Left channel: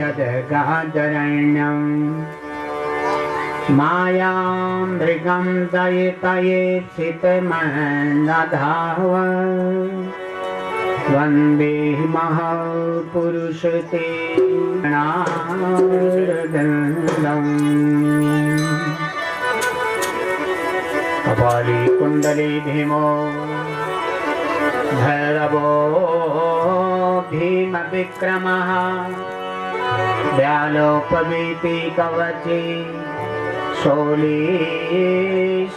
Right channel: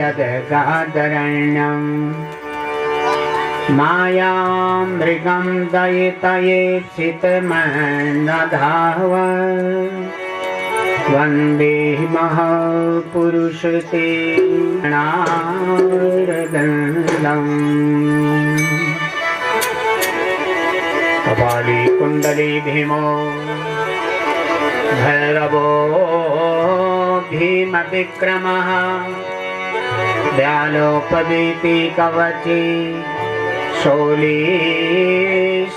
यद्गादरण्यं मायामृगं दयितयेप्सितमन्नधाव वन्दे महापुरुषं ते नारदम्। कपाली कुण्डली भीमो भैरवो भीमविक्रमः व्यालोपवीति कवची शोली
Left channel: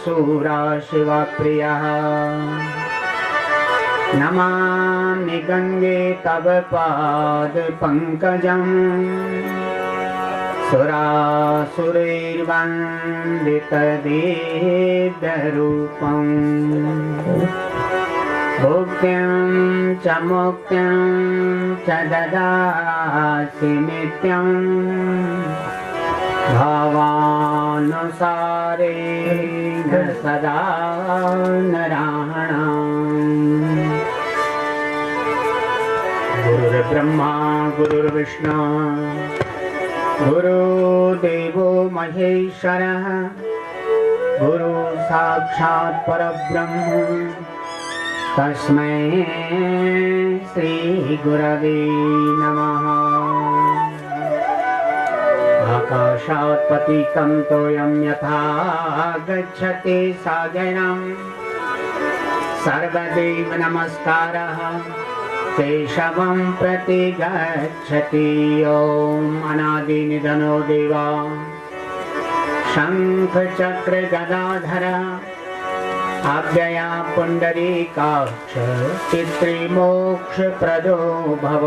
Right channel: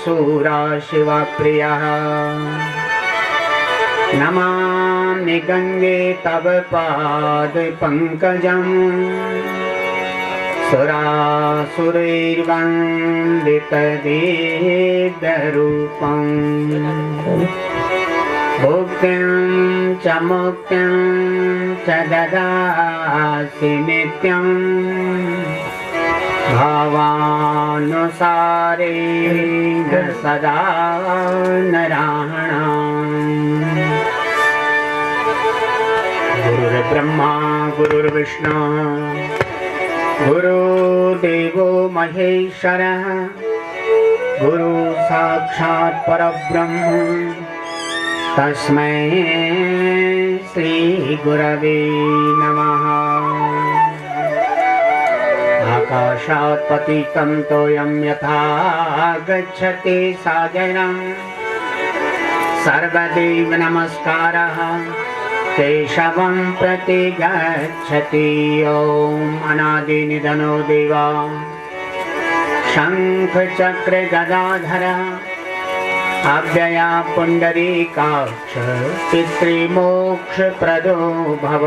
शूरा शिवप्रियः। नमामि गंगे तव पाद पंकजं सुरासुरैर्वन्दितदिव्यरूपं। भुक्तिं च मुक्तिं च ददासि नित्यं भावानुसारेण सदा नराणाम्। गुरुर्ब्रह्मा गुरुर्विष्णु गुरुदेवो महेश्वरः गुरु साक्षात् परब्रह्म तस्मै श्री गुरवे नमः। आकाशात् पतितं तोयं यथा गच्छति सागरं सर्वदेव नमस्कारः केशवं प्रति गच्छति। ॐ अनादिनिधनो देवा शंख चक्र गदाधर अव्यया पुंडरीकाक्ष पितृमोक्षप्रदो भव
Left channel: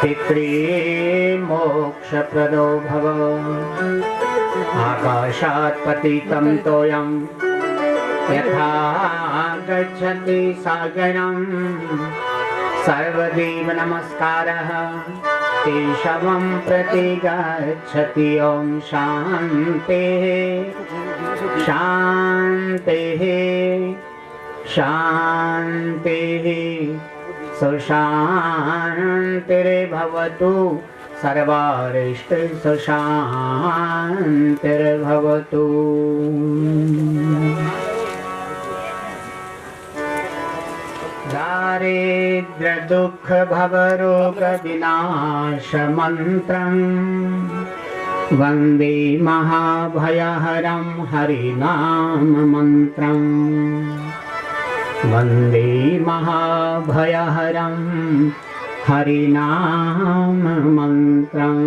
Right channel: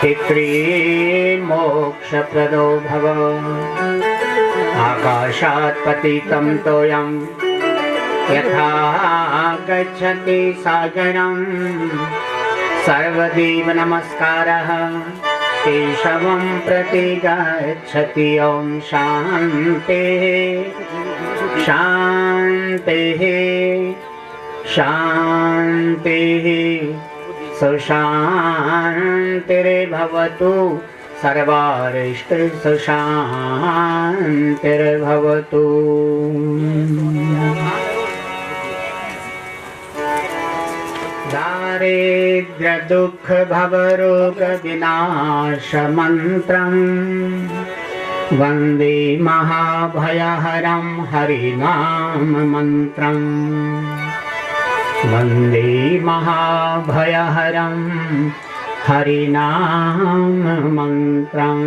पितृमोक्षप्रदो भव। आकाशात् पतितं तोयं यथा गच्छति सागरं सर्वदेव नमस्कारः केशवं प्रति गच्छति। ॐ शान्तिः शान्तिः शान्तिः सुशान्तिर्भवतु सर्वारिष्ट सुशान्तिर्भवतु। दारिद्र्य दुःख भवरोग विनाश मंत्रं वन्दे महाभयहरं हरिनाम मंत्रं। वन्दे महाभयहरं हरिनाम मंत्रं।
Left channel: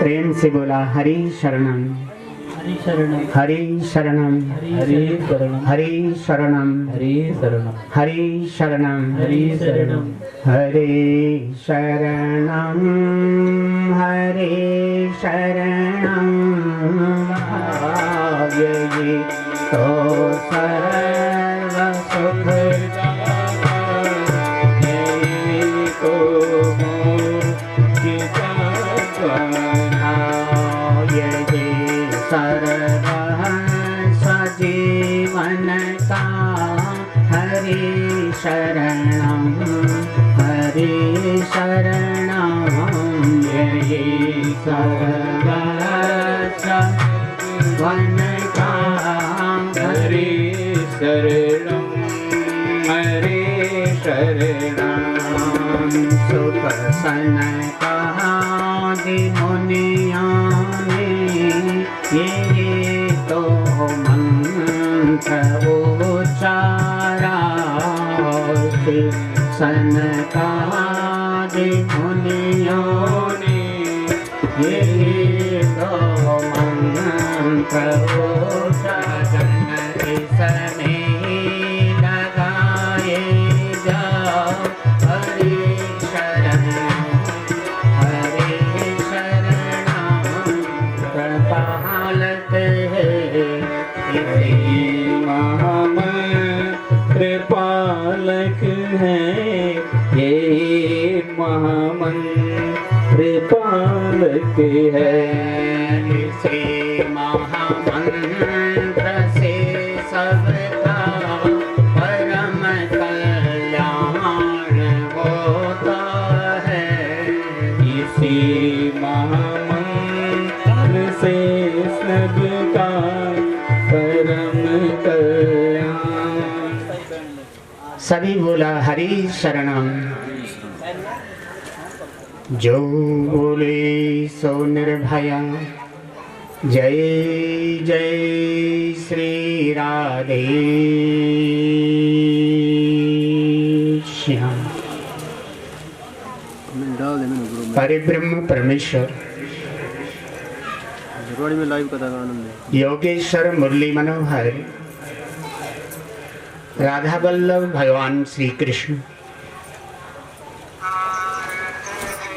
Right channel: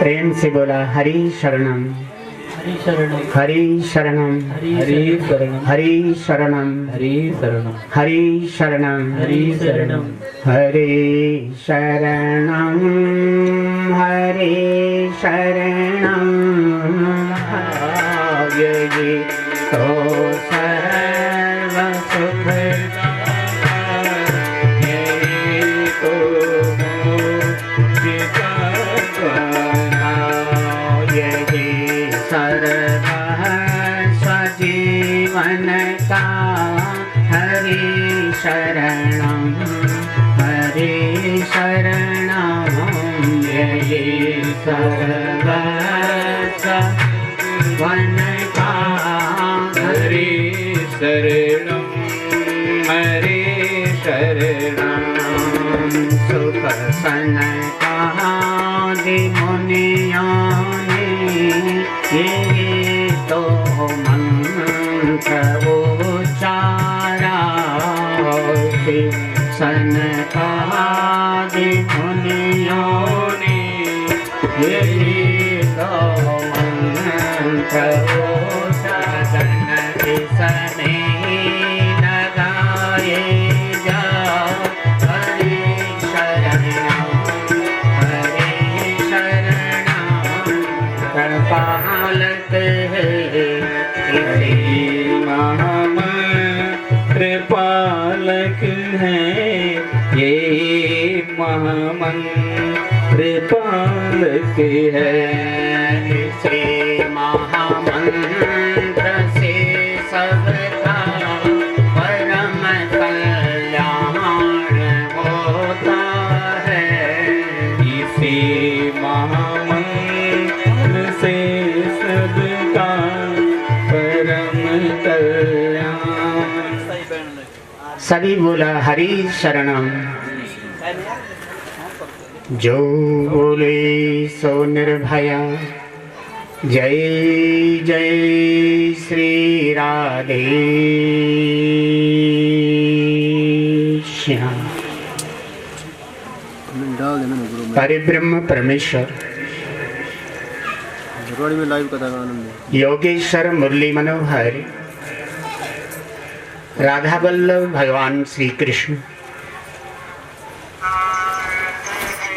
प्रेम से बोला हरि शरणम हरि शरणम हरि शरणम हरि शरणम हरि शरणम हरि शरणम हरि शरणम हरि शरणम हरि शरणम हरि शरणम। यही तो सर्व सुख यही तो यही स्वजीवन का हरि शरणं हरि शरणं। यही सर्वजीवन का हरि शरणं हरि शरणं। सुख सनकादि मुनियों ने ये तो मंत्र उच्चारा सनकादि मुनियों ने ये तो मंत्र उच्चारण इसमें लगाए जाओ हरि शरणं हरि शरणं। कृपालत है कृपालक है ये महामंत्र पालक है। इसे महामंत्र से सबका परम कल्याण हो। सभी बोला हरि शरणम। जो बोले सो निर्भया। जय जय श्री राधे श्याम। परिब्रह्म परमेश्वर में लाइव कथा का आनंद योगेश्वर मुरली मनोहर राधा वल्लभ भगवान श्री कृष्ण।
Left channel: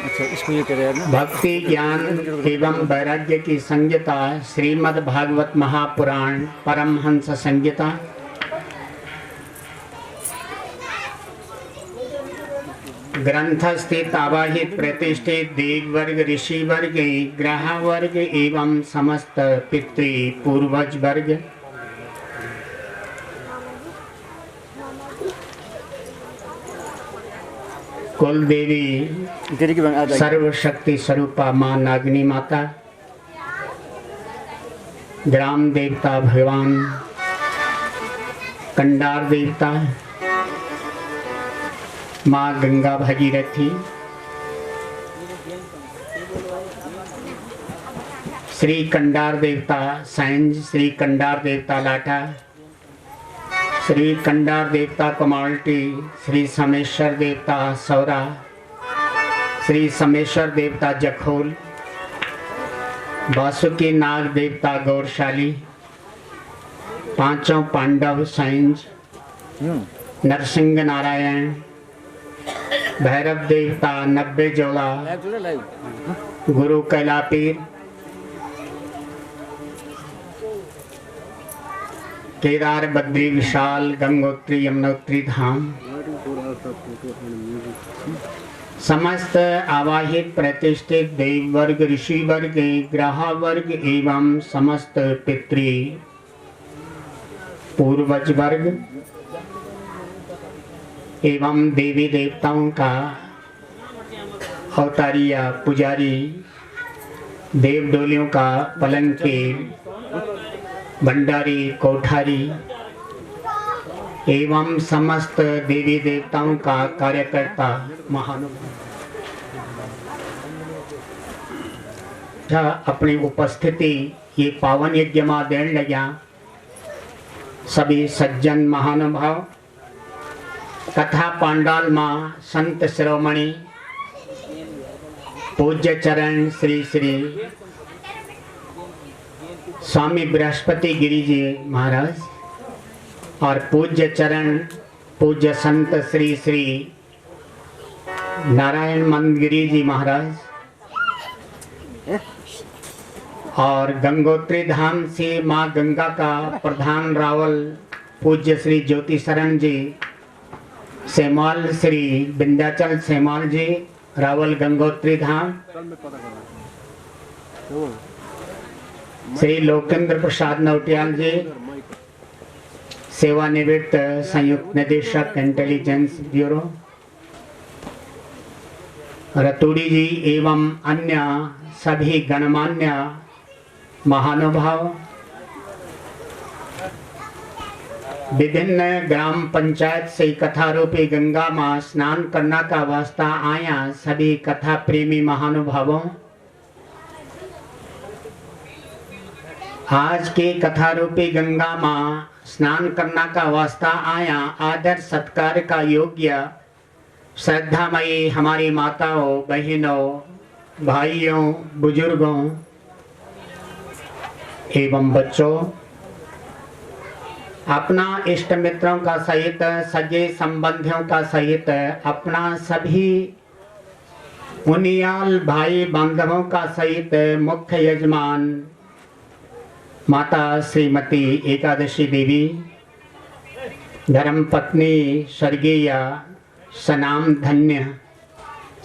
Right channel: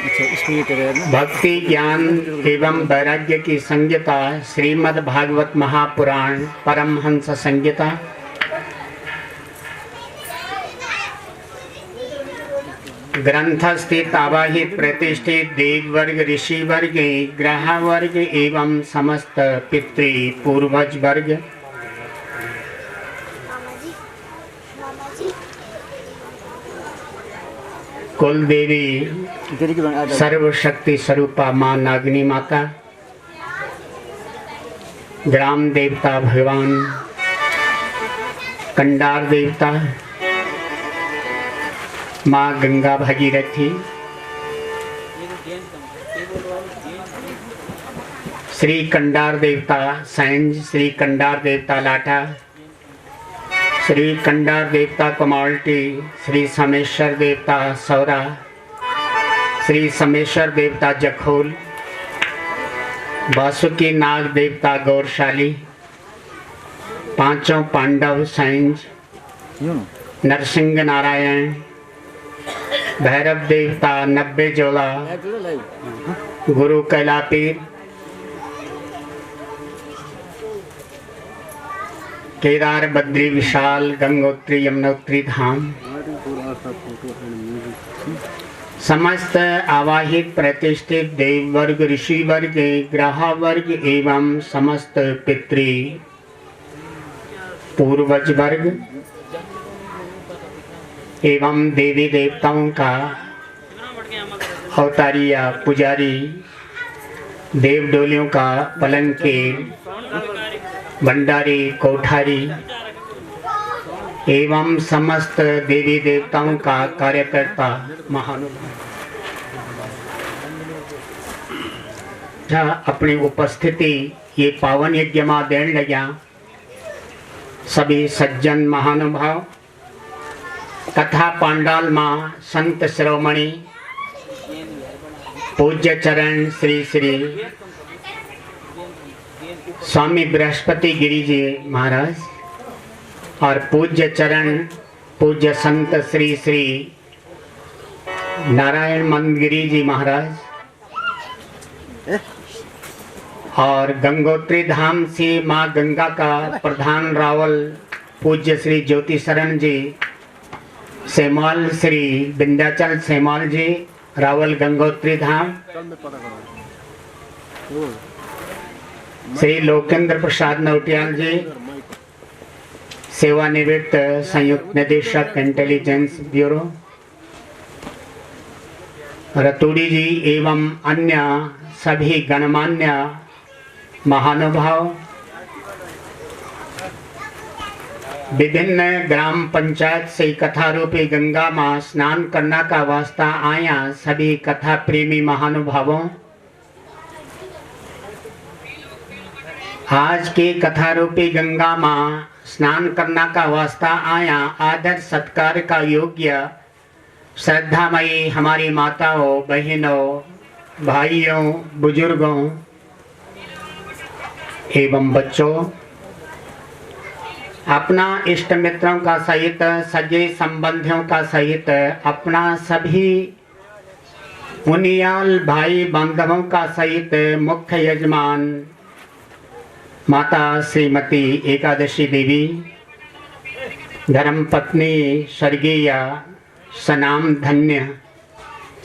अच्छा इसको ये करे ना भक्ति ज्ञान एवं वैराग्य की संहिता श्रीमद् भागवत महापुराण परमहंस संहिता ग्रंथ स्थित आवाहित प्रतिष्ठित देव वर्ग ऋषि वर्ग ग्रह वर्ग एवं समस्त पितृ पूर्वज वर्ग कुल देवी सर्वशक्ति स्वरूपा माँ नागिनी माता, ग्राम देवता भगवान कंडार देवता, माँ गंगा भगीरथी, श्री कंडार देवता सैंज, श्री कंडार देवता लाटा, श्री कंडार देवता कमाल्टी, श्री समेश्वर देवता सौरा, श्री समेश्वर देवता जखोल, वासुकी नाग देवता गौरशाली, पांचों पांडव सैंज, नरसिंह नारायण, भैरव देवता 90 जोड़ा, गुरु कैलापीर, केदार बद्री विशाल गंगोत्री यमुनोत्री धाम, समस्त आवाहित प्रतिष्ठित देव वर्ग ऋषि वर्ग ग्रह वर्ग एवं समस्त पितृ पूर्वज वर्ग एवं देवी देवताओं का अवतारिया पुजारी देवडोलियों का पलंके भंडारी कोठारी एवं समस्त देवी देवताओं का कार्यकर्ता महानुभाव अपनी उपस्थिति ये पावन यज्ञ में देन लग्या। सभी सज्जन महानुभाव कथा पांडाल मां संत शिरोमणि पूज्य चरण श्री श्री स्वामी बृहस्पति गिरी जी महाराज और पूज्य चरण पूज्य संत श्री श्री नारायण मंदगिरी जी महाराज और गंगोत्री धाम से माँ गंगा का प्रधान रावल पूज्य श्री ज्योति शरण जी, सेमाल श्री विंध्याचल सेमाल जी रावल गंगोत्री धाम, श्री लोकेंद्र प्रसाद नौटियाल जी सेवानिवृत्त संयुक्त निदेशक इंटेलिजेंस ब्यूरो, रतूड़ी जी एवं अन्य सभी गणमान्य महानुभाव, विभिन्न ग्राम पंचायत से कथा रूपी गंगा में स्नान करना का वास्ता आया सभी कथा प्रेमी महानुभावों, आज के कथा रूपी गंगा मां स्नान करना का वास्ता आया आदर सत्कार का योग्य श्रद्धामयी हमारी माताओं बहनों भाइयों बुजुर्गों एवं बच्चों, अपना इष्ट मित्रों का सहित सगे संबंधियों का सहित अपना सभी मुनियाल भाई बांधवों का सहित मुख्य यजमान माता श्रीमती एकादशी देवी, धर्म पत्नी स्वर्गीय सनाम धन्य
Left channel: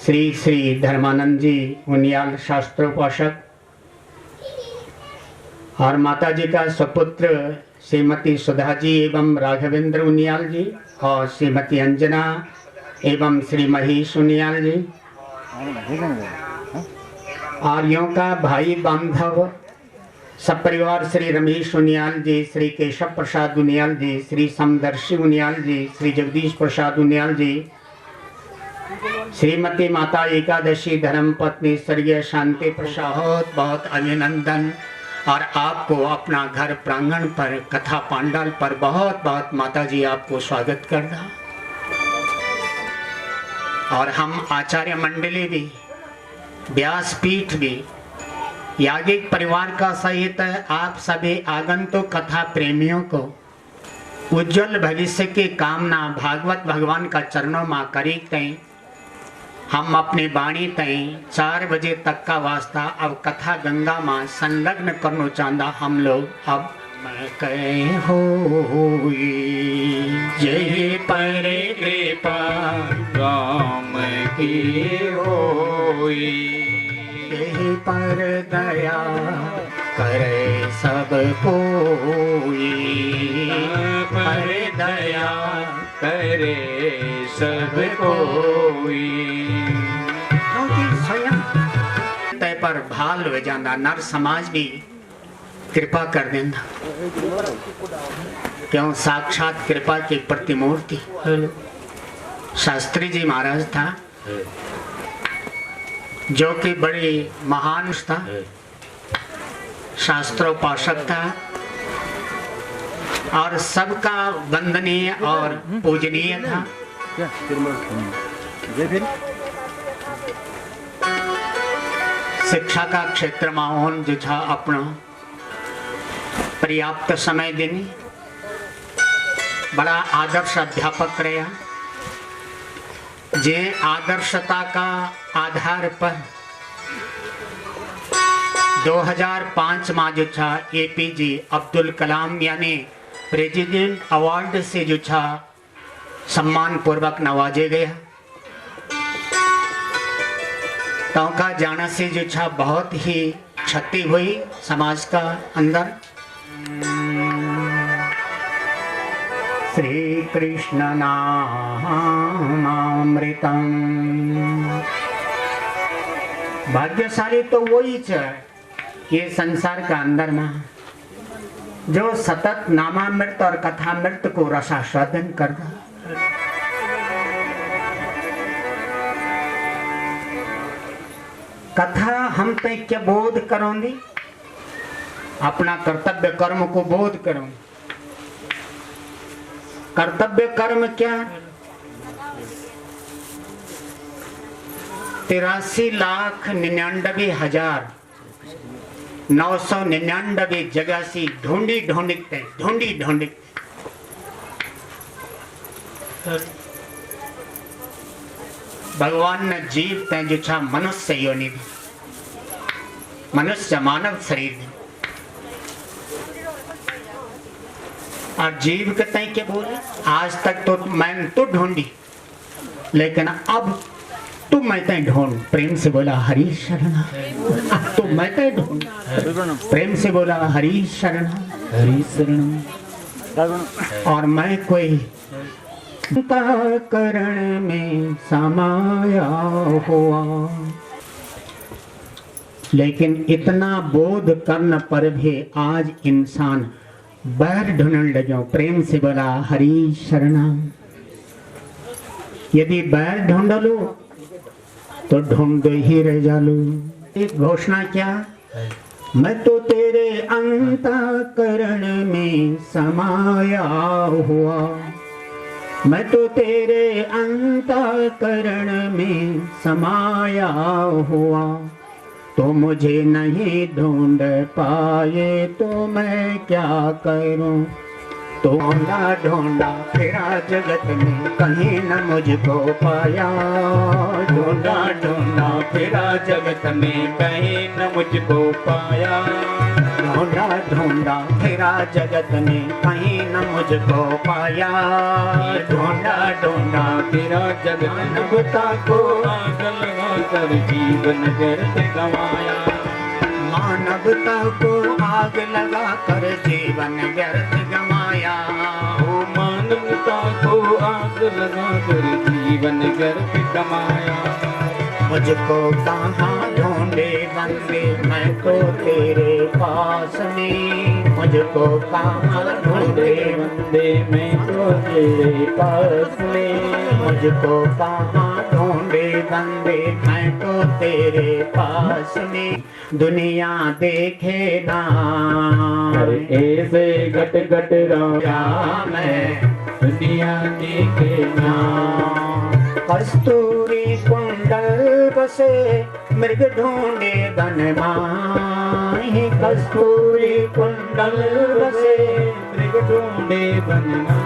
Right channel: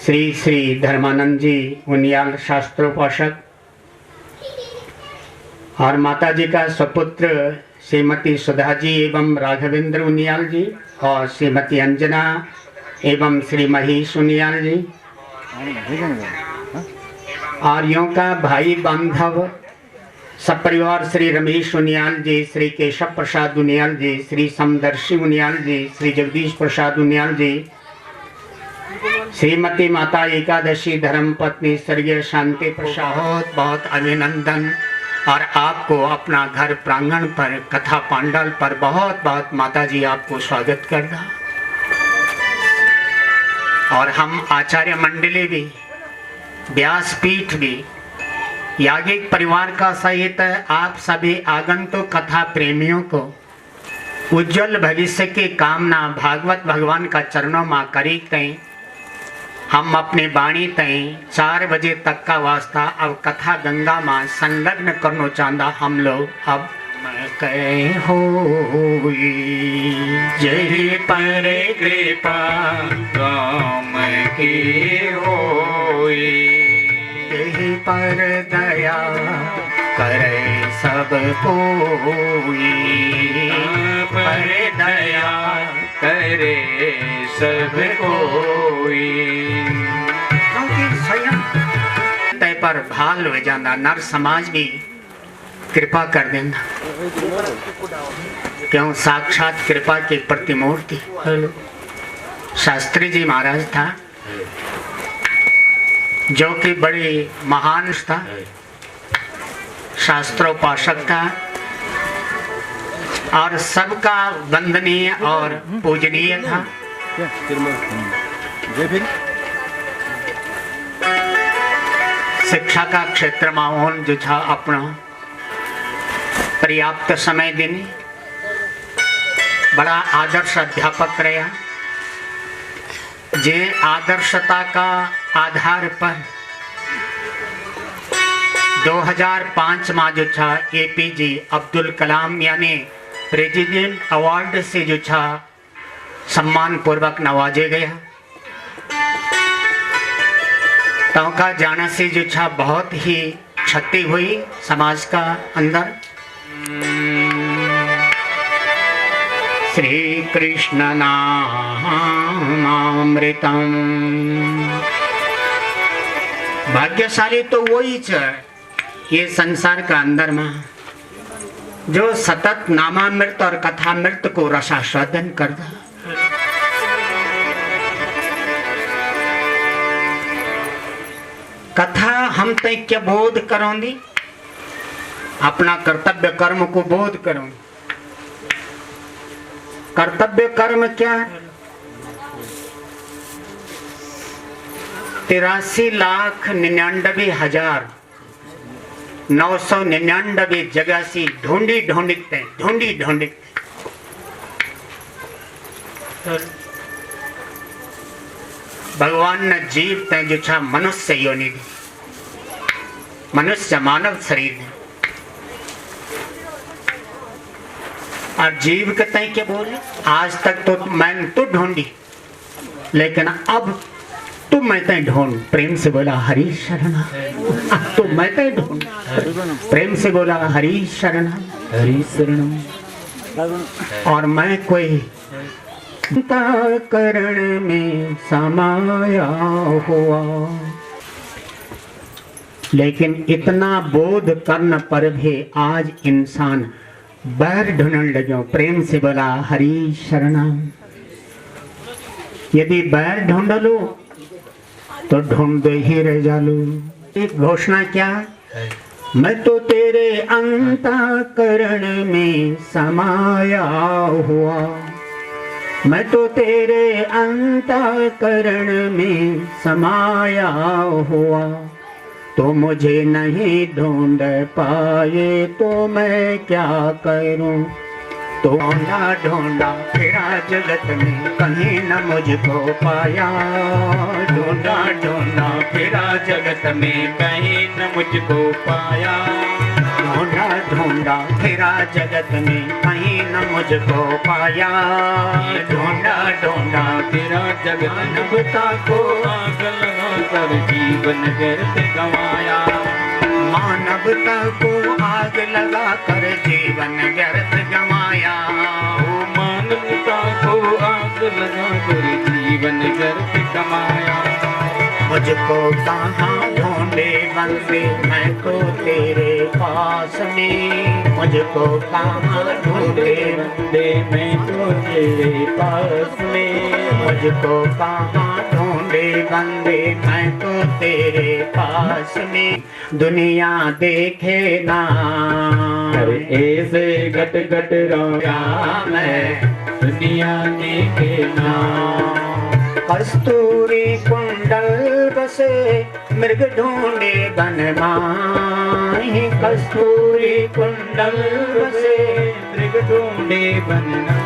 श्री श्री धर्मानंद जी मुनियाल शास्त्रोपासक और माता जी का सुपुत्र श्रीमती सुधा जी एवं राघवेंद्र उनियाल जी और श्रीमती अंजना एवं श्री महेश उनियाल जी और यों का भाई बांधव सब परिवार श्री रमेश उनियाल जी, श्री केशव प्रसाद उनियाल जी, श्री समदर्शी उनियाल जी, श्री जगदीश प्रसाद उनियाल जी, श्रीमती माता एकादशी धर्म पत्नी स्वर्गीय शांति प्रसाद, बहुत बहुत अभिनंदन। और आपको अपना घर प्रांगण पर कथा पांडल पर बहुत बहुत माता जी आपको स्वागत करना। और हम आचार्य मंडली भी, व्यासपीठ भी, याज्ञिक परिवार का सहित आप सभी आगंतुक कथा प्रेमियों को उज्जवल भविष्य की कामना भागवत भगवान का चरणों में करी तय हम अपनी वाणी तय 4 बजे तक का वास्ता अब कथा गंगा माँ संलग्न करना चाहता हम लोग। अब कहे हो जय पर कृपा राम की होई, यही पर दया करे सब कोई, पर दया करे सब कोई। क्योंकि स्वयं तय पर भाल हो जाना, नर समाज भी कृपा कर देना, क्यों साक्षात कृपा की प्रतिमूर्ति शास्त्री जी महाराज था, जो कि बड़ी महान था, शास्त्रोपासक था और सबका वंदनीय और पूजनीय था। शिक्षा का क्षेत्र में उन जो था अपना पर्याप्त समय देने बड़ा आदर्श अध्यापक रहा, जे आदर्शता का आधार पर 2005 में जो था एपीजे अब्दुल कलाम यानी प्रेसिडेंट अवार्ड से जो था सम्मान पूर्वक नवाजे गया। तो का जाना से जो था बहुत ही क्षति हुई समाज का अंदर। श्री कृष्ण नाम अमृतम, भाग्यशाली तो वही है ये संसार का अंदर में जो सतत नामामृत और कथामृत को रसास्वादन करता। कथा हम तय क्या बोध करोगी, अपना कर्तव्य कर्म को बोध करो। कर्तव्य कर्म क्या? 83,99,999 जगह से ढूंढी ढूंढी भगवान ने जीव तय जो छा मनुष्य योनि दी, मनुष्य मानव शरीर ने। और जीव के तय क्या बोले, आज तक तो मैंने तो ढूंढी, लेकिन अब तू मैं तय ढूंढ। प्रेम से बोला हरि शरणा, तो मैं तय ढूंढ। प्रेम से बोला हरि शरणा, हरि शरणम। और मैं कोई करण में समाया हुआ, लेकिन इतना बोध करने पर भी आज इंसान बैर ढूंढने लगे। प्रेम से बोला हरि शरणम। यदि बैर ढूंढ लो तो ढूंढते ही रह जालो। एक घोषणा क्या, मैं तो तेरे अंतःकरण में समाया हुआ, मैं तो तेरे अंतःकरण में समाया हुआ, तो मुझे नहीं ढूंढ पाए तो मैं क्या करूं। तो ढूंढा ढूंढा फिरा जगत में कहीं न मुझको पाया, ढूंढा ढूंढा फिरा जगत में कहीं न मुझको पाया, ढूंढा ढूंढा फिरा जगत में कहीं न मुझको पाया, ढूंढा ढूंढा फिरा जगत मानवता को आग लगा कर जीवन व्यर्थ गंवाया, मानवता को आग लगा कर जीवन व्यर्थ गंवाया, ओ मानवता को आग लगा कर जीवन व्यर्थ गंवाया। मुझको कहाँ ढूंढे बंदे मैं तो तेरे पास में, मुझको कहाँ ढूंढे बंदे मैं तो तेरे पास में, मुझको कहाँ ढूंढे बंदे मैं तो तेरे पास में, दुनिया देखे ना अरे ऐसे गट गट रोया मैं, दुनिया देखे ना। कस्तूरी कुंडल बसे मृग ढूंढे बन माही, कस्तूरी कुंडल बसे मृग ढूंढे बनना।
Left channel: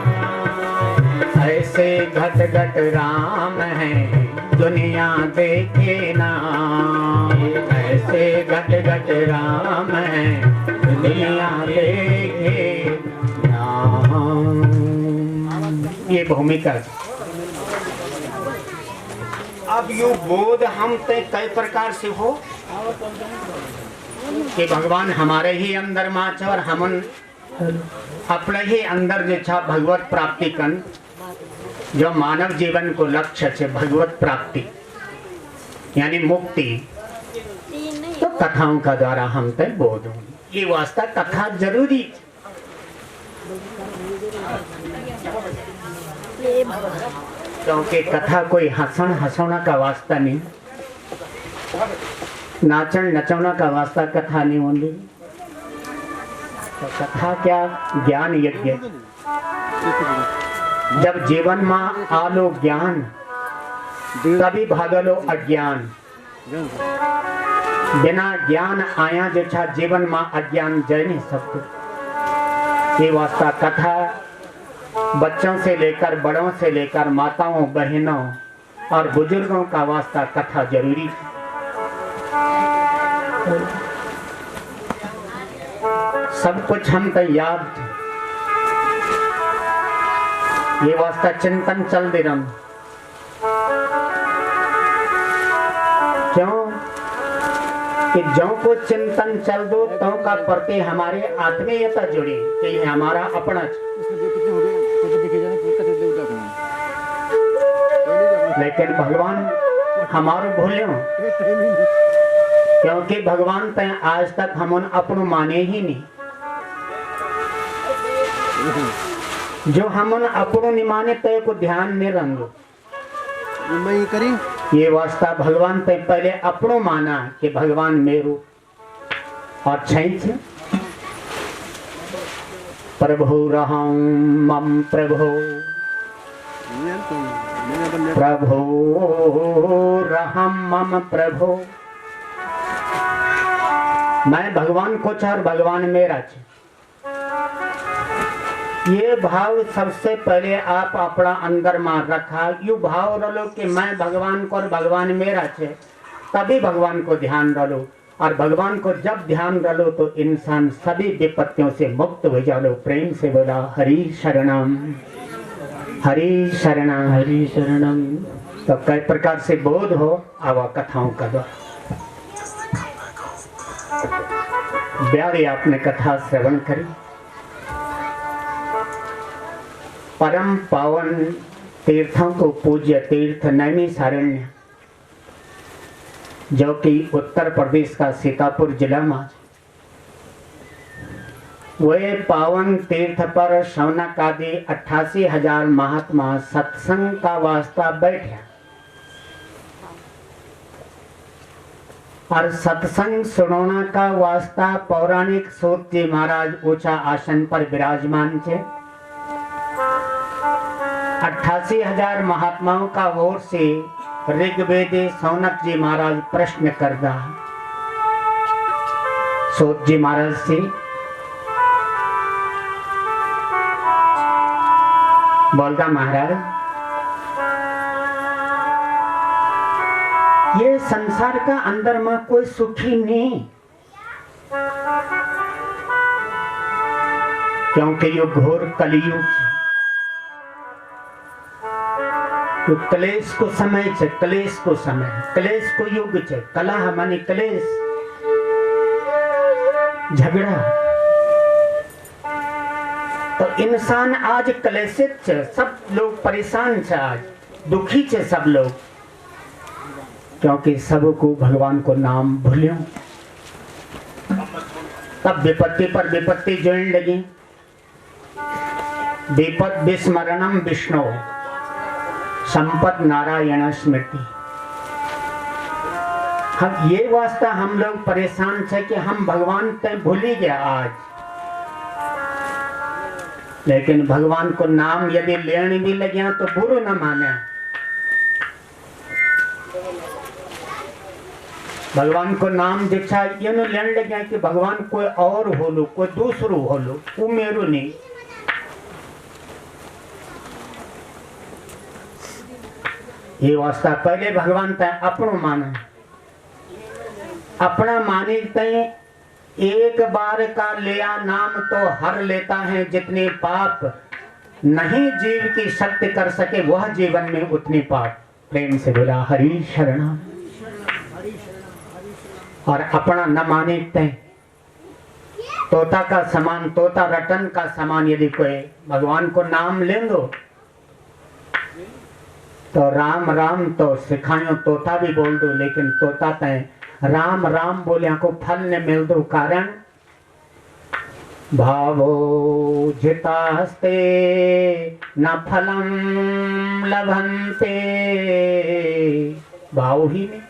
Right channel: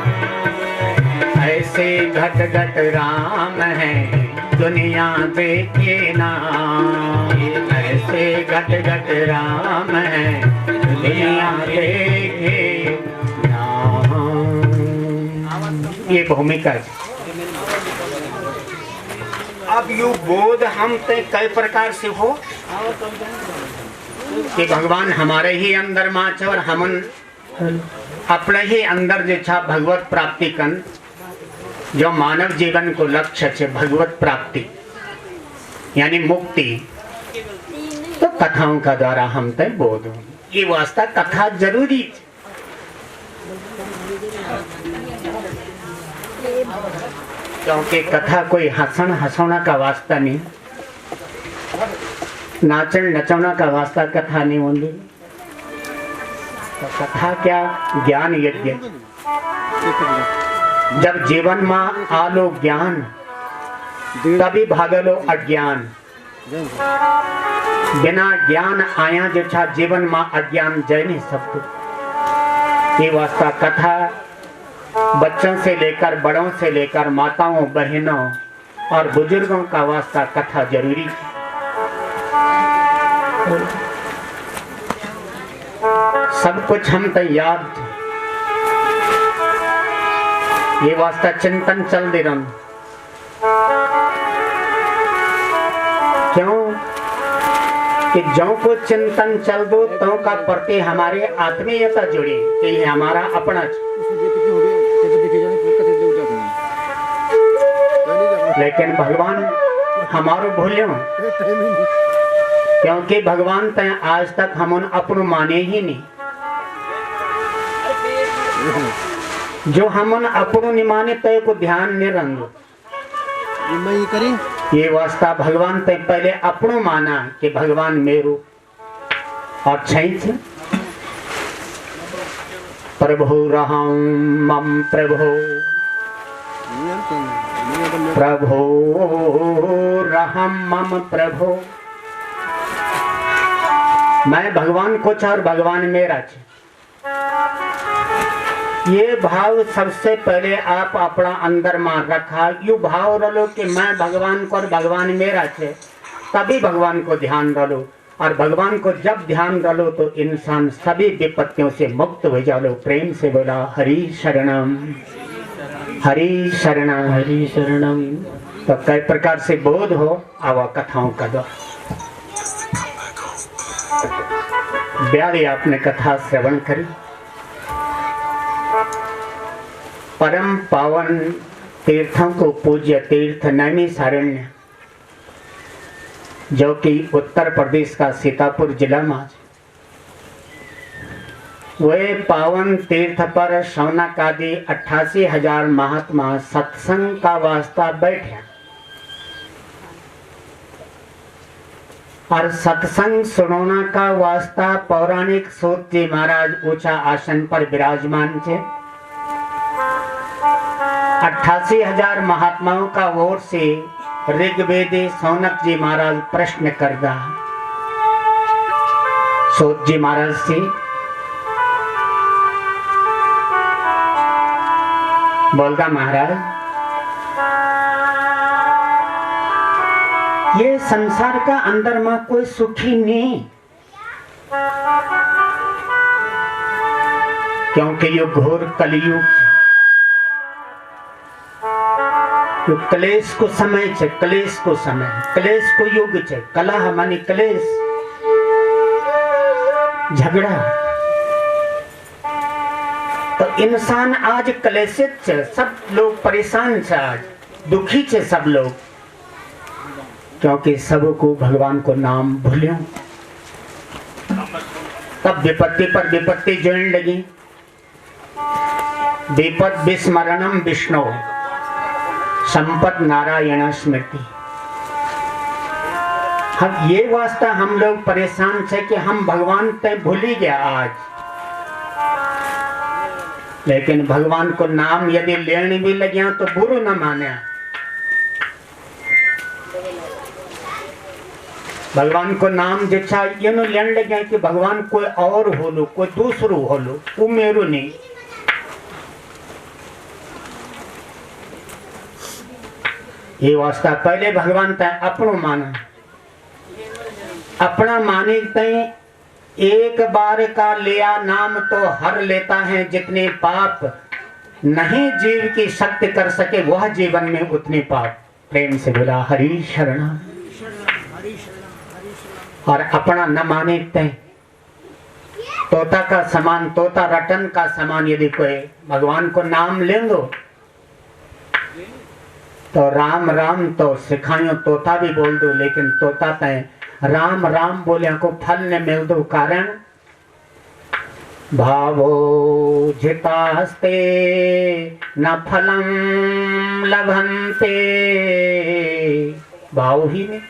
ऐसे घट घट राम है दुनिया देखे ना, ऐसे घट घट राम है दुनिया देखे ना। ये भूमिका है। अब यू बोध हम ते कई प्रकार से हो कि भगवान हमारे ही अंदर माच और हमन अपने ही अंदर जो छा भगवत प्राप्ति कन, जो मानव जीवन को लक्ष्य है भगवत प्राप्ति यानी मुक्ति, तो कथाओं का द्वारा हम ते बोध हो। ये वास्ता कथा जरूरी, क्योंकि कथा कोई हसन हसौना का वास्ता नहीं, नाचन नचौना का वास्ता कथा नहीं होती। तो कथा क्या, ज्ञान यज्ञ। जब जीवन में आलो ज्ञान तभी भागलो अज्ञान, बिना ज्ञान आया जो छा जीवन में अज्ञान जय नहीं सकते। ये वास्ता कथा बच्चों से लेकर बड़ों से लेकर माताओं बहनों और बुजुर्गों का वास्ता कथा जरूरी है। सब कुछ हम तो याद थे, ये वास्ता चिंतन चल दे रहा। क्यों कि जो को चिंतन चल दो तो का प्रति हमारे आत्मीयता जुड़ी कि ये हमारा अपना। लेकिन भगवान हमारो भूल्यो, क्योंकि भगवान तय आज तक हमन अपनो माने ही नहीं। जो हमन अपनो नहीं माने तय को ध्यान नहीं रंगो। ये वास्ता भगवान तय पहले अपनो माना कि भगवान मेरो और छैछ प्रभु रहम मम प्रभु, प्रभु रहम मम प्रभु। मैं भगवान को और भगवान मेरा छे। ये भाव सबसे पहले आप अपना अंदर में रखा। यू भाव रलो कि मैं भगवान को और भगवान मेरा छे, तभी भगवान को ध्यान रलो। और भगवान को जब ध्यान रलो तो इंसान सभी विपत्तियों से मुक्त हो जालो। प्रेम से बोला हरि शरणम हरि शरणम हरि शरणम। तो कई प्रकार से बोध हो आवा कथाओं का द्वारा। ब्यारी आपने कथा श्रवण करी। परम पावन तीर्थों को पूज्य तीर्थ नैमिषारण्य, जो कि उत्तर प्रदेश का सीतापुर जिला में, वे पावन तीर्थ पर शौनक आदि 88,000 महात्मा सत्संग का वास्ता बैठे और सत्संग सुनोना का वास्ता पौराणिक सूत जी महाराज ऊंचा आसन पर विराजमान थे। 88,000 महात्माओं का ओर से ऋग्वेदी सौनक जी महाराज प्रश्न करदा सूत जी महाराज से, बोलगा महाराज ये संसार का अंदर में कोई सुखी नहीं, क्योंकि ये घोर कलयुग तो क्लेश को समय छे, क्लेश को समय, क्लेश को युग छे। कलह मानी क्लेश, झगड़ा। तो इंसान आज क्लेशित छे, सब लोग परेशान छे, आज दुखी छे सब लोग। क्योंकि सबको भगवान को नाम भूल्यो, तब विपत्ति पर विपत्ति जोड़ने लगी। विपद विस्मरणम विष्णु संपत नारायण स्मृति। हम ये वास्ता हम लोग परेशान थे कि हम भगवान ते भूल ही गया आज। लेकिन भगवान को नाम यदि लेने भी लगे तो बुरो न माने। भगवान को नाम दीक्षा ये न लेने लगे कि भगवान कोई और होलो, कोई दूसरो होलो, वो मेरो नहीं। ये वास्ता पहले भगवान तय अपनो माना, अपना माने तय एक बार का लिया नाम तो हर लेता है। जितने पाप नहीं जीव की शक्ति कर सके वह जीवन में उतने पाप। प्रेम से बोला हरि शरण। और अपना न माने तय तोता का समान, तोता रटन का समान यदि कोई भगवान को नाम ले दो तो राम राम तो सिखायो, तोता भी बोल दो, लेकिन तोता तय राम राम बोले को फल ने मिल दो। कारण भावो जितास्ते न फलम लभन्ते, भाव ही नहीं।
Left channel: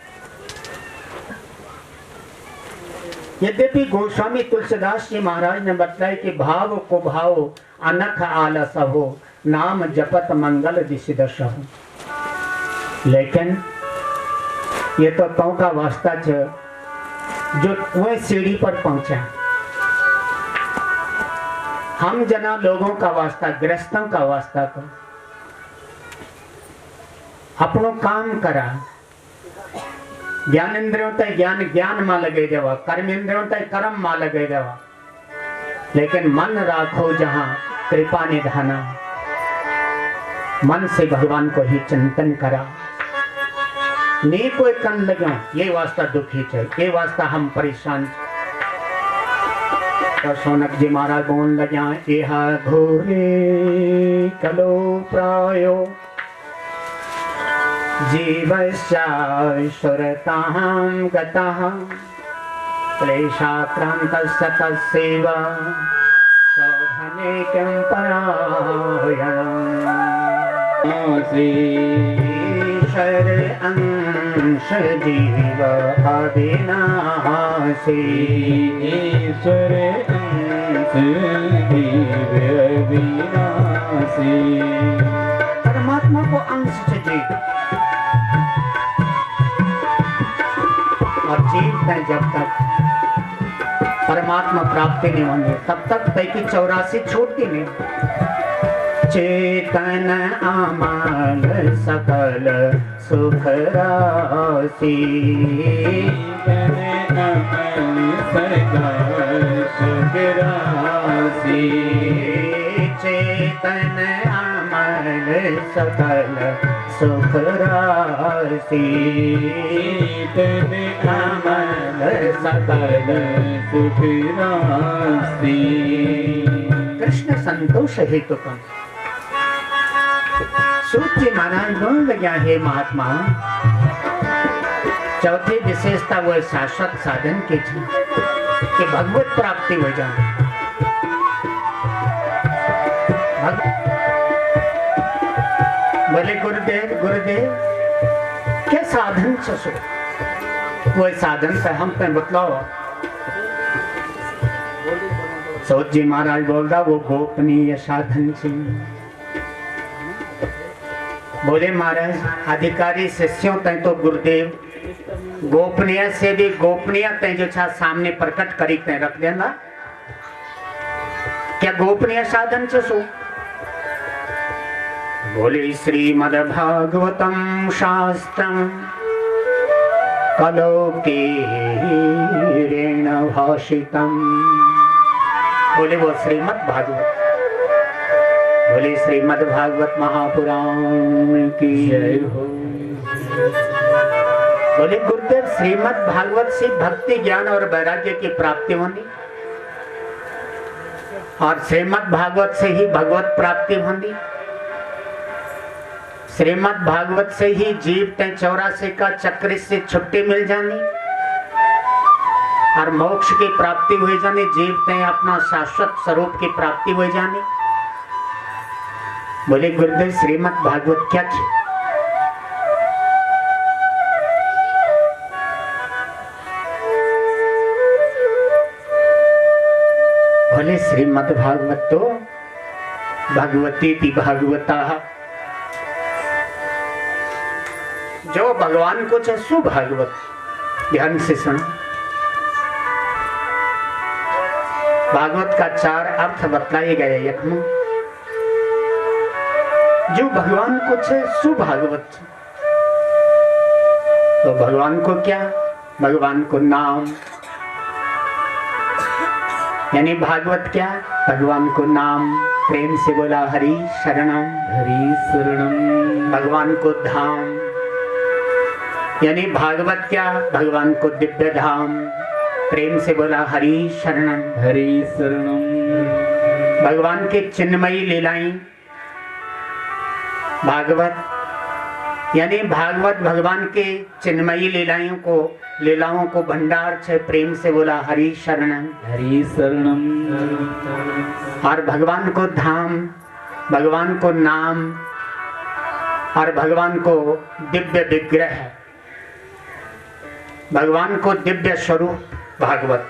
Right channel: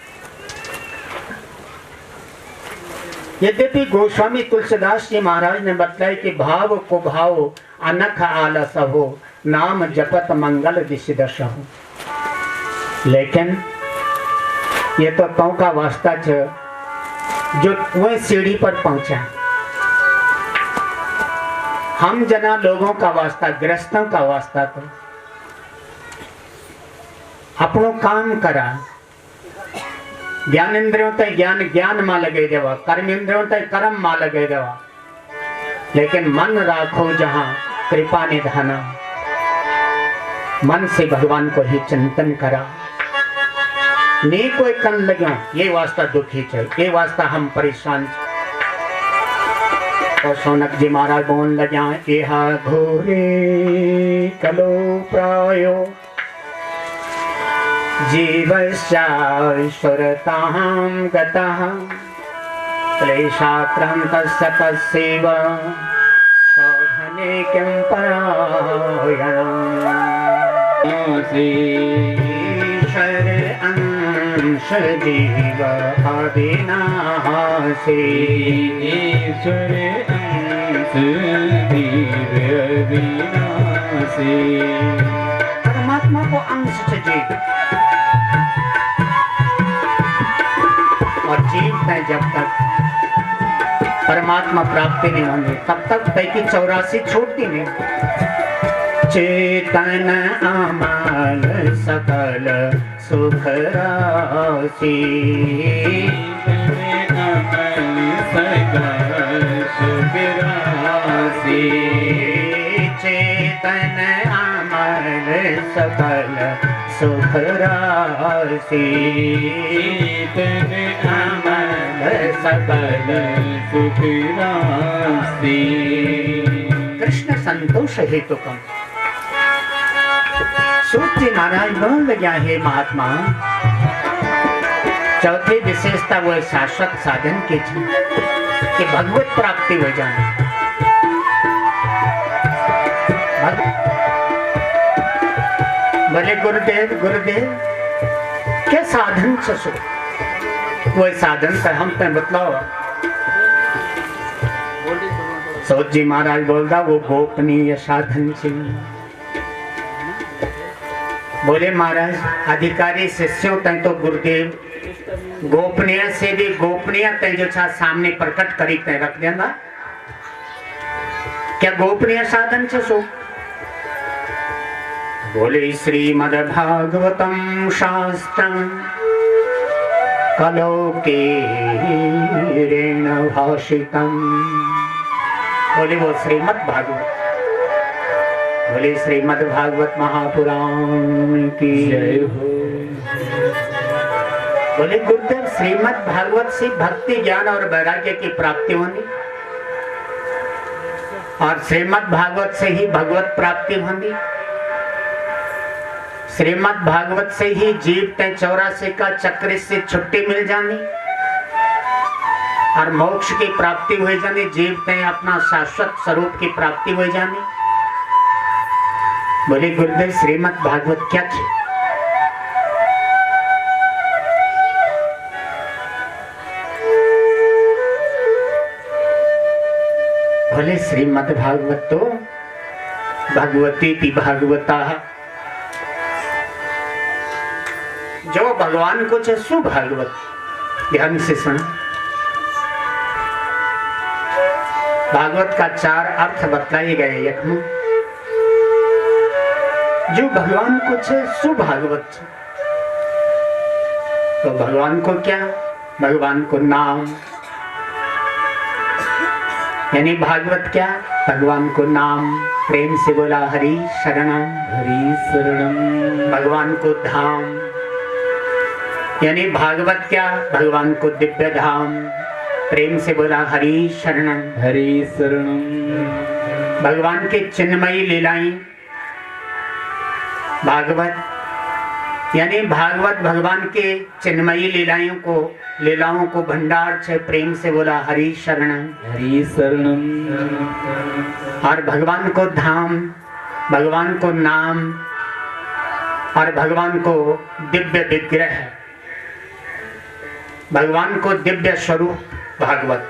यद्यपि गोस्वामी तुलसीदास जी महाराज ने बताया कि भाव को भाव अनख आलस हो, नाम जपत मंगल दिशि दश हो। लेकिन ये तो तौ का वास्ता छ जो वह सीढ़ी पर पहुंचा। हम जना लोगों का वास्ता, गृहस्थों का वास्ता तो अपनो काम करा। ज्ञान इंद्रियों तक ज्ञान ज्ञान में लगे देवा, कर्म इंद्रियों तक कर्म में लगे देवा। लेकिन मन राखो जहां कृपा निधाना, मन से भगवान को ही चिंतन करा। नहीं कोई कन लगे ये वास्ता दुखी है, ये वास्ता हम परेशान। और सोनक जी महाराज बोल लगे यहा घोरे कलो प्रायो जीवश्चाश्वरतां गतः क्लेशाक्रान्तस्य तस्यैव शोधने किं परायणम्। ईश्वर अंश जीव अविनाशी, ईश्वर अंश जीव अविनाशी। परमात्मा को अंश से जीव और जीव है। जब तक परमात्मा प्राप्ति नहीं होंगे तब तक तय की 84 छूटती नहीं। चेतन अमल सकल सुख राशि, चेतन अमल सकल सुख राशि, चेतन अमल सकल सुख राशि। कृष्ण संतोष हेतु कम। सूत जी महाराज बोल लगा हे महात्मा, चौथी विशेषता वो शाश्वत साधन की कि भगवत प्राप्ति हो जाए। बोले गुरुदेव गुरुदेव क्या साधन सो वो साधन पे हम पे बतलाओ। सूत जी महाराज बोल रहा वो गोपनीय साधन से। बोले महाराज अधिकारी शिष्यों तय तो गुरुदेव गोपनीय से भी गोपनीय तय जो छा सामने प्रकट करी तय रख देगा। क्या गोपनीय साधन से सो? बोले श्रीमद् भागवतम शास्त्रम कलोकेरेण भाषितम। बोले वो श्रीमद् भागवत, बोले श्रीमद् भागवत महापुराण की जय हो। बोले गुरुदेव श्रीमद् भागवत से भक्ति ज्ञान और वैराग्य की प्राप्ति होनी और श्रीमद् भागवत से ही भगवत प्राप्ति होनी। श्रीमद् भागवत से ही जीव ते 84 का चक्र से छुट्टी मिल जानी और मोक्ष की प्राप्ति हो जानी, जीव ते अपना शाश्वत स्वरूप की प्राप्ति हो जानी। बोले गुरुदेव श्रीमद् भागवत क्या थी? बोले श्रीमद् भागवत तो भगवती की भागवता, जो भगवान को चाहे सुभागवत। ध्यान से सुना, भागवत का 4 अर्थ बतलाए गए। यखम जो भगवान को चाहे सुभागवत, तो भगवान को क्या? भगवान को नाम, यानी भागवत क्या? भगवान को नाम। प्रेम से बोला हरि शरणम, हरि शरणम। भगवान को धाम, यानी भागवत क्या? भगवान को दिव्य धाम। प्रेम से बोला हरि शरणम, हरि शरणम। भगवान के चिन्मयी लीलाएं, भागवत यानी भागवत भगवान के चिन्मयी लीलाओं को भंडार छे। प्रेम से बोला हरि शरणम, हरि शरणम। और भगवान को धाम, भगवान को नाम और भगवान को दिव्य विग्रह, भगवान को दिव्य स्वरूप। भागवत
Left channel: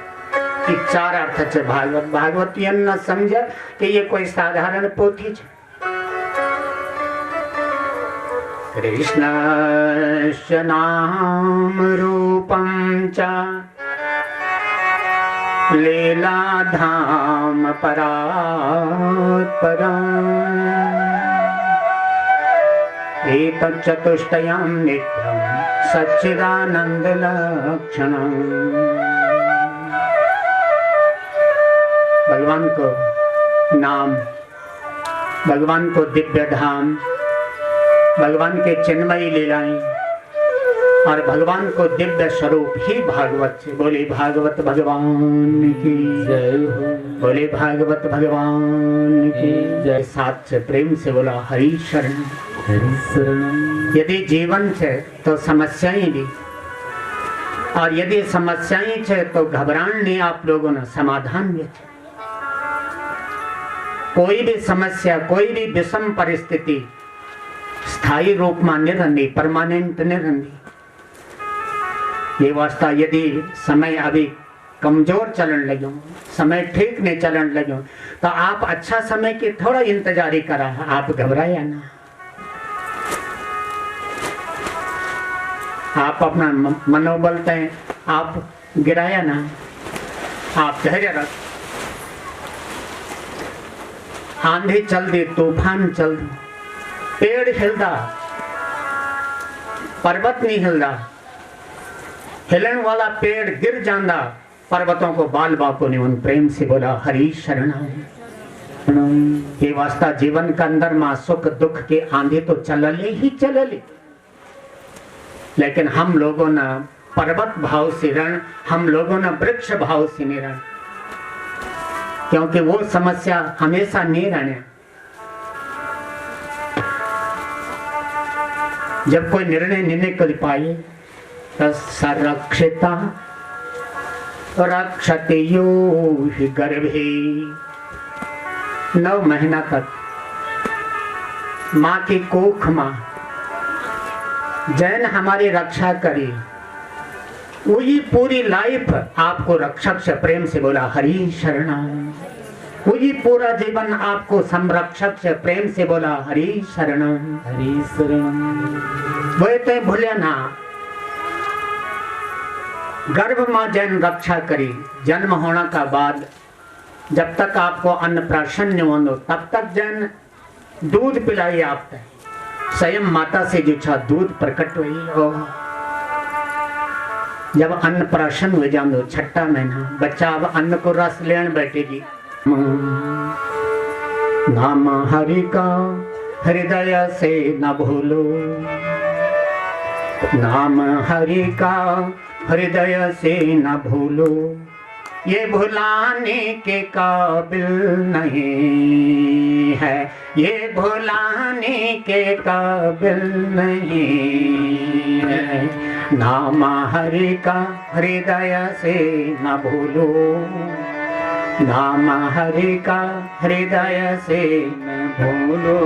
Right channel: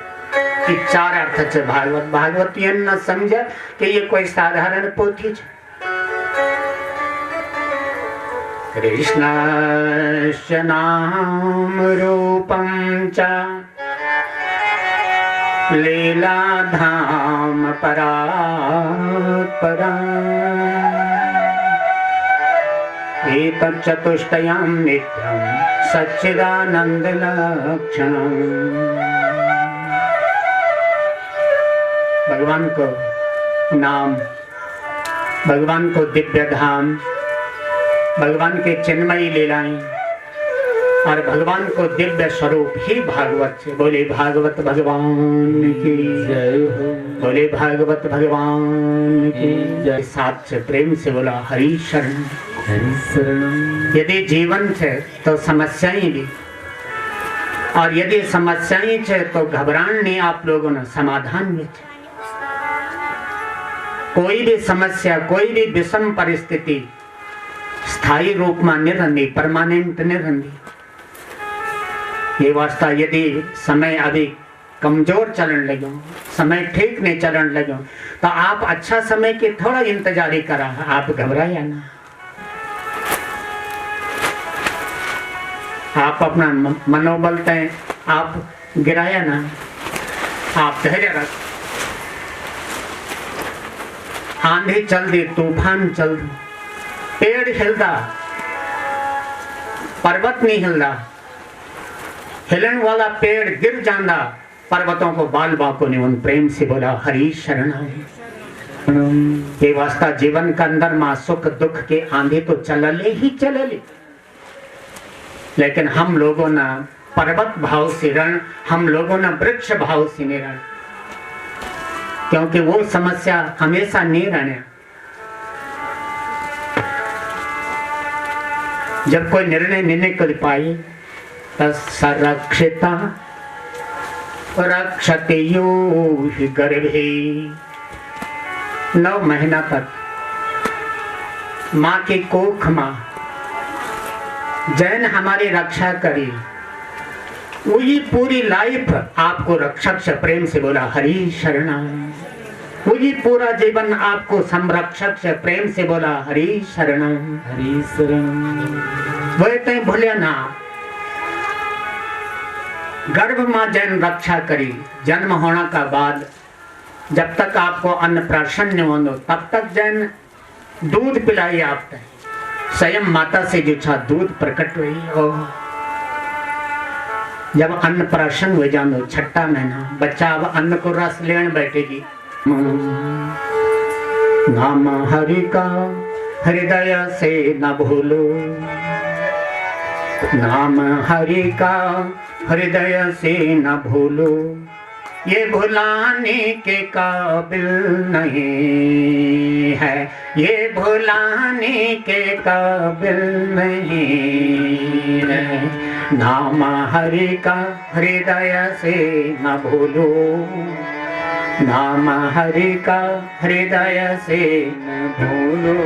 की 4 अर्थ है भागवत। भागवत ये न समझे कि ये कोई साधारण पोथी है। कृष्णस्य नाम रूपं च लीला धाम परात्परा, एतच्चतुष्टयं नित्यं सच्चिदानंद लक्षणम्। भगवान को नाम, भगवान को दिव्य धाम, भगवान के चिन्मयी लीलाएं और भगवान को दिव्य स्वरूप ही भागवत से। बोले भागवत भगवान की जय हो, बोले भागवत भगवान की जय। साथ से प्रेम से बोला हरि शरण, हरि शरणम। यदि जीवन है तो समस्याएं भी, और यदि समस्याएं है तो घबरान नहीं। आप लोगों ने समाधान भी थे। कोई भी समस्या, कोई भी विषम परिस्थिति स्थायी रूप में नहीं रहती, परमानेंट नहीं रहती। ये वास्ता यदि समय अभी कमजोर चलन लगे, समय ठीक नहीं चलन लगे, तो आप अच्छा समय की थोड़ा इंतजारी करा। आप घबराया ना, आप अपना मनोबल तय आप गिराया ना, आप धैर्य रख। आंधी चल दी, तूफान चल दी, पेड़ हिलदा, पर्वत नहीं हिलदा। हिलन वाला पेड़ गिर जांदा, पर्वतों को बाल बाको ने उन। प्रेम से बोला हरि शरणम। ये वास्ता जीवन का अंदर मां सुख दुख के आंधी तो चलले ही चलले, लेकिन हम लोगों ने पर्वत भाव से रण, हम लोगों ने वृक्ष भाव से नहीं रण, क्योंकि वो समस्या हमेशा नहीं रहने। जब कोई निर्णय नहीं कर पाए तो संरक्षिता रक्षते यो हि गर्भे। 9 महीना तक माँ की कोख माँ जैन हमारी रक्षा करी, वही पूरी लाइफ आपको रक्षक से। प्रेम से बोला हरि शरणम। वही पूरा जीवन आपको संरक्षक से। प्रेम से बोला हरि शरणम, हरि शरणम। वह ते भूलिया ना, गर्भ मां जैन रक्षा करी। जन्म होने का बाद जब तक आपको अन्नप्राशन नहीं हो, तब तक जैन दूध पिलाई आपको। स्वयं माता से जो छा दूध प्रकट हुई। और जब अन्नप्राशन हो जानो, 6ठा महीना, बच्चा अब अन्न को रस लेन बैठेगी। नाम हरि का हृदय से न भूलो, नाम हरि का हृदय से न भूलो। ये भुलाने के काबिल नहीं है, ये भुलाने के काबिल नहीं है। नाम हरि का हृदय से न भूलो, नाम हरि का हृदय से न भूलो,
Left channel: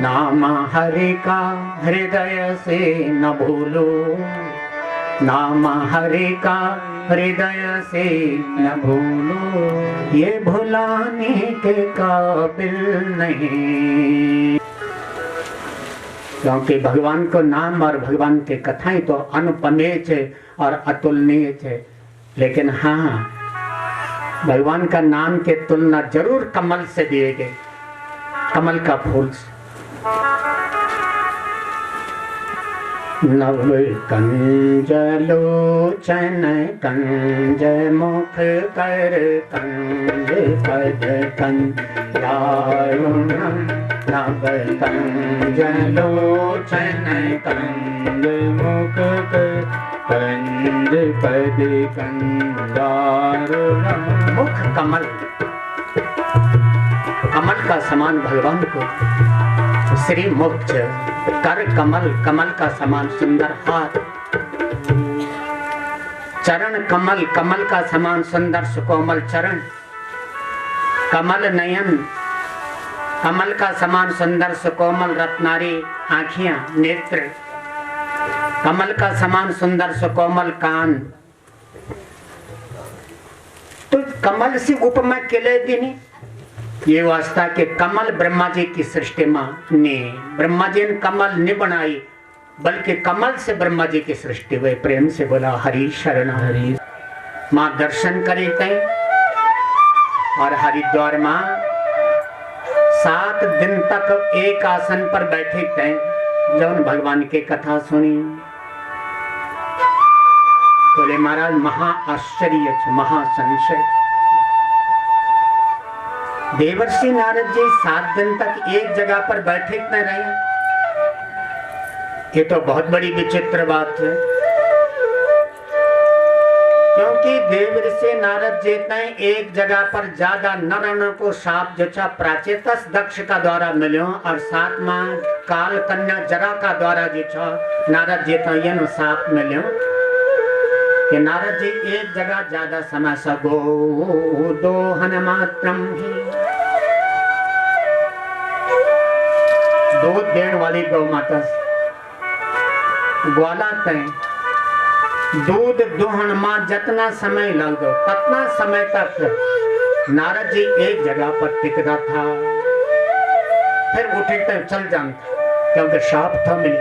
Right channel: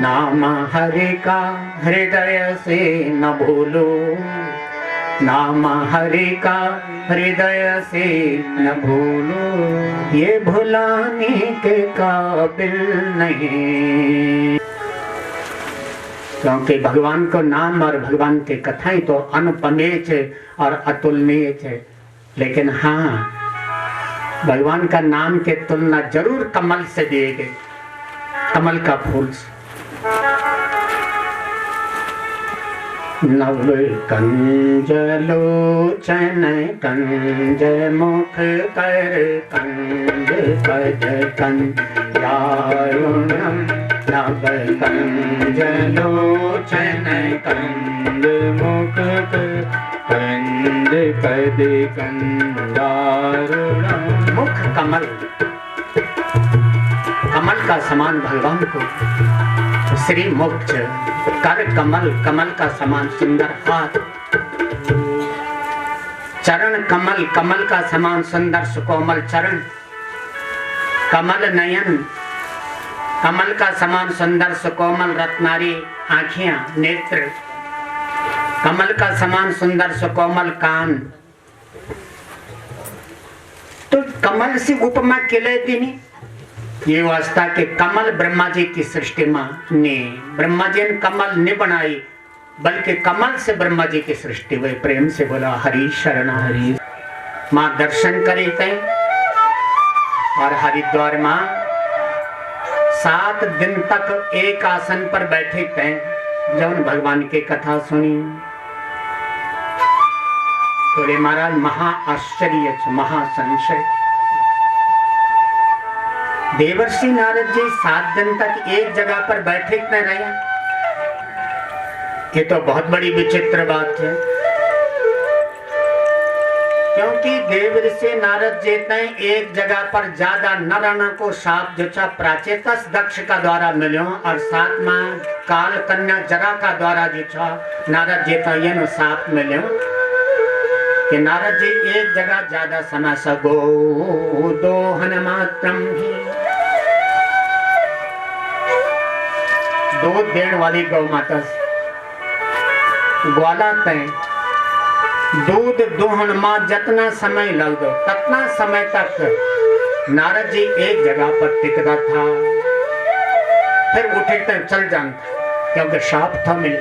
नाम हरि का हृदय से न भूलो, नाम हरि का हृदय से न भूलो, ये भुलाने के काबिल नहीं। क्योंकि भगवान को नाम और भगवान की कथाएं तो अनुपमेय थे और अतुलनीय थे, लेकिन हाँ, भगवान का नाम के तुलना जरूर कमल से दिए गए, कमल का फूल से। नव कंज लोचन कंज मुख कर कंज पद कंजारुणम, नव कंज लोचन कंज मुख कर कंज पद कंजारुणम। मुख कमल, कमल का समान भगवान को श्री मुक्त, कर कमल, कमल का समान सुंदर हाथ, चरण कमल, कमल का समान सुंदर सुकोमल चरण, कमल नयन, कमल का समान सुंदर सुकोमल रत्नारी आँखियां, नेत्र, कमल का समान सुंदर सुकोमल कान। तो कमल से उपमा केले दीनी ये वास्ता के कमल ब्रह्मा जी की सृष्टि ने, ब्रह्मा जी ने कमल नहीं बनाई, बल्कि कमल से ब्रह्मा जी की सृष्टि हुई। प्रेम से बोला हरि शरण हरि। माँ दर्शन करे थे और हरिद्वार माँ 7 दिन तक एक आसन पर बैठे थे। जब भगवान की कथा सुनी बोले महाराज महा आश्चर्य, महा संशय। देवर्षि नारद जी 7 दिन तक एक जगह पर बैठे न रहे, ये तो बहुत बड़ी विचित्र बात है। क्योंकि देवर्षि नारद जी ने एक जगह पर ज्यादा न रहने को साप जो था प्राचेतस दक्ष का द्वारा मिलो, और साथ में काल कन्या जरा का द्वारा जो था नारद जी का ये साप मिलो कि नारद जी एक जगह ज्यादा समय सगो दोहन मात्रम ही, दूध देने वाली गौ माता ग्वाला तय दूध दोहन मां जितना समय लग दो ततना समय तक नारद जी एक जगह पर टिकता था, फिर उठे तक चल जाता क्योंकि शाप था मिल।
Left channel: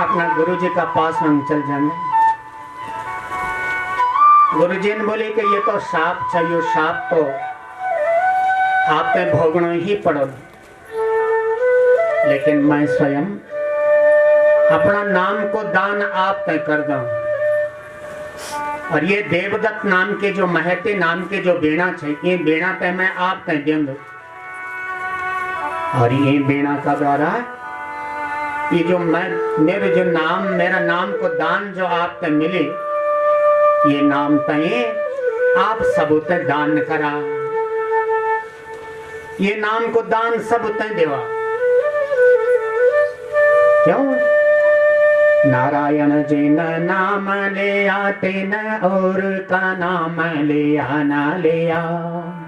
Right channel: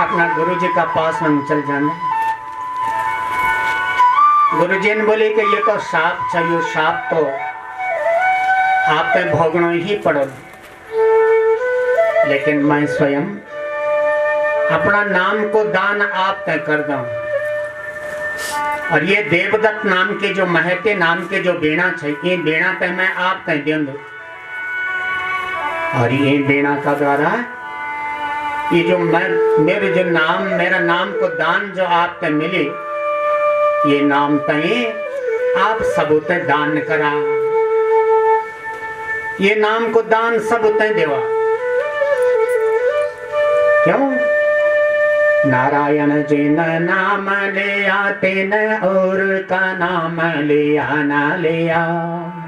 अपना गुरु जी का पास हम चल जाने। गुरु जी ने बोले कि ये तो साप चाहिए, साप तो आप पे भोगना ही पड़ो, लेकिन मैं स्वयं अपना नाम को दान आप तय कर दूं। और ये देवदत्त नाम के जो महते नाम के जो बेड़ा चाहिए, बेड़ा पे मैं आप तय दूंगा। और ये बेड़ा का द्वारा ये जो मेरे जो नाम, मेरा नाम को दान जो आप तय मिले, ये नाम तय आप सबूत दान करा, ये नाम को दान सबूत देवा। क्यों? नारायण जी न नाम लिया तेन और का नाम लिया ना लिया,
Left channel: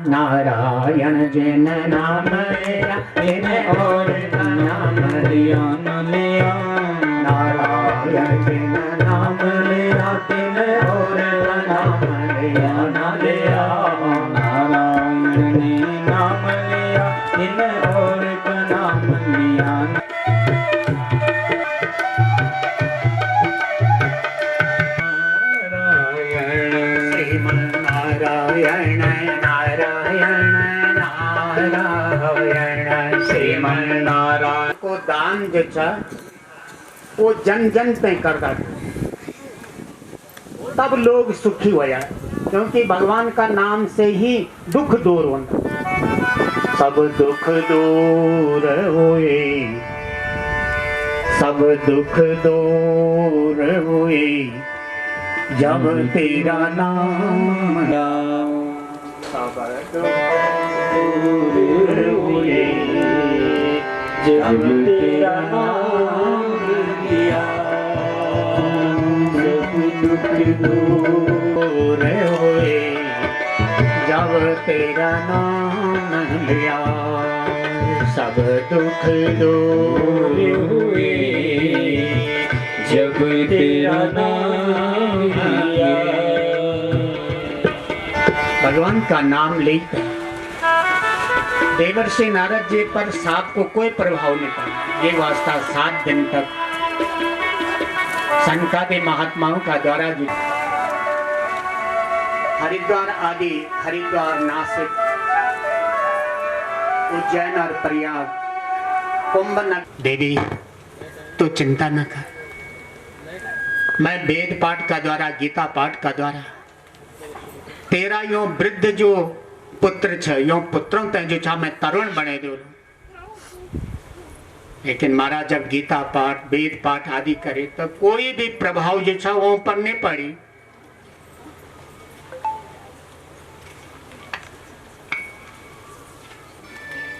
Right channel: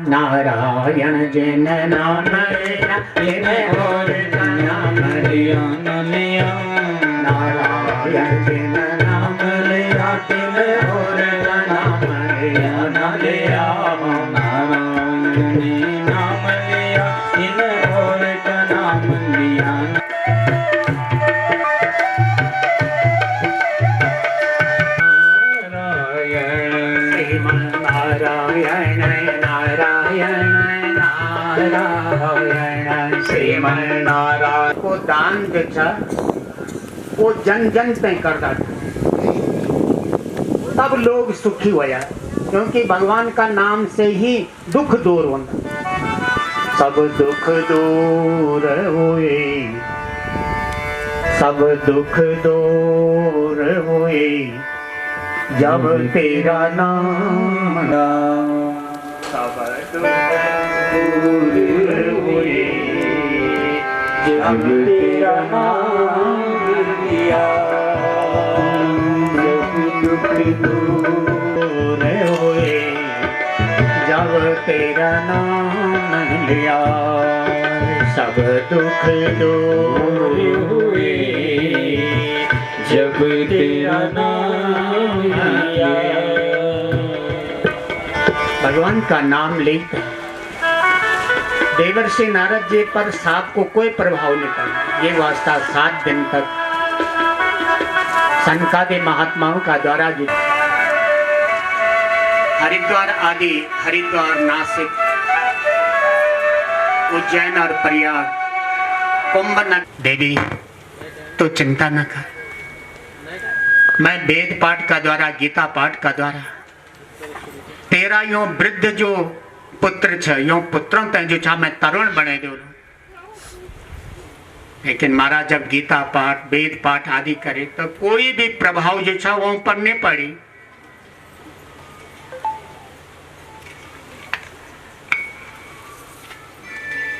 नारायण जी न नाम लिया तेन और का नाम लिया ना लिया, नारायण जी न नाम लिया तेन और का नाम लिया ना लिया, नारायण जी नाम लिया तेन और का नाम लिया ना। नारायण नारायण नारायण श्रीमन नारायण को दान देता वो जन जन पे करता था, तब लोग सुखी हुआ, क्योंकि भगवान का नाम से ही दुख दूर होता। सब दुख दूर हुए, सब दुख दूर हुए जब तेरा नाम सब दुख दूर हुए जब तेरा नाम लिया, सब दुख दूर हुए जब तेरा नाम लिया, सब दुख दूर हुए जब तेरा नाम लिया। भगवान का नाम लेते देवर्षि नारद जी पर सांप को कोई प्रभाव नहीं पड़ा। ये वास्ता 7 दिन तक सनकादि महात्माओं का द्वारा जो हरिद्वार आदि, हरिद्वार, नासिक, उज्जैन और प्रयाग, कुंभ नगर। देवी तो चिंता न कर, मैं वेद पाठ का द्वारा, गीता पाठ का द्वारा तेरा यो वृद्ध जो पुत्र छ, यो पुत्रों ते जो छा मैं तरुण बने दो। लेकिन महाराज जब गीता पाठ, वेद पाठ आदि करे तो कोई भी प्रभाव जो छा वो पर नहीं पड़ी।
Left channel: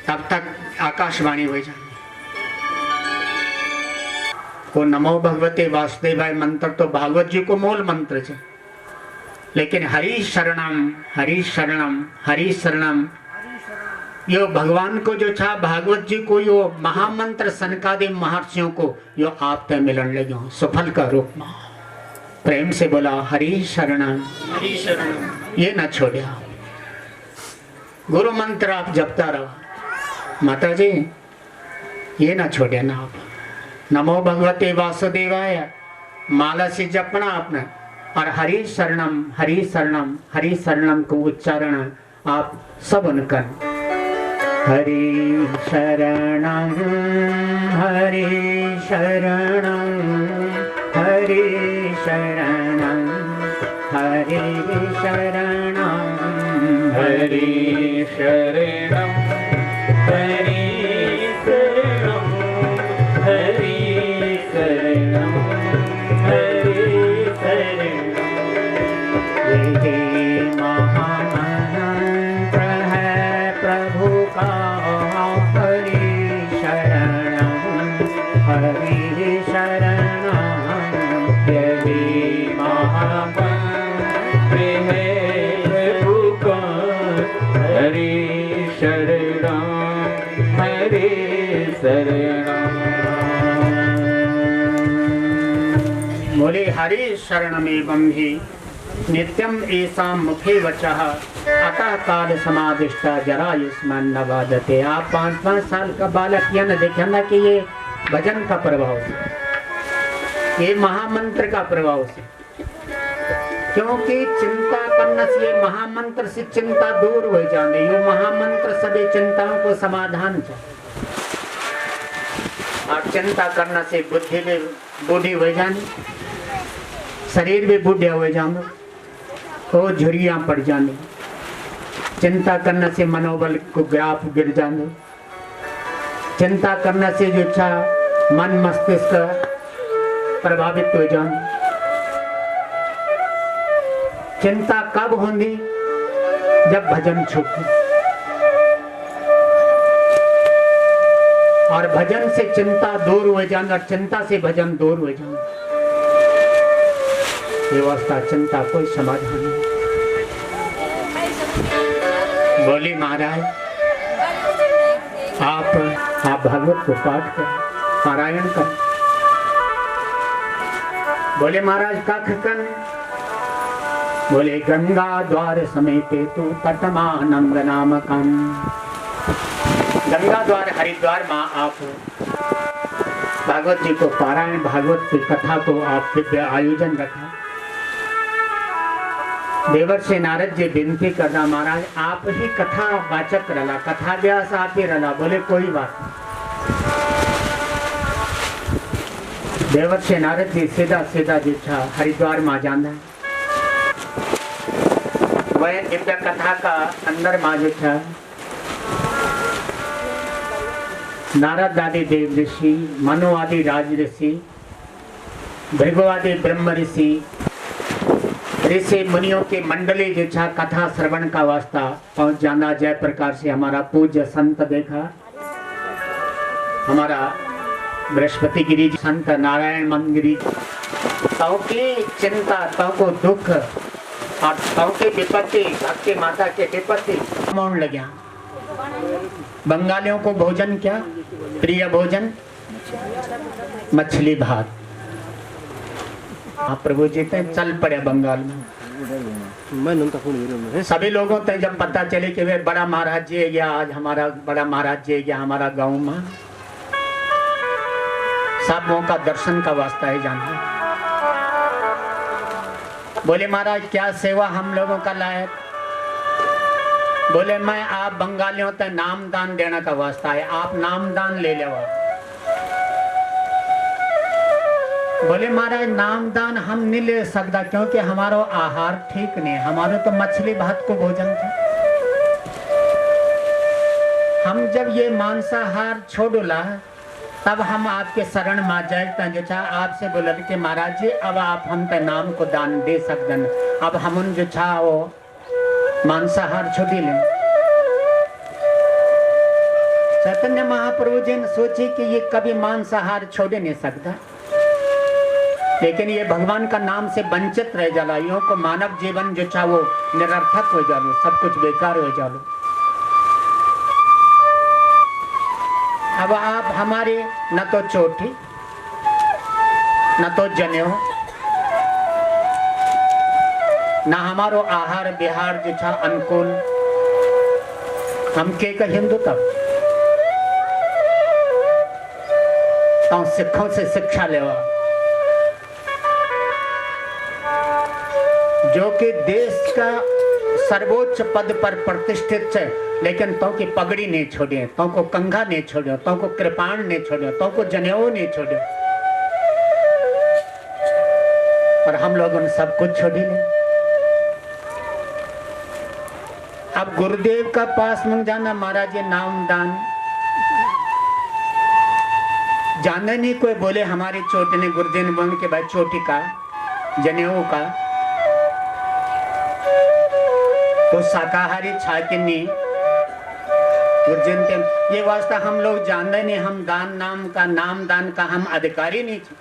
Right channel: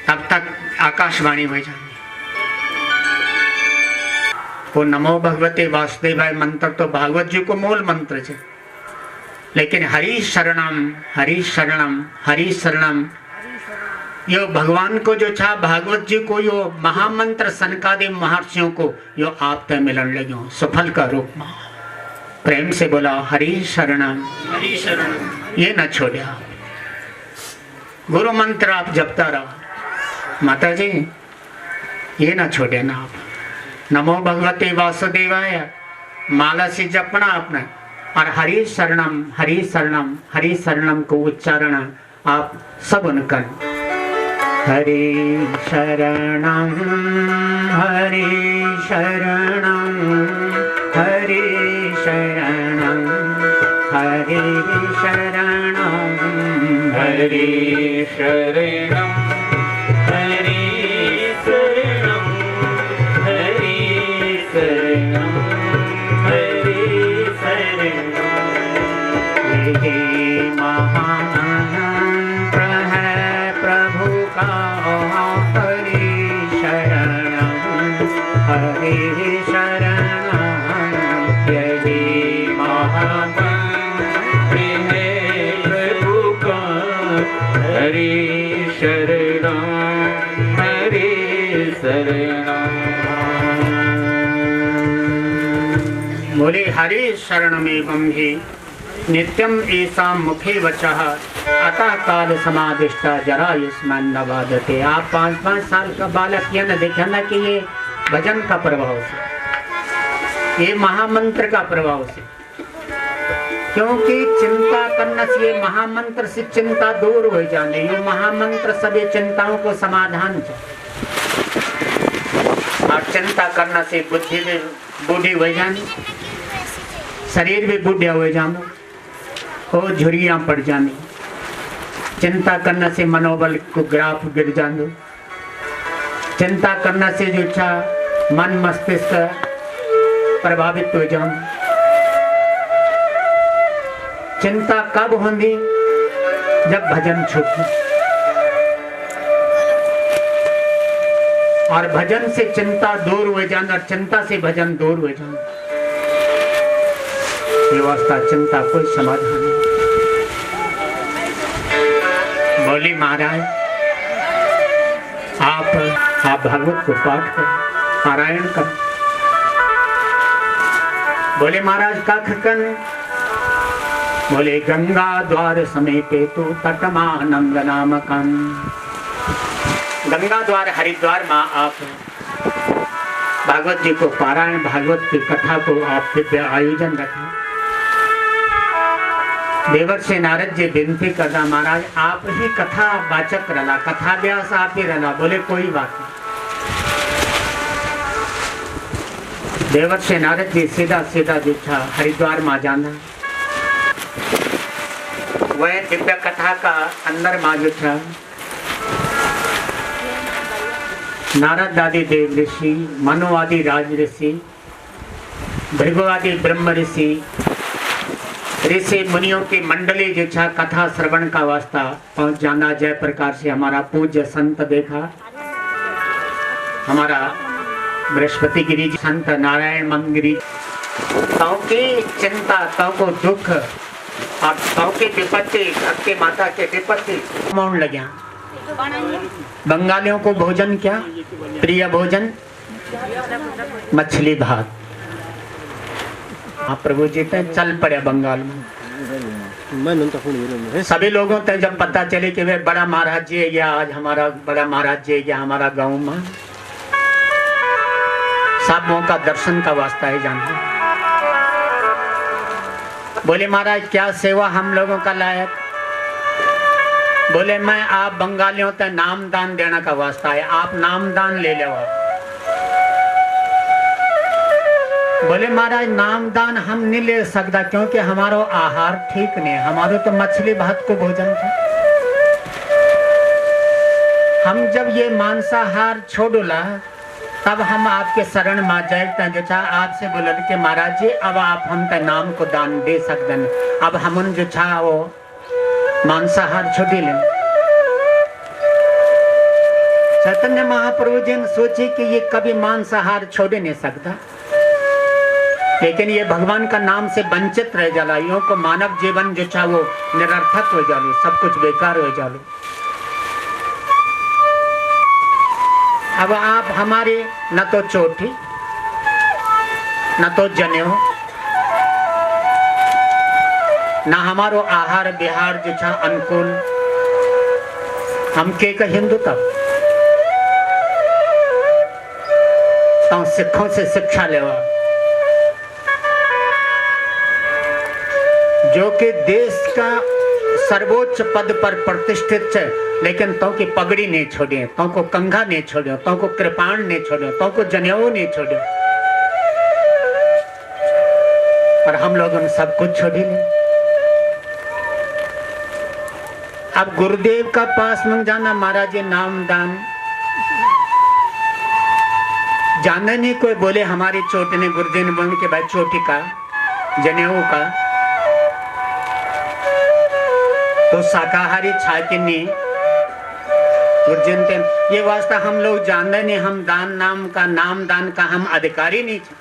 तब तक आकाशवाणी हो जाए। वो नमो भगवते वासुदेवाय मंत्र तो भागवत जी को मूल मंत्र है, लेकिन हरि शरणम, हरि शरणम, हरि शरणम यो भगवान को जो छा भागवत जी को यो महामंत्र सनकादि महर्षियों को यो आप ते मिलन लग्यो सफल का रूप में। प्रेम से बोला हरि शरणम, हरि शरणम। ये न छोड़िया, गुरु मंत्र आप जपता रहो। माता जी ये ना छोड़े ना आप, नमो भगवते वासुदेवाय माला से जपना आपने, और हरि शरणम, हरि शरणम, हरि शरणम को उच्चारण आप सब कर। हरि शरणम, हरि शरणम, हरि शरणम, हरि शरणम, हरि शरणम, बोले हरि शरणमेवं हि नित्यम ऐसा मुखे वचः अतः काल समादिष्टा जरा युष्मान न बाधते। आप 5-5 साल का बालक ये न देखे ना कि ये भजन का प्रभाव से, ये महामंत्र का प्रभाव से, क्योंकि चिंता करने से ये महामंत्र से चिंता दूर हो जाने। ये महामंत्र सभी चिंताओं को समाधान है, और चिंता करने से बुद्धि भी बूढ़ी हो जानी, शरीर भी बूढ़ा हो जाना, और झुर्रियां पड़ जानी। चिंता करने से मनोबल को ग्राफ गिर जाना, चिंता करने से जो था मन मस्तिष्क प्रभावित हो जाना। चिंता कब होगी? जब भजन छूटे, और भजन से चिंता दूर हो जाना, चिंता से भजन दूर हो जाना। व्यवस्था चिंता कोई समाधान नहीं। बोली महाराज आप भागवत को पाठ कर, पारायण कर। बोले महाराज का खकन, बोले गंगा द्वार समीपे तो तटमानम नामकम। गंगा द्वार हरिद्वार में आप भागवत जी को पारायण, भागवत की कथा को आप दिव्य आयोजन रखा। देवर्षि नारद जी विनती करना, महाराज आप ही कथा वाचक रला, कथा व्यास आप ही रला। बोले कोई बात नहीं। देवर्षि नारद जी सीधा सीधा जो था हरिद्वार में जाना, वह दिव्य कथा का अंदर में जो था नारद आदि देव ऋषि, मनु आदि राज ऋषि, भृगु आदि ब्रह्म ऋषि, ऋषि मुनियों की मंडली जो छा कथा श्रवण का वास्ता पहुंच जाना। जय प्रकार से हमारा पूज्य संत देखा, हमारा बृहस्पति गिरी संत नारायण मंदिरी, ताऊ की चिंता, ताऊ को दुख और ताऊ की विपत्ति, आपके माता के विपत्ति मौन लग्या। बंगालियों को भोजन क्या प्रिय भोजन, मछली भात। हाँ प्रभु जी पे चल पड़े बंगाल में। मैं नंता फोन ये में सभी लोगों तक जब पता चले कि वे बड़ा महाराज जी है, या आज हमारा बड़ा महाराज जी है, या हमारा गांव में सबों का दर्शन का वास्ता है जानते। बोले महाराज क्या सेवा हम लोगों का लायक। बोले मैं आप बंगालियों तक नाम दान देने का वास्ता है, आप नाम दान ले लो। बोले महाराज नाम दान हम नहीं ले सकता क्योंकि हमारो आहार ठीक नहीं, हमारो तो मछली भात को भोजन था। हम जब ये मांसाहार छोड़ला तब हम आपके शरण में जाए जो छा आपसे बोले कि महाराज जी अब आप हम ते नाम को दान दे सकते हैं। अब हम जो छा वो मांसाहार छोड़ी ले। चैतन्य महाप्रभु जी ने सोचे कि ये कभी मांसाहार छोड़ नहीं सकता, लेकिन ये भगवान का नाम से वंचित रह जाला। यो को मानव जीवन जो छा वो निरर्थक हो जालो, सब कुछ बेकार हो जालो। अब आप हमारे न तो चोटी न तो जनेऊ न हमारो आहार विहार जो छा अनुकूल, हम के का हिंदू तब तो सिखों से शिक्षा लेवा जो कि देश का सर्वोच्च पद पर प्रतिष्ठित है, लेकिन तो की पगड़ी नहीं छोड़े, तो को कंघा नहीं छोड़े, तो को कृपाण नहीं छोड़े, तो को जनेऊ नहीं छोड़े, और हम लोग उन सब कुछ छोड़ ले। अब गुरुदेव का पास में जाना, महाराज ये नाम दान जाने नहीं। कोई बोले हमारी चोटी ने, गुरुदेव ने बोले कि भाई चोटी का जनेऊ का तो शाकाहारी छाकिनी गुरुजन के ये वास्ता हम लोग जानते नहीं। हम दान नाम दान का हम अधिकारी नहीं थे।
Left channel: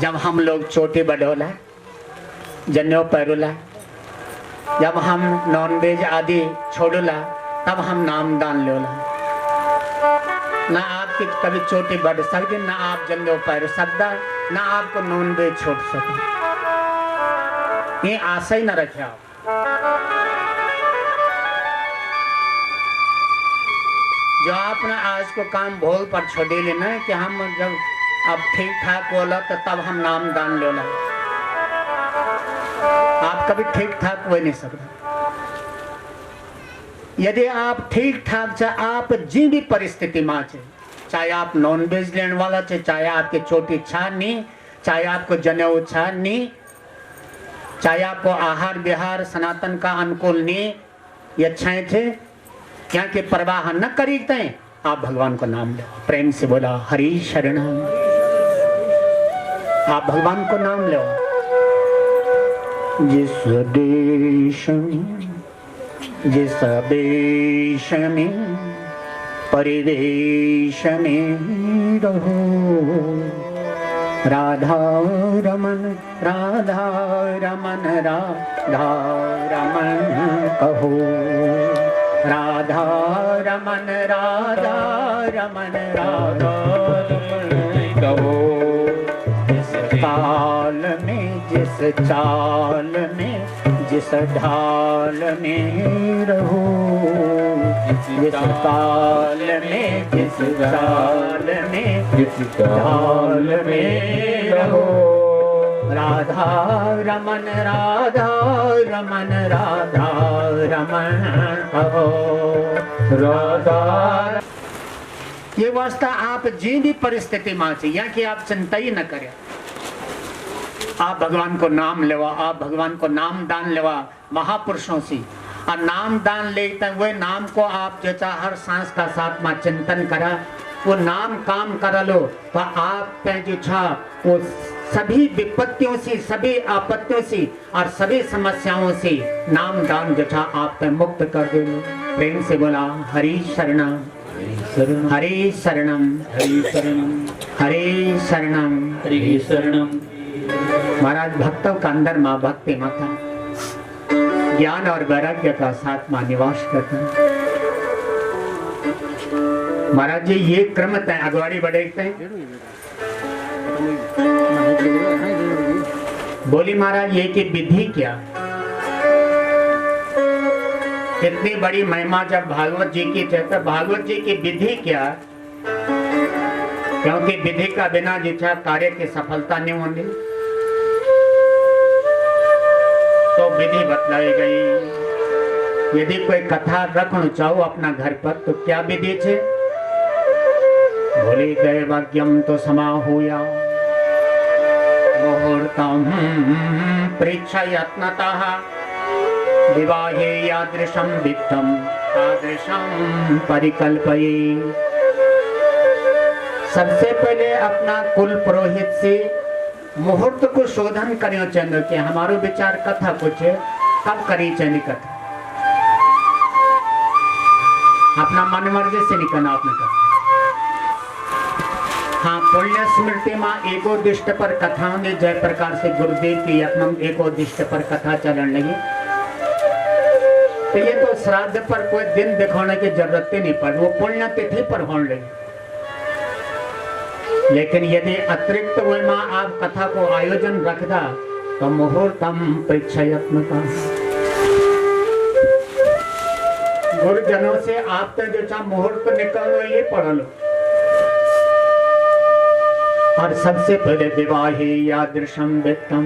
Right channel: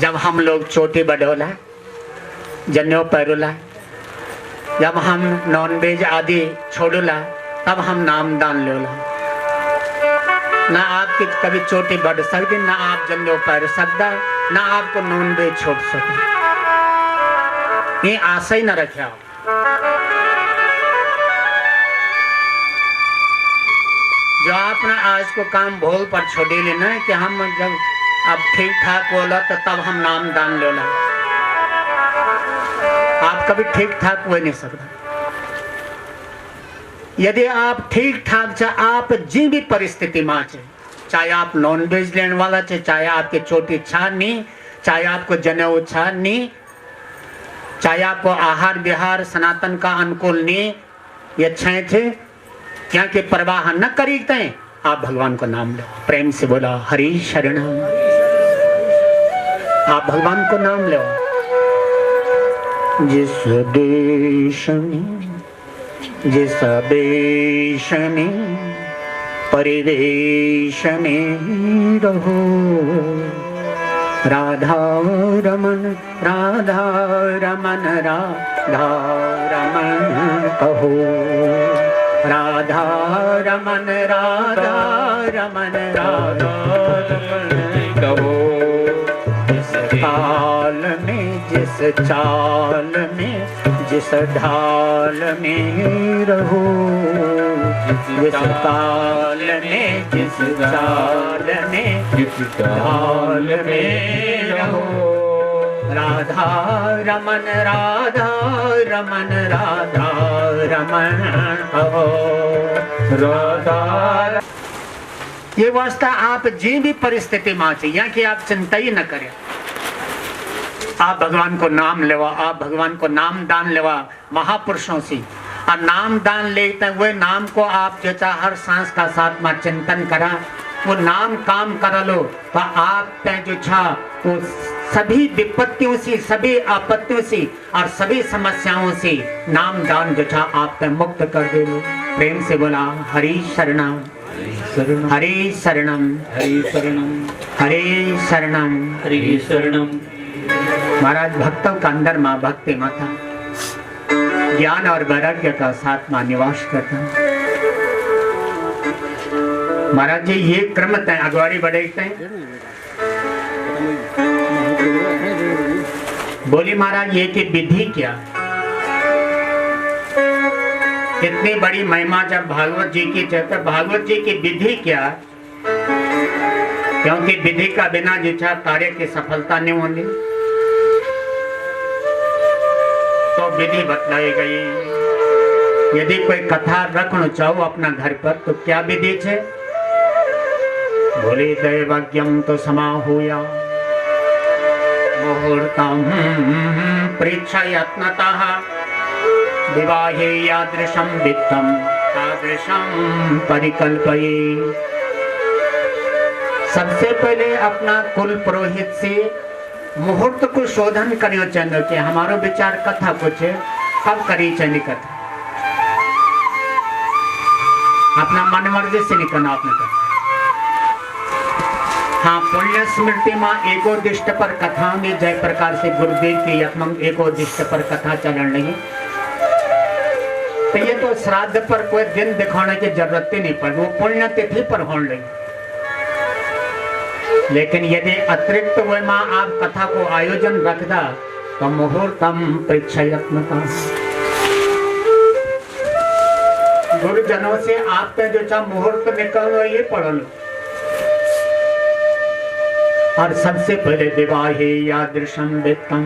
जब हम लोग चोटी बढ़ोला जनेऊ पैरोला, जब हम नॉनवेज आदि छोड़ोला तब हम नाम दान लोला। ना आपकी कभी चोटी बढ़ सकती, ना आप जनेऊ पैर सकता, ना आपको नॉनवेज छोड़ सकते। ये आशा ही न रखे आप। जो आपने आज को काम भोल पर छोड़े लेना है कि हम जब अब ठीक ठाक बोला तो तब हम नाम दान लोला। आप कभी ठीक ठाक हो नहीं सकता। यदि आप ठीक ठाक चाहे आप जी भी परिस्थिति में चाहे आप नॉन वेज लेने वाला चाहे आपके चोटी छा नहीं, चाहे आपको जनेऊ छा नहीं, चाहे आपको आहार विहार सनातन का अनुकूल नहीं, ये अच्छे थे क्या के परवाह न करीते हैं, आप भगवान को नाम लो। प्रेम से बोला हरि शरण। आप भगवान को नाम लो। जिस देश में जिस वेश में परिवेश में रहो, राधा रमन राधा रमन राधा रमन कहो, राधा रमन राधा रमन राधा रमन कहो। जिस काल में जिस चाल में जिस ढाल में रहो, जिस काल में जिस चाल में जिस ढाल में रहो, राधा रमन राधा रमन राधा रमन कहो, राधा। ये वास्ता आप जी भी परिस्थिति में चाहिए कि आप चिंता ही न करें। आप भगवान को नाम लेवा, आप भगवान को नाम दान लेवा। महापुरुषों से और नाम दान लेते हैं, वह नाम को आप जो चाहे हर सांस का साथ में चिंतन करा, वो नाम काम कर लो तो आप जो छा वो सभी विपत्तियों से, सभी आपत्तियों से और सभी समस्याओं से नाम दान जो छा आप पे मुक्त कर दे। प्रेम से बोला हरि शरणम हरि शरणम हरि शरणम हरि शरणम। हरि शरणम। महाराज भक्तों का अंदर माँ भक्ति माता ज्ञान और वैराग्य का साथ मां निवास करता। महाराज जी ये क्रम तय अगवारी बढ़ते हैं। बोली महाराज ये की विधि क्या, इतनी बड़ी महिमा जब भागवत जी की चलता, भागवत जी की विधि क्या, क्योंकि विधि का बिना जिच्छा कार्य की सफलता नहीं होगी। तो विधि बतलाई गई। यदि कोई कथा रखना चाहो अपना घर पर तो क्या विधि है? बोले दैवज्ञम तो समाहूया मुहूर्तम प्रेक्षयत्नतः विवाहे यादृशं वित्तम तादृशं परिकल्पये। सबसे पहले अपना कुल पुरोहित से मुहूर्त को शोधन करियो चाहिए कि हमारो विचार कथा कुछ है, कब करी चाहिए कथा, अपना मन मर्जी से निकलना आपने कथा। हाँ, पुण्य स्मृति मां एकोदिष्ट पर कथा होंगी, जय प्रकार से गुरुदेव की यत्न एकोदिष्ट पर कथा चलन लगी। तो ये तो श्राद्ध पर कोई दिन दिखाने की जरूरत ही नहीं पड़ी, वो पुण्य तिथि पर होने लगी। लेकिन यदि अतिरिक्त वह मां आप कथा को आयोजन रखदा तो मुहूर्तम प्रेक्षयत्नता, गुरुजनों से आपके जो चाह मुहूर्त निकलो ये पढ़ लो। और सबसे पहले विवाहे यादृशम वित्तम,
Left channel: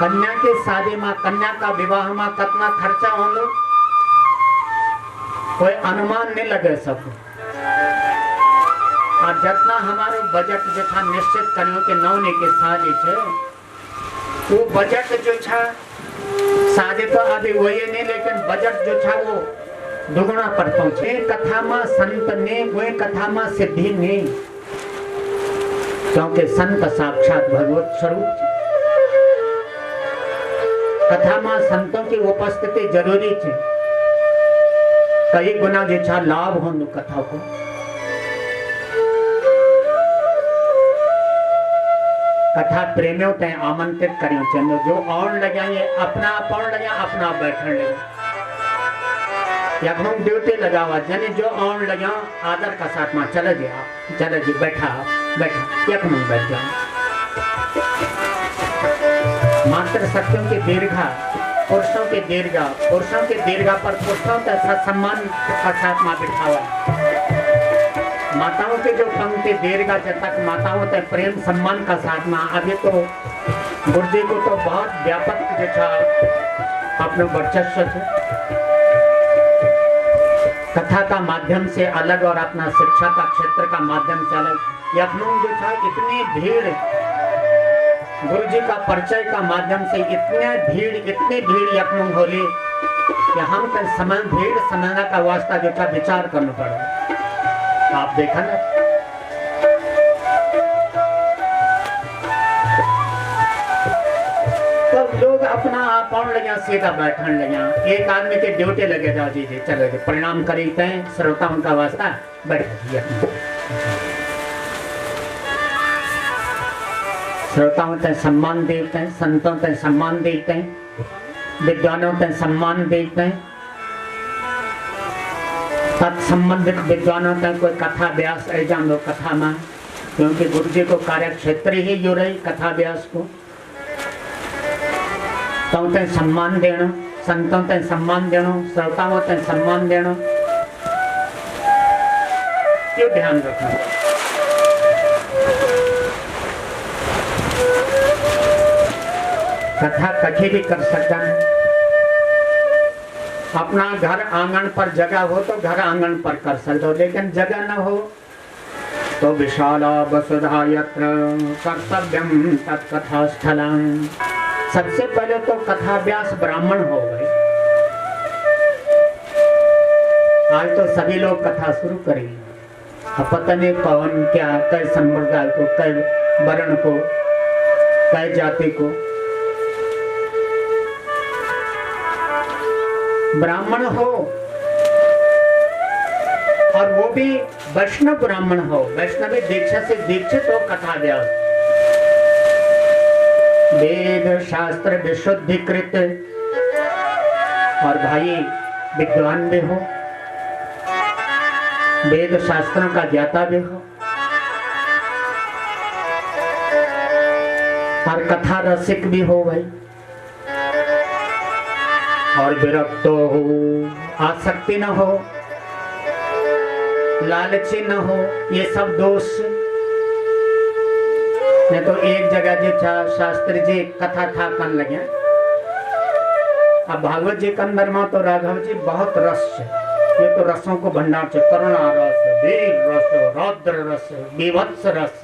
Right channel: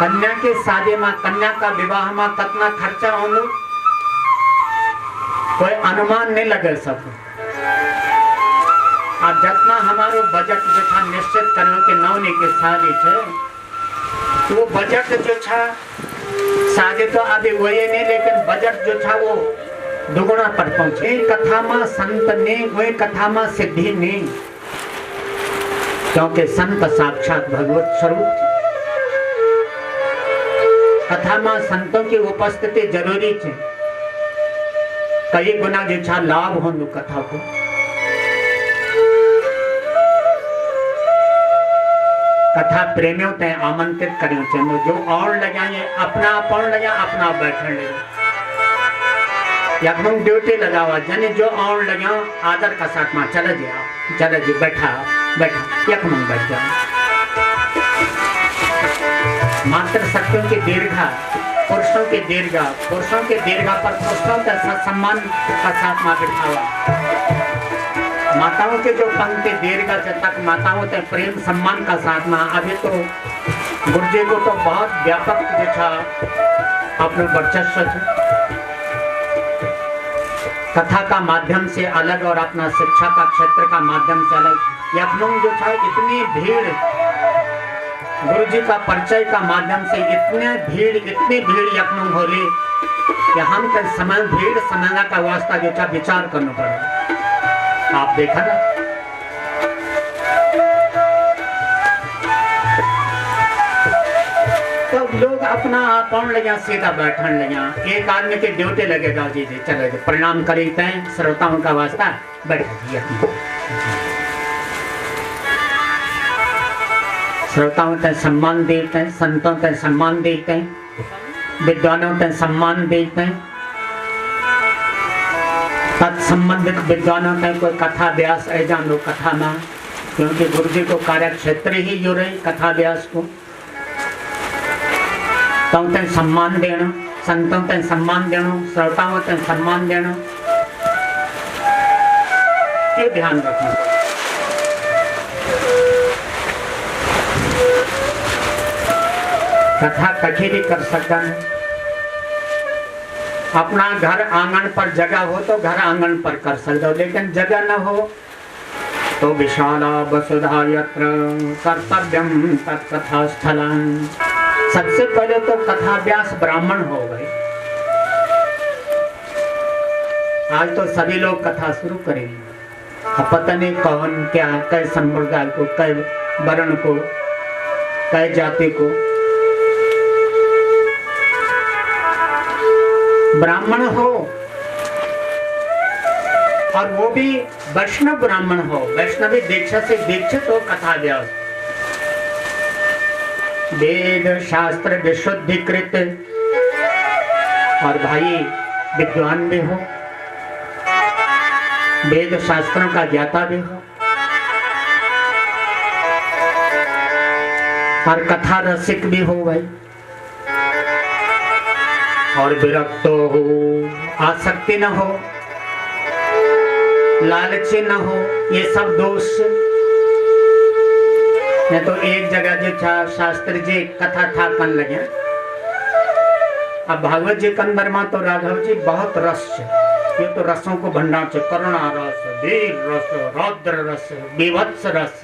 कन्या के शादी में, कन्या का विवाह में कितना खर्चा होलो कोई अनुमान नहीं लगे सब। और जितना हमारो बजट जो था निश्चित करो कि नौनी के शादी थे, वो बजट जो था शादी तो अभी वही नहीं, लेकिन बजट जो था वो दुगुना पर पहुंचे। कथा में संत ने वही कथा में सिद्धि नहीं, क्योंकि संत साक्षात भगवत स्वरूप। कथा में संतों की उपस्थिति जरूरी है, कई गुना जो था लाभ हो कथा को। कथा प्रेमियों ते आमंत्रित करें चाहिए, जो और लगाए अपना पढ़ लगा, अपना बैठने लगा, या हम ड्यूटी लगावा जने जो और लगा आदर का साथ में चले जाओ, चले जी बैठा बैठा यक हम बैठ जाओ। मात्र सत्यों की दीर्घा, पुरुषों की दीर्घा, पुरुषों की दीर्घा पर पुरुषों का सम्मान का साथ में बिठावा। माताओं के जो पंक्ति दीर्घा जब तक माताओं के प्रेम सम्मान का साथ में। अभी तो गुरुजी को तो बहुत व्यापक जो था अपने वर्चस्व कथा का माध्यम से अलग और अपना शिक्षा का क्षेत्र का माध्यम से अलग। यत्नों जो था इतनी भीड़, गुरुजी का परिचय का माध्यम से इतनी भीड़ यत्नों होली कि हम समय भीड़ समय का वास्ता जो था विचार करना पड़ा। आप देखा ना, तो लोग अपना आप पढ़ लगे, सीधा बैठन लगे। एक आदमी की ड्यूटी लगेगा, जी जी चले प्रणाम करीते हैं, श्रोताओं का वास्ता बैठ दिया। श्रोताओं का सम्मान देते हैं, संतों का सम्मान देते हैं, विद्वानों का सम्मान देते हैं। तत्संबंधित विद्वानों का कोई कथा व्यास जान लो कथा में, क्योंकि गुरु जी को कार्य क्षेत्र ही जो रही कथा व्यास को, तो ते सम्मान देना, संतों ते सम्मान देना, श्रोताओं ते सम्मान देना, ये ध्यान रखना। कथा कठी भी कर सकता है। अपना घर आंगन पर जगह हो तो घर आंगन पर कर सकते हो, लेकिन जगह न हो तो विशाला वसुधा यत्र कर्तव्यम तत्कथा स्थलम। सबसे पहले तो कथा व्यास ब्राह्मण हो गए। आज तो सभी लोग कथा शुरू करेंगे। अब पता नहीं कौन क्या कई संप्रदाय को, कई वर्ण को, कई जाति को। ब्राह्मण हो और वो भी वैष्णव ब्राह्मण हो, वैष्णवी दीक्षा से दीक्षित हो, कथा व्यास, वेद शास्त्र विशुद्धिकृत और भाई विद्वान भी हो, वेद शास्त्रों का ज्ञाता भी हो और कथा रसिक भी हो भाई, और विरक्त हो, आसक्ति न हो, लालची न हो, ये सब दोष। मैं तो एक जगह जो था शास्त्री जी कथा था कन लगे। अब भागवत जी कन बर्मा तो राघव जी बहुत रस, ये तो रसों को भंडार से, करुणा रस, वीर रस, रौद्र रस, बीभत्स रस,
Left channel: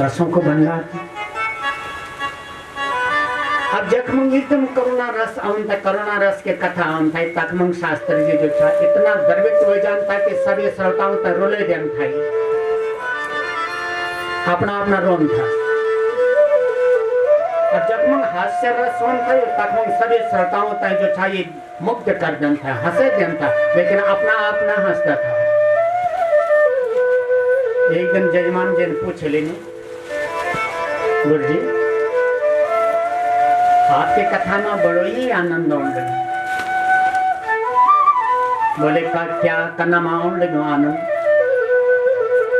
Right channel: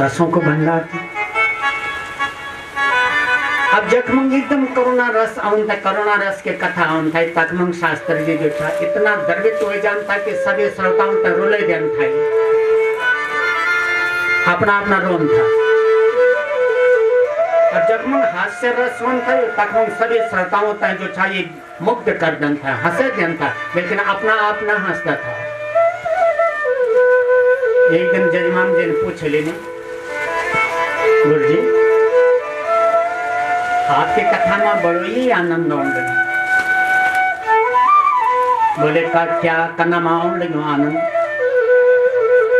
रसों को भंडार थी। अब जखमंग एकदम करुणा रस आउन था, करुणा रस के कथा आउन था। तखमंग शास्त्री जी जो था इतना गर्वित हो जानता कि सभी श्रोताओं तक रोले देन था, अपना अपना रोम था। और जखमंग हास्य रस होन था, तखमंग सभी श्रोताओं तक जो था ये मुक्त कर देन था, हंसे देन था, लेकिन अपना अपना हंसता था। एक दिन जजमान जी ने पूछे लेने, गुरु जी आपके कथा में बड़ो ही आनंद आने लगे। बोले का क्या कना आने लगे आनंद?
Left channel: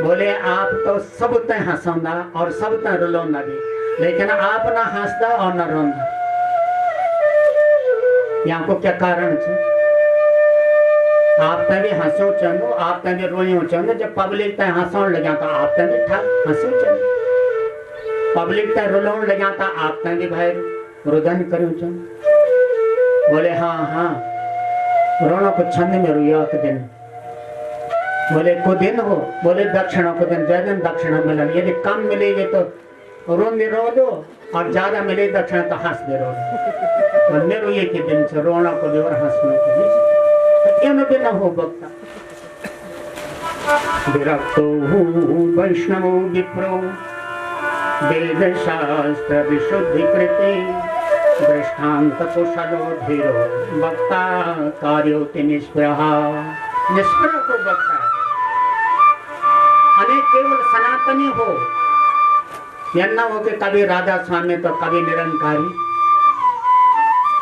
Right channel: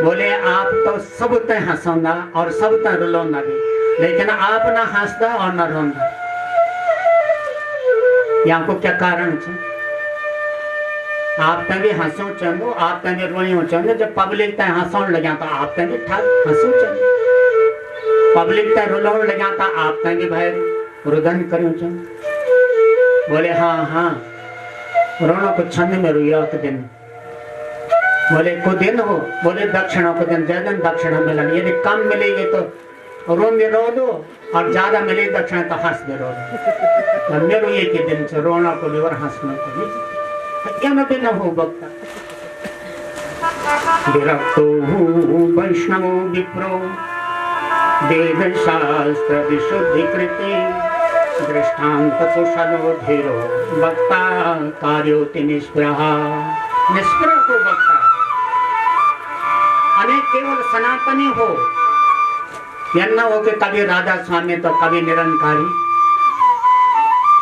बोले आप तो सब तय हंसौना और सब तय रुलौना भी, लेकिन आप ना हंसदा और ना रोंदा। यहाँ को क्या कारण है? आप तय भी हंसो चंदो, आप तय भी रोइयो चंदो। जब पब्लिक तय हंसौन लगा तो आप तय भी ठाक हंसो चंदो, पब्लिक तय रुलौन लगा तो आप तय भी भाई रुदन करूं चन। बोले हाँ हाँ रोनो को छंद में रुया के दिन। बोले को दिन हो? बोले दक्षिणा को दिन, जय दिन दक्षिणा मिलन। यदि कम मिलेगी तो रोन भी रो दो और ज्यादा मिले दक्षिणा तो हंस भी रो दो। मेरे ये के दिन से रोना को भी और हंसना को भी क्या न भी न हो बक्ता। विरक्तो हूँ वैष्णव विप्रो वेद शास्त्र विशुद्धिकृति दृष्टांत कुशलो धीरो वक्ता कार्योति निष्प्रह। निष्प्रह को वक्ता अनेक केवल सनातनी हो, यह न हो कि कभी राधा स्वामी तो कभी निरंकारी।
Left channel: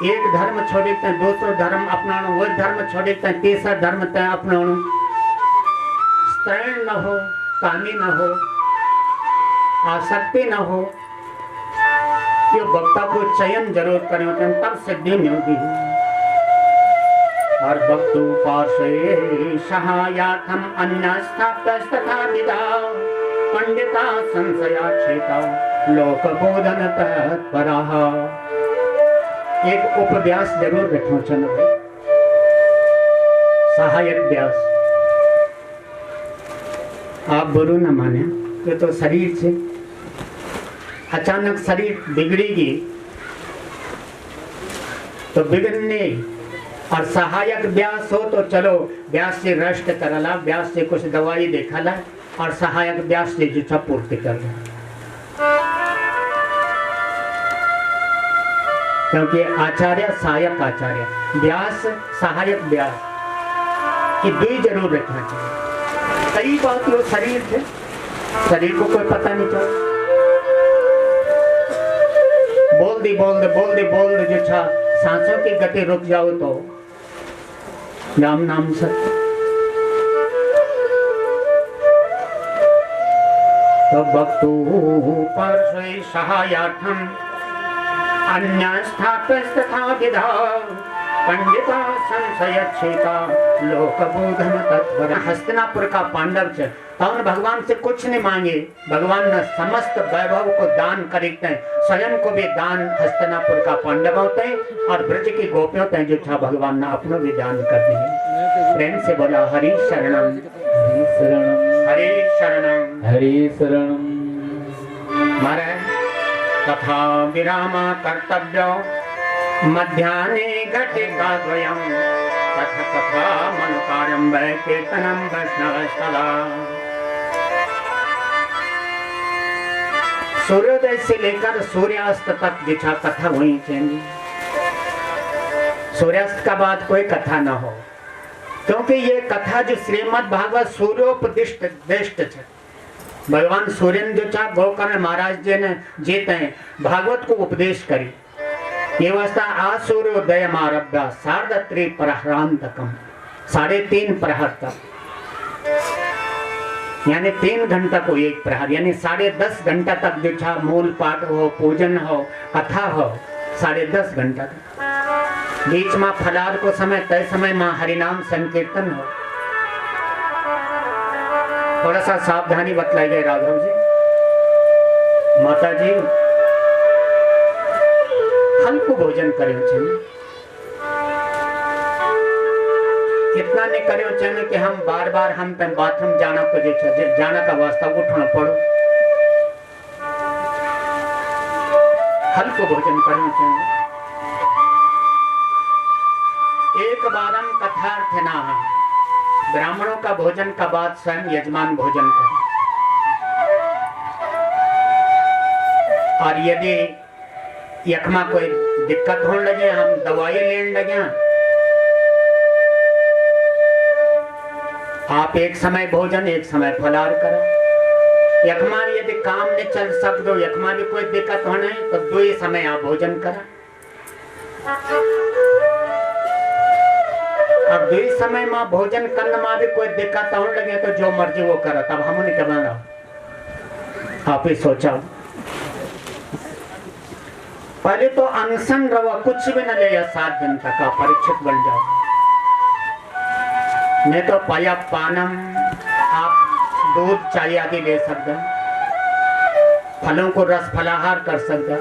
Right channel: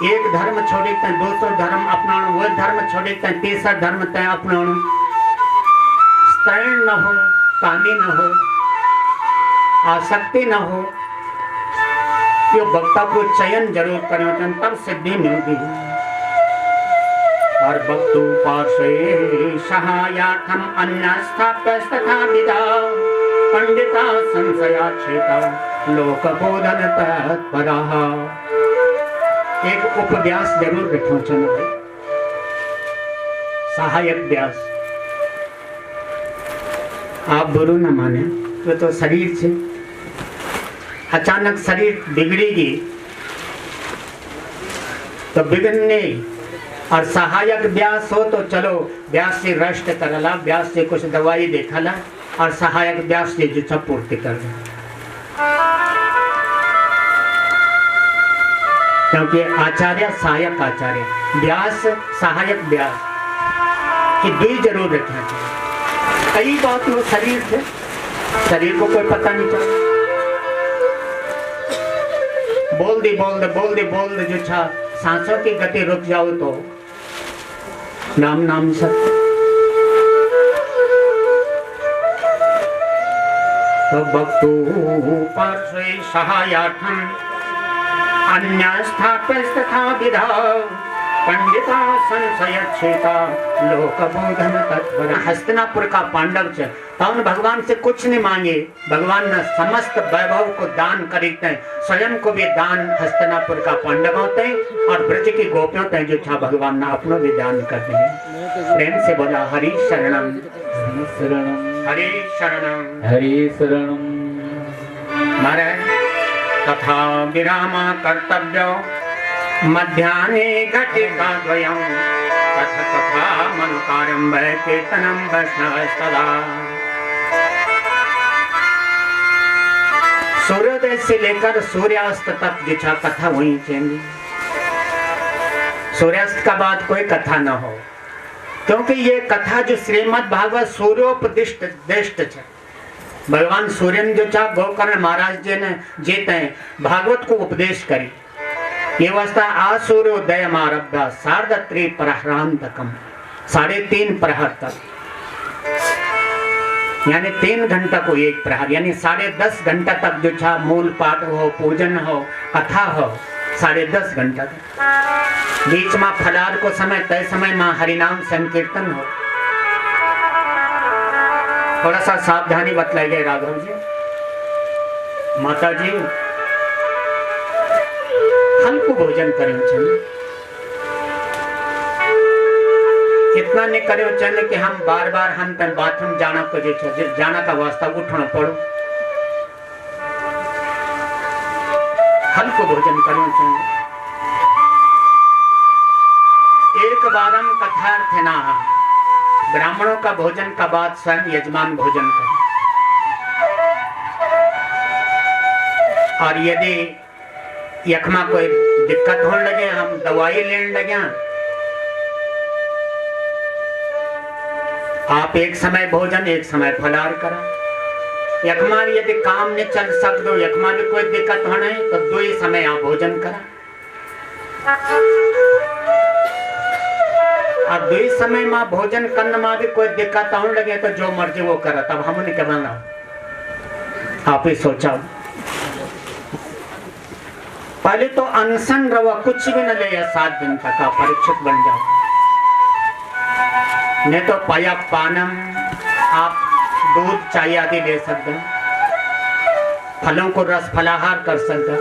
एक धर्म छोड़े तय दूसरा धर्म अपनाणु, वो धर्म छोड़े तय तीसरा धर्म तय अपनाणु। स्त्रीण न हो, कामी न हो, आसक्ति न हो। ये वक्ता को चयन जरूर करें तब सिद्धि मिलती है। और वक्तु पार्श्वे सहायार्थम अन्यस्थाप्यस्तथा विदा पंडिता संशयाच्छेता लोकबोधन तत्पराः। एक उपव्यास जरूर रखो चलो भाई, सहायक व्यास। आप बुरू न माने तो शरीर से अचानक शरीर बिगड़ेगी तो बिगड़ने, और सहायक व्यास हो तो चलो व्यास से रेस्ट करला, व्यास से कुछ दवाई देखला और सहायक व्यास से जो पूर्ति कर दे। क्योंकि आचार्य सहायक आचार्य, व्यास सहायक व्यास, ये दो जरूर रखना चाहिए। कई बात लोग शरीर थे, शरीर को कोई पता नहीं चला, बोल दे जो था सांसों की गति रुक जाओ तो नाम नाम सत्य। तो भक्तु पार्श्वे सहायार्थम अन्यस्थाप्यस्तथा विधा पंडिता संशयच्छेता लोकबोधन तत्परा। हस्तिनापुर का पांडव च तौन भगवान से कुछ नहीं मांगे, भगवान ने समस्त वैभव को दान करते हैं, स्वयं को भी दान हस्तिनापुर का पांडव होते हैं और ब्रज की गोपियों तय जो था भगवान ने अपनों भी दान करते हैं। प्रेम से बोला हरि शरणम हरि शरणम हरि शरणम। महाराज तथा विराम कर्तव्य मध्याह्ने घटिका द्वयम् तथा तथा मनुकार्यं वै कीर्तनं वैष्णवस्तदा। सूर्योदय से लेकर सूर्यास्त तक जिछा कथा हुई चेंगी। सूर्यास्त का बाद कोई कथा न हो, क्योंकि ये कथा जो श्रीमद् भागवत सूर्योपदिष्ट दिष्ट है। भगवान सूर्य जो चा गोकर्ण महाराज जी ने जीते भागवत को उपदेश करी। ये अवस्था आज सूर्योदय आरब्धा सार्धत्री प्रहरांतकम 3.5 प्रहर तक, यानी 3 घंटा को 1 प्रहर, यानी 10.5 घंटा तक जो छा मूल पाठ हो, पूजन हो, कथा हो, 10.5 घंटा तक। बीच में फलार को समय तय समय में हरिनाम संकीर्तन हो। थोड़ा सा सावधानी बतलाई गई राघव जी। माता जी हल्को भोजन करो छे, इतना नहीं करो छे कि हम बार बार हम बाथरूम जाना को जाना का वास्ता उठना पड़ो। हल्को भोजन करो छे। एक बारम कथार्थ ना ब्राह्मणों का भोजन का बाद स्वयं यजमान भोजन करें। और यदि यखमा कोई दिक्कत होने लगे, हम दवाई लेने लगे, आप एक समय भोजन एक समय फलार करा। यखमा यदि काम नहीं चल सकते, यखमा भी कोई दिक्कत होने तो 2 समय आप भोजन करा। अब 2 समय में भोजन करने में भी कोई दिक्कत होने लगे तो जो मर्जी वो करा। तब हमने क्या बना, आप ही सोचा। पहले तो अनशन रहो, कुछ भी न ले, 7 दिन तक आप परीक्षित बन जाओ। नहीं तो पाया पानम, आप दूध चाय आदि ले सकते हैं, फलों को रस फलाहार कर सकते हैं।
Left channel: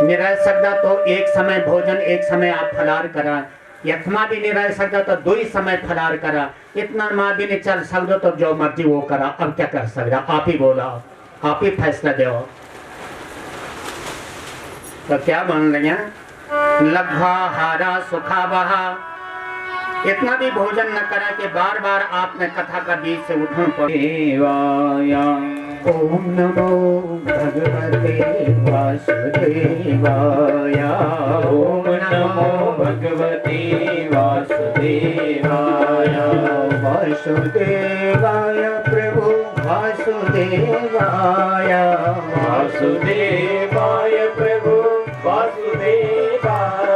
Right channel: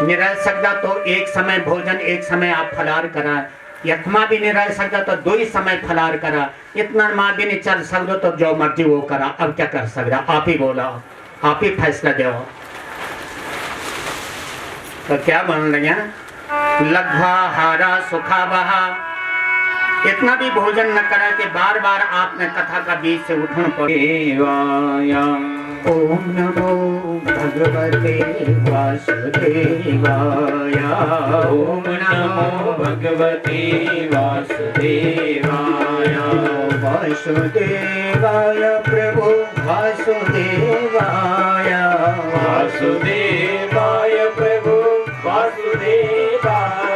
नहीं रह सकता तो 1 समय भोजन 1 समय आप फलाहार करा। यथमा भी नहीं रह सकता तो 2 समय फलाहार करा। इतना माँ भी नहीं चल सकता तो जो मर्जी वो करा। अब क्या कर सकता, आप ही बोला, आप ही फैसला दो। तो क्या बन लगे, लघ्वा हारा सुखा बहा। इतना भी भोजन न करा कि बार बार आपने कथा का बीच से उठना पड़े। ओम नमो भगवते वासुदेवाय। ओम नमो भगवते वासुदेवाय। वासुदेवाय प्रभु वासुदेवाय। वासुदेवाय प्रभु वासुदेवाय।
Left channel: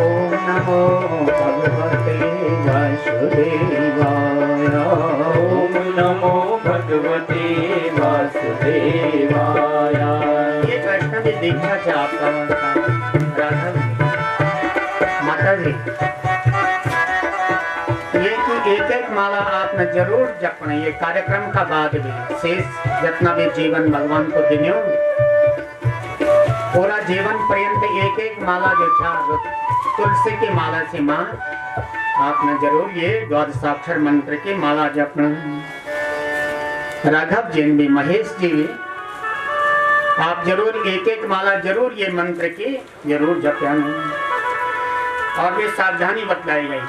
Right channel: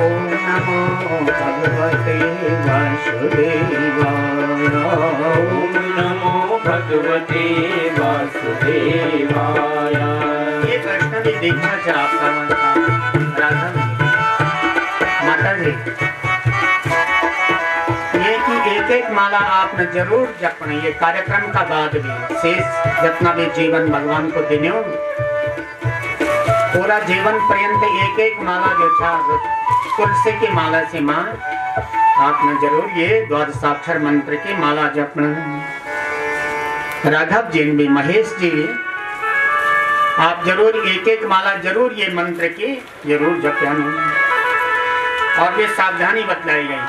ओम नमो भगवते वासुदेवाय। ओम नमो भगवते वासुदेवाय। ये कृष्ण की दीक्षा से आपका राधा जी, माता जी, ये कि एक माला आपने जरूर जपना। ये कार्यक्रम का बाद भी शेष जितना भी जीवन भगवान को देने हो, पूरा जीवन पर्यंत एक माला जो था तुलसी की माला से मां आपने जरूर ये द्वादशाक्षर मंत्र की माला जपना। राघव जी भी, महेश जी, आप जरूर एक माला जरूर ये मंत्र की जरूर जपना। और भी सावधानी बतलाई गई।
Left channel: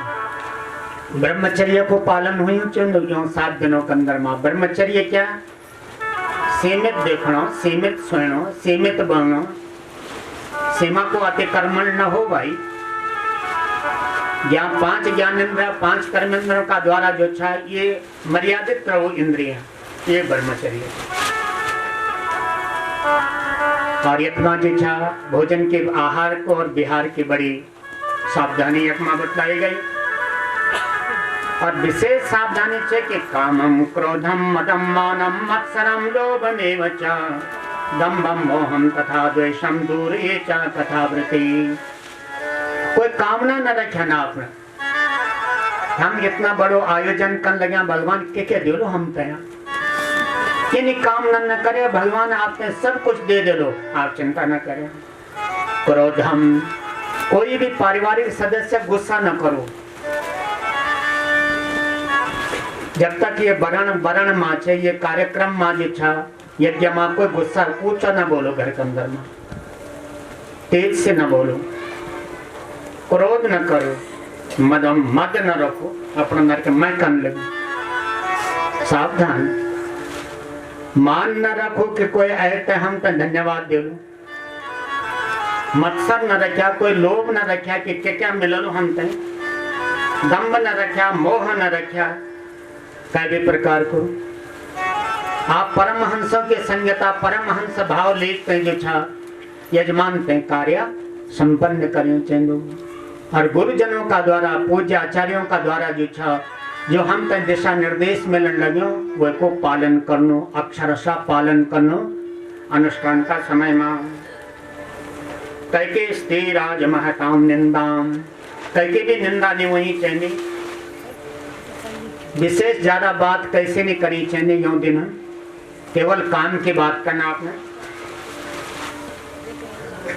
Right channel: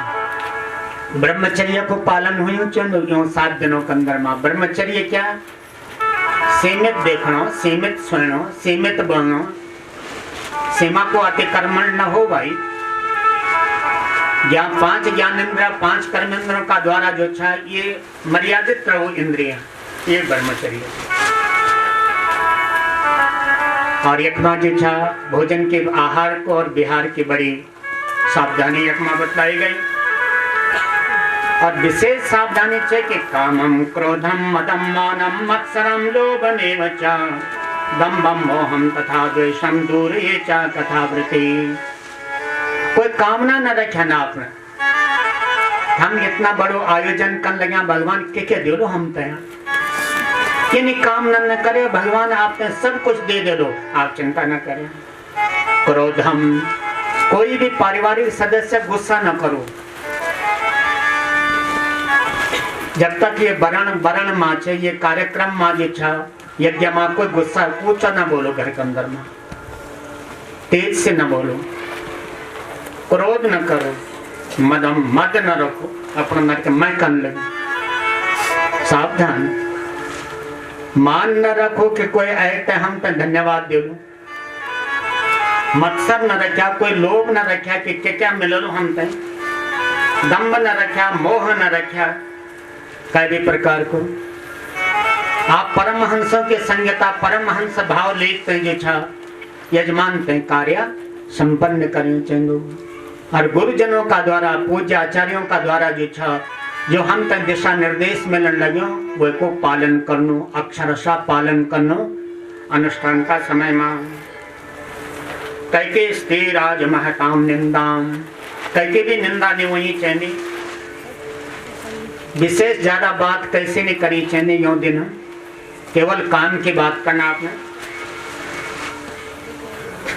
ब्रह्मचर्य को पालन हुई 7 दिनों के अंदर मां। ब्रह्मचर्य क्या, सीमित देखना, सीमित सुनो, सीमित बोलना, सीमा को अतिक्रमण न हो भाई। 5 ज्ञानेंद्रिय 5 कर्मेंद्रियों का द्वारा जो था ये मर्यादित रहो इंद्रियां, ये ब्रह्मचर्य। और यकमा जो था भोजन के आहार को और विहार की बड़ी सावधानी यकमा बतलाई गई। और विशेष सावधानी है कि कामम क्रोधम मदम मानम मत्सरम लोभमेव च दम्भम मोहम तथा द्वेषम दूर ये चा कथा वृत्ति। कोई कामना न रखे ना आपने। हम इतना बड़ो आयोजन कर लगे, भगवान के दे लो हम पे कि नहीं कामना न करे भगवान, आपने सब कुछ दे दो, आप चिंता न करें। क्रोधम, कोई भी पारिवारिक सदस्य गुस्सा न करो। जब तक ये वरण माचे ये कार्यक्रम माँ जी था यज्ञ में कोई गुस्सा ऊंचा ना बोलो, घर के अंदर में तेज से न बोलो, क्रोध न करो, मद न रखो, अपना नर के मैं कन लगे। सावधान, मान न रखो कि कोई आए हम तो धन्यवाद दे लू, मत्सर न रखा, कोई लोभ न रखा कि क्या मिललो हम तय, दम्भ न रखा, मोह न रखा, कई भी प्रकार को आप परमहंसों की संगता परमहंस भाव लेते जो छा यजमान ते कार्य संपन्न करने चाहिए। और गुरुजनों का द्वारा पूज्य आचार्यों का द्वारा जो छा जो हम तक दिशा निर्देश मिलन लगे वो को पालन करनो, अक्षरशः पालन करनो। अनुष्ठान का समय में कैके स्थिर राज महताम निंदाम, कैके भी निंदा नहीं हुई चाहिए, विशेष ज्यादा बात कैसे नहीं करी चाहिए। यो दिन केवल काम की बात करना आपने,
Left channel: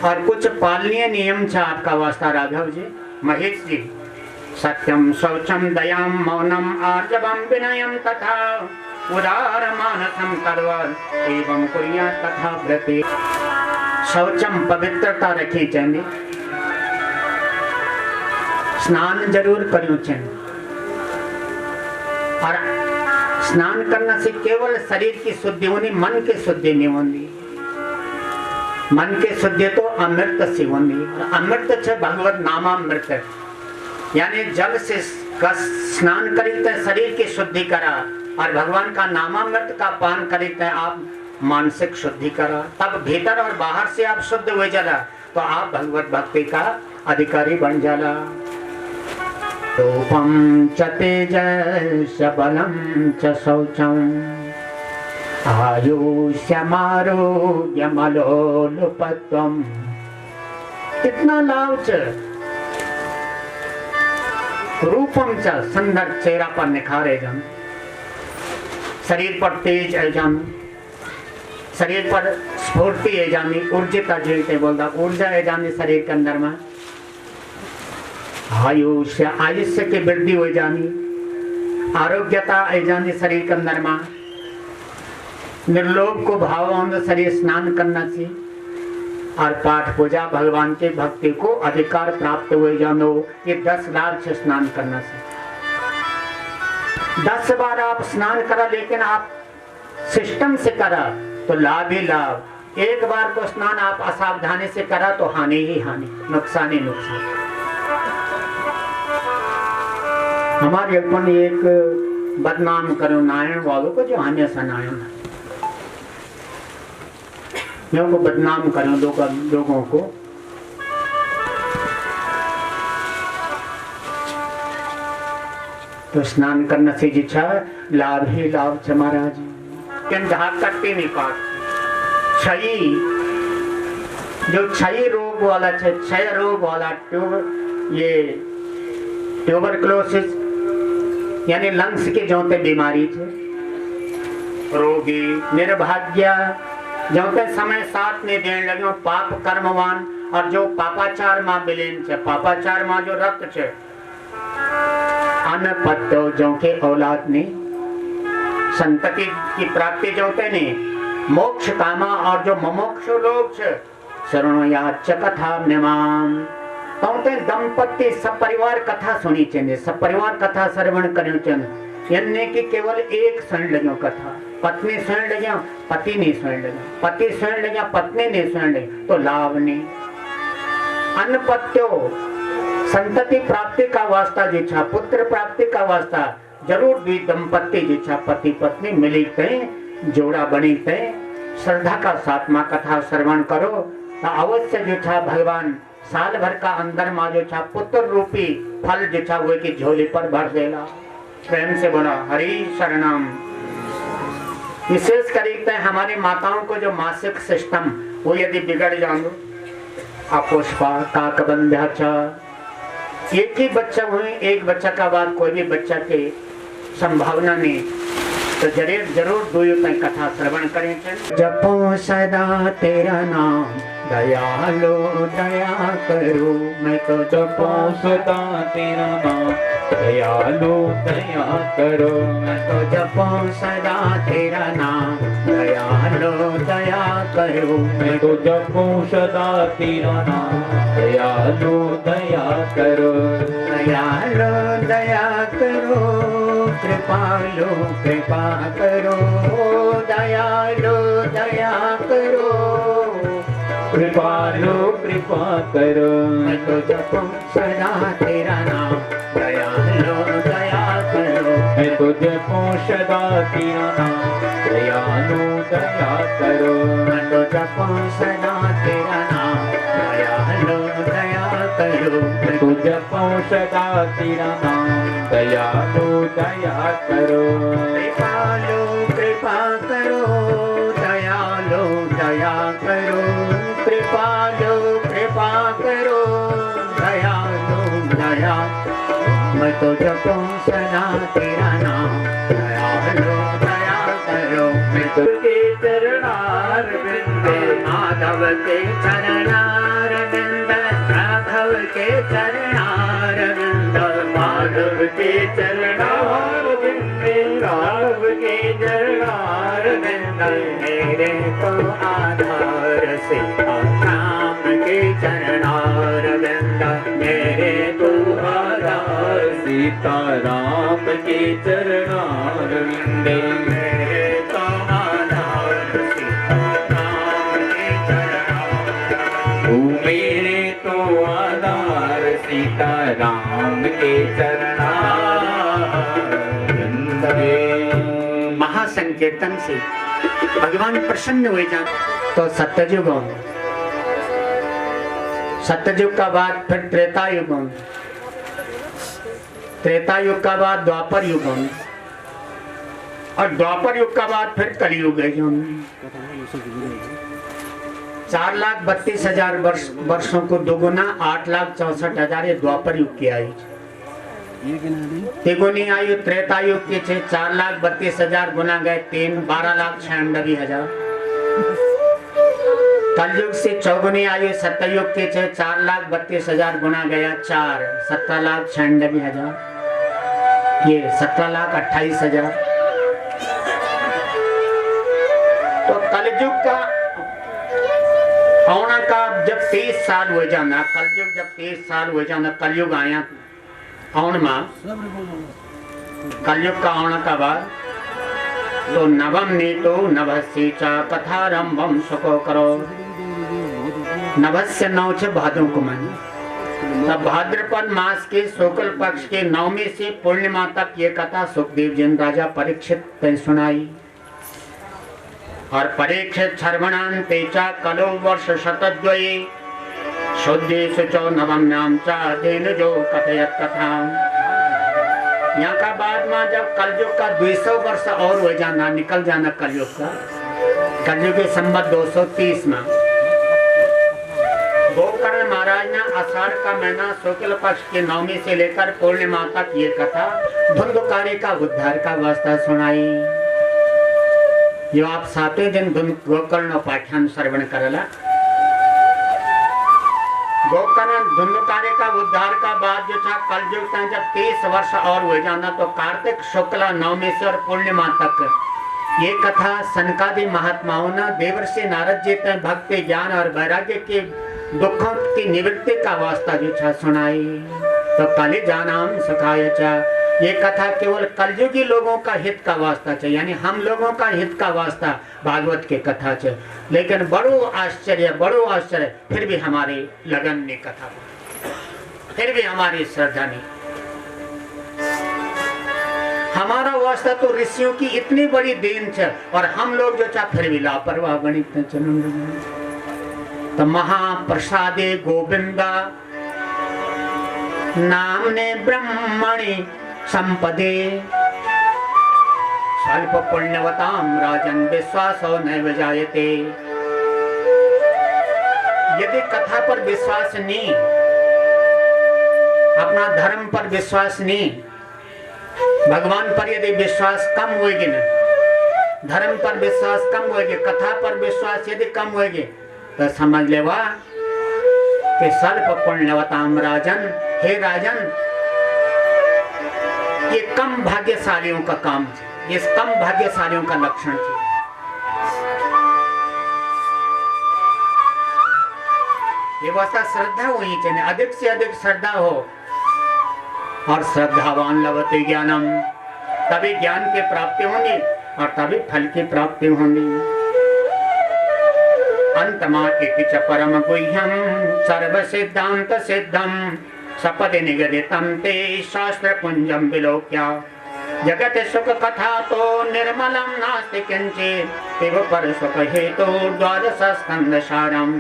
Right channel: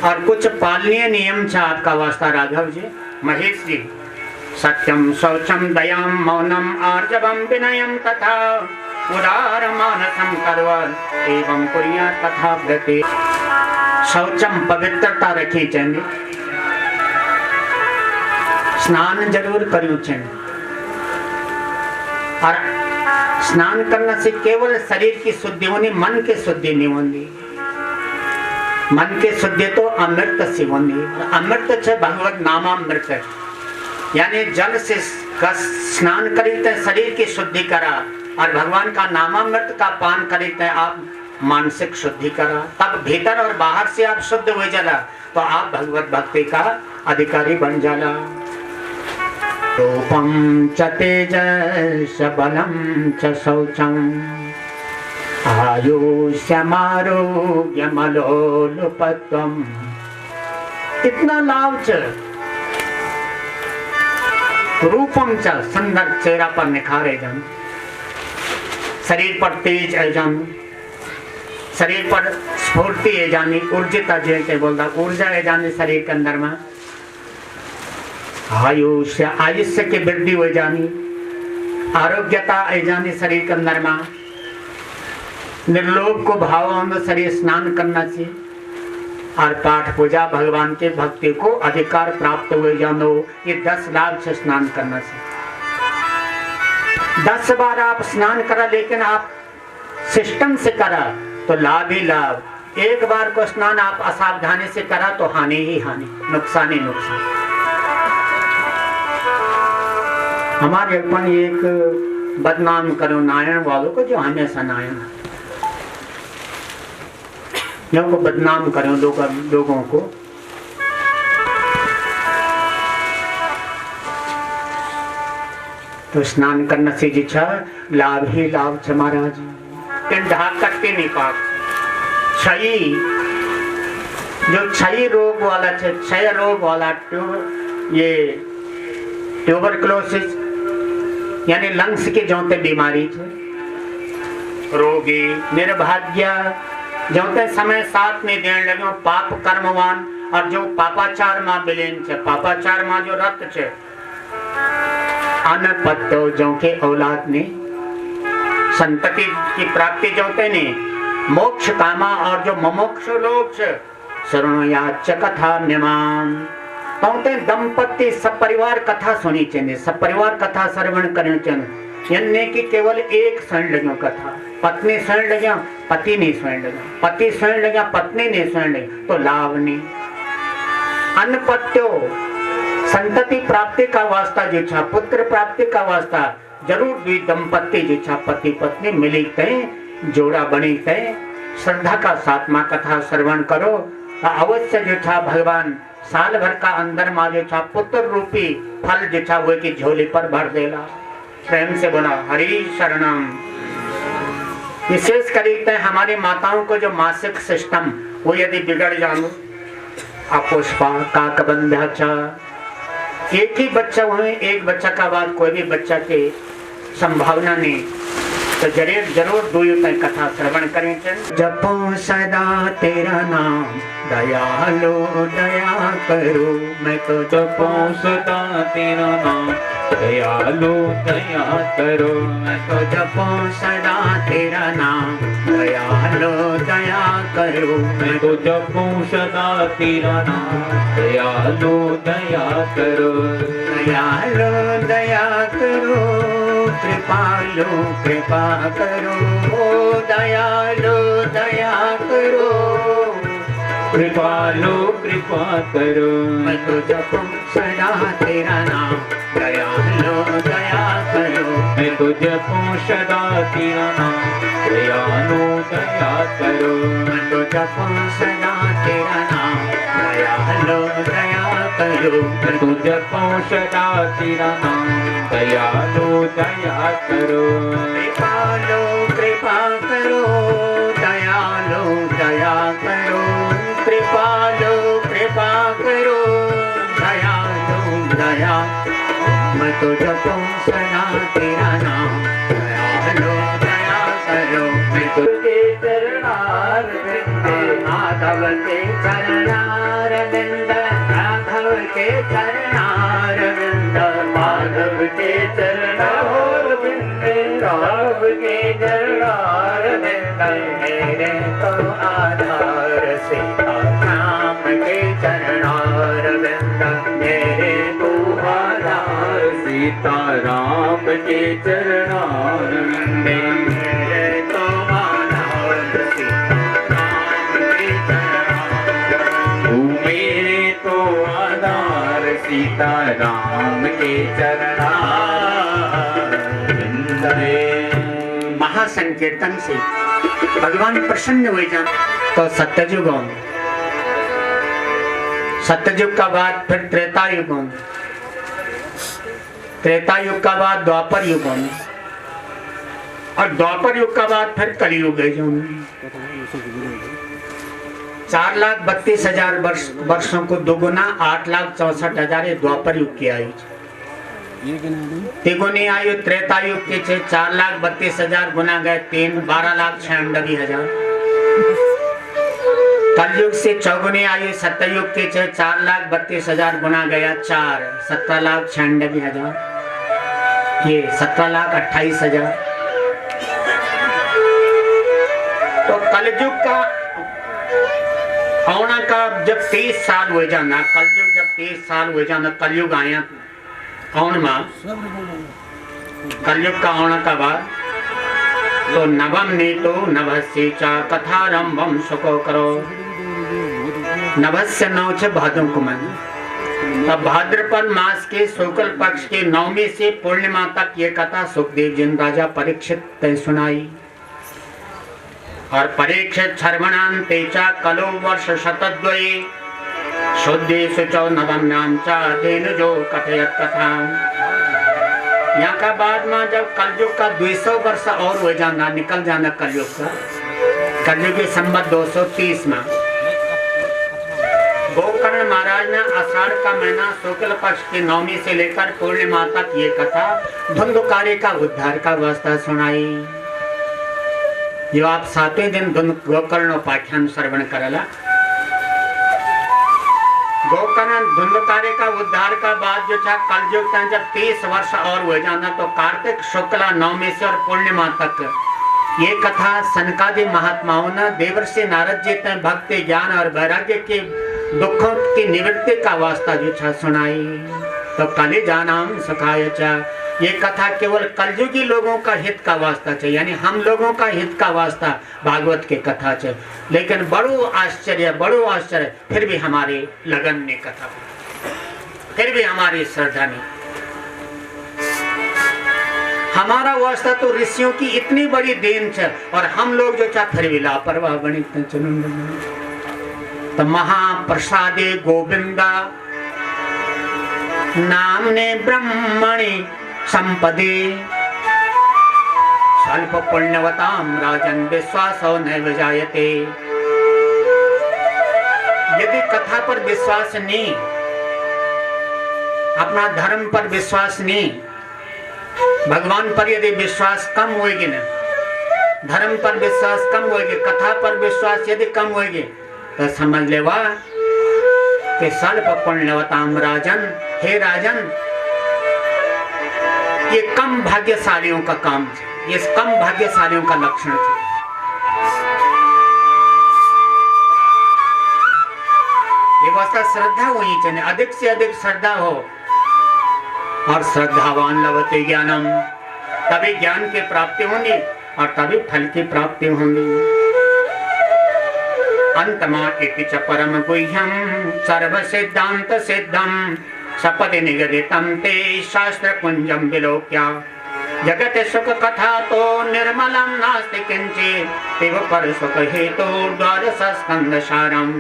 और कुछ पालनीय नियम छा आपका वास्ता राघव जी महेश जी। सत्यम शौचम दयाम मौनम आर्जवम विनयम तथा उदार मानसम करवल एवं कुर्या तथा व्रते। शौचम पवित्रता रखी चाहिए, स्नान जरूर करियो चाहिए। और स्नान करने से केवल शरीर की शुद्धि होनी, मन की शुद्धि नहीं होनी। मन की शुद्धि तो अमृत से होनी, अमृत छे भगवत नामामृत, यानी जल से स्नान करीते शरीर की शुद्धि करा और भगवान का नामामृत का पान करीते आप मानसिक शुद्धि करा, तब भीतर और बाहर से आप शुद्ध हो जाला तो आप भगवत भक्ति का अधिकारी बन जाला। रूपम च तेजस बलम च शौचम आयुष्यमारोग्यमलोलुपत्वम। इतना लाभ च, रूपम च सुंदर चेहरा पर निखारे जान, शरीर पर तेज है जान, शरीर पर स्फूर्ति है जानी, ऊर्जिता जे के बोलता ऊर्जा है जानी शरीर के अंदर में। आयुष्य आयुष्य की वृद्धि हो जानी, आरोग्यता है जानी शरीर के अंदर में। निर्लोभ को भाव शरीर स्नान करना चाहिए और पाठ पूजा भगवान के भक्ति को अधिकार प्राप्त हुए जानो। ये 10 लाभ से स्नान करना चाहिए। 10 बार आप स्नान करा, लेकिन आप सिस्टम से करा तो लाभ ही लाभ। एक बार को स्नान आप असावधानी से करा तो हानि ही हानि, नुकसान ही नुकसान। हमारे अपन एक बदनाम करो नारायण वालों को, जो हमेशा नारायण को बदनाम करो लोगों को। तो स्नान करने से जिछा लाभ ही लाभ छ महाराज। करते नहीं पाक क्षयी, जो क्षयी रोग वाला है, क्षय रोग वाला ये ट्यूबरकुलोसिस यानी लंग्स की जोते बीमारी है, रोगी निर्भाग्य जोते समय साथ नहीं देने लगे, पाप कर्मवान और जो पापाचार मां बिलेन छे, पापाचार मां जो रक्त छे, अनपत्तो जो के औलाद ने संतति की प्राप्ति जोते ने, मोक्ष कामा और जो मोक्ष लोग छे, शरणयाच कथा म्यमान तो दंपति सपरिवार कथा सुनी चाहिए, सपरिवार कथा श्रवण करनी चाहिए। यानी कि केवल एक सुन लगे कथा, पत्नी सुन लगे पति नहीं सुन लगे, पति सुन लगे पत्नी नहीं सुन लगे, तो लाभ नहीं। अनपत्यो संतति प्राप्ति का वास्ता जो छा, पुत्र प्राप्ति का वास्ता जरूर भी दंपति जो छा पति पत्नी मिलते जोड़ा बनीते श्रद्धा का साथ मां कथा श्रवण करो, अवश्य जो छा भगवान साल भर का अंदर मां जो छा पुत्र रूपी फल जो छा वो की झोली पर भर देला। प्रेम से बोला हरि शरणम। विशेष करीते हमारी माताओं को जो मासिक सिस्टम वो यदि बिगड़ जानो, अपुष्पा काकबंध्याचा, एक ही बच्चा हुए, एक बच्चा का बाद कोई भी बच्चा के संभावना नहीं, तो जरूर दुयों कथा श्रवण करें। जपो सदा तेरा नाम दयालो दया करो, मैं तो जपो सदा तेरा नाम दयालो दया करो, मैं तो जपो सदा तेरा नाम दया दयालो दया करो। मैं तो जपूं सदा तेरा नाम, दयालो दया करो। दयालो दया करो, कृपालो कृपा करो। दयालो दया करो, कृपालो कृपा करो। मैं तो जपूं सदा तेरा नाम, दयालो दया करो। मैं तो जपूं सदा तेरा नाम, दयालो दया करो। मैं तो जपूं सदा तेरा नाम, दयालो दया करो। मैं तो जपूं सदा तेरा नाम, दयालो दया करो। कृपालो कृपा करो, दयालो दया करो। कृपालो कृपा करो, दयालो दया। मैं तो जपूं सदा तेरा नाम, दयालो दया करो। मैं तो के चरणार बिंद, माधव के चरणार बिंद, राघव के चरणार बिंद, माधव के चरणार बिंद, राघव के चरणार बिंद। मेरे तो आधार सीता राम के चरणार बिंद, मेरे तो आधार सीता राम के चरणार विंदे। मेरे तो आधार सीता राम के चरणार। तू मेरे तो आधार सीता राम के चरणार विंदे। महासंकीर्तन से भगवान प्रसन्न हुए जान तो सत्ययुग होंगे, सत्ययुग का बाद फिर त्रेता युग होंगे, त्रेता युग का बाद द्वापर युग होंगे, और द्वापर युग का बाद फिर कलयुग है जो 4,32,000 वर्षों को दोगुना 8,64,000 ये द्वापर युग की आयु। तिगुनी आयु त्रेता युग की 4,32,000 गुना गए 3, 12,96,000। कलयुग से चौगुनी आयु सत्ययुग के 4,32,000 गुना गया 4, 17,96,000। ये 17,28,000। तो कलयुग का औना का जब 30 साल हो जाना, कलयुग जब 30 साल हो जाना, कलयुग आया औन मां कलयुग का औना का बाद तो नवम नीतो नभस्य च कथारंभम सुको करो। नभस्य नौ छ भादों को मन, तब भाद्रपद मास के शुक्ल पक्ष के नवमी से पूर्णिमा तक ये कथा सुखदेव जी राजा परीक्षित तय सुनाई। और परीक्षित छर्वणान्ते च कलो वर्ष शतद्वये शुद्धे शुचौ नवम्यां च तेन जो कथयत कथा। यहाँ का बाद में जब कलयुग का 200 वर्ष और हो जाना, निकल जाना कलयुग का, कलयुग के संवत 230 में गोकर्ण महाराज ने आषाढ़ का महीना शुक्ल पक्ष की नवमी से लेकर पूर्णिमा तक ये कथा धुंधुकारी का उद्धार का वास्ता सुनाई। जो आप 7वें दिन गोकर्ण उपाख्यान श्रवण करला, गोकर्ण धुंधुकारी का उद्धार का बाद जो था कलयुग का जब 30 वर्ष और हो जाना तो कार्तिक शुक्ला नवमी से और पूर्णिमा तक ये कथा सनकादि महात्माओं ने देवर्षि नारद जी तक भक्ति ज्ञान और वैराग्य के दुखों की निवृत्ति का वास्ता जो था सुनाई। तो कलि जानाम सुखाय चा, ये कथा केवल कलयुगी लोगों का हित का वास्ता है, यानी हम लोगों का हित का वास्ता भागवत के कथा है। लेकिन बड़ो आश्चर्य फिर भी हमारे लगन ने कथा, फिर भी हमारी श्रद्धा ने, हमारा वास्ता तो ऋषियों की इतनी बड़ी देन है और हम लोग जो चाह फिर भी लापरवाह बनी। तो महाप्रसादे गोविंदा नामने ब्रह्मणि संपदे स्वल्प पुण्यवताम राजन विश्वासो नैव जायते। यदि कथा पर विश्वास नहीं, अपना धर्म पर विश्वास नहीं, भगवान पर यदि विश्वास कम होगी ना, धर्म पर विश्वास कम होगी, कथा पर विश्वास यदि कम होगी तो समझ लेवा कि स्वल्प पुण्यवताम राजन, हे राजन ये कम भाग्यशालियों का काम है, ये कम भाग्यशालियों का लक्षण है। वास्ता श्रद्धा होनी चाहिए, अधिक से अधिक श्रद्धा हो। और श्रद्धावान लभते ज्ञानम, तभी ज्ञान की प्राप्ति होगी और तभी फल की प्राप्ति होगी। अंतमा इति च परम गुह्यम सर्व सिद्धांत सिद्धम सपदि निगदितम ते शास्त्र कुंजम विलोक्य जगत सुख कथा तो निर्मलम नास्ति किंचित पिब पर सुख हेतु द्वादश स्कंद सारम।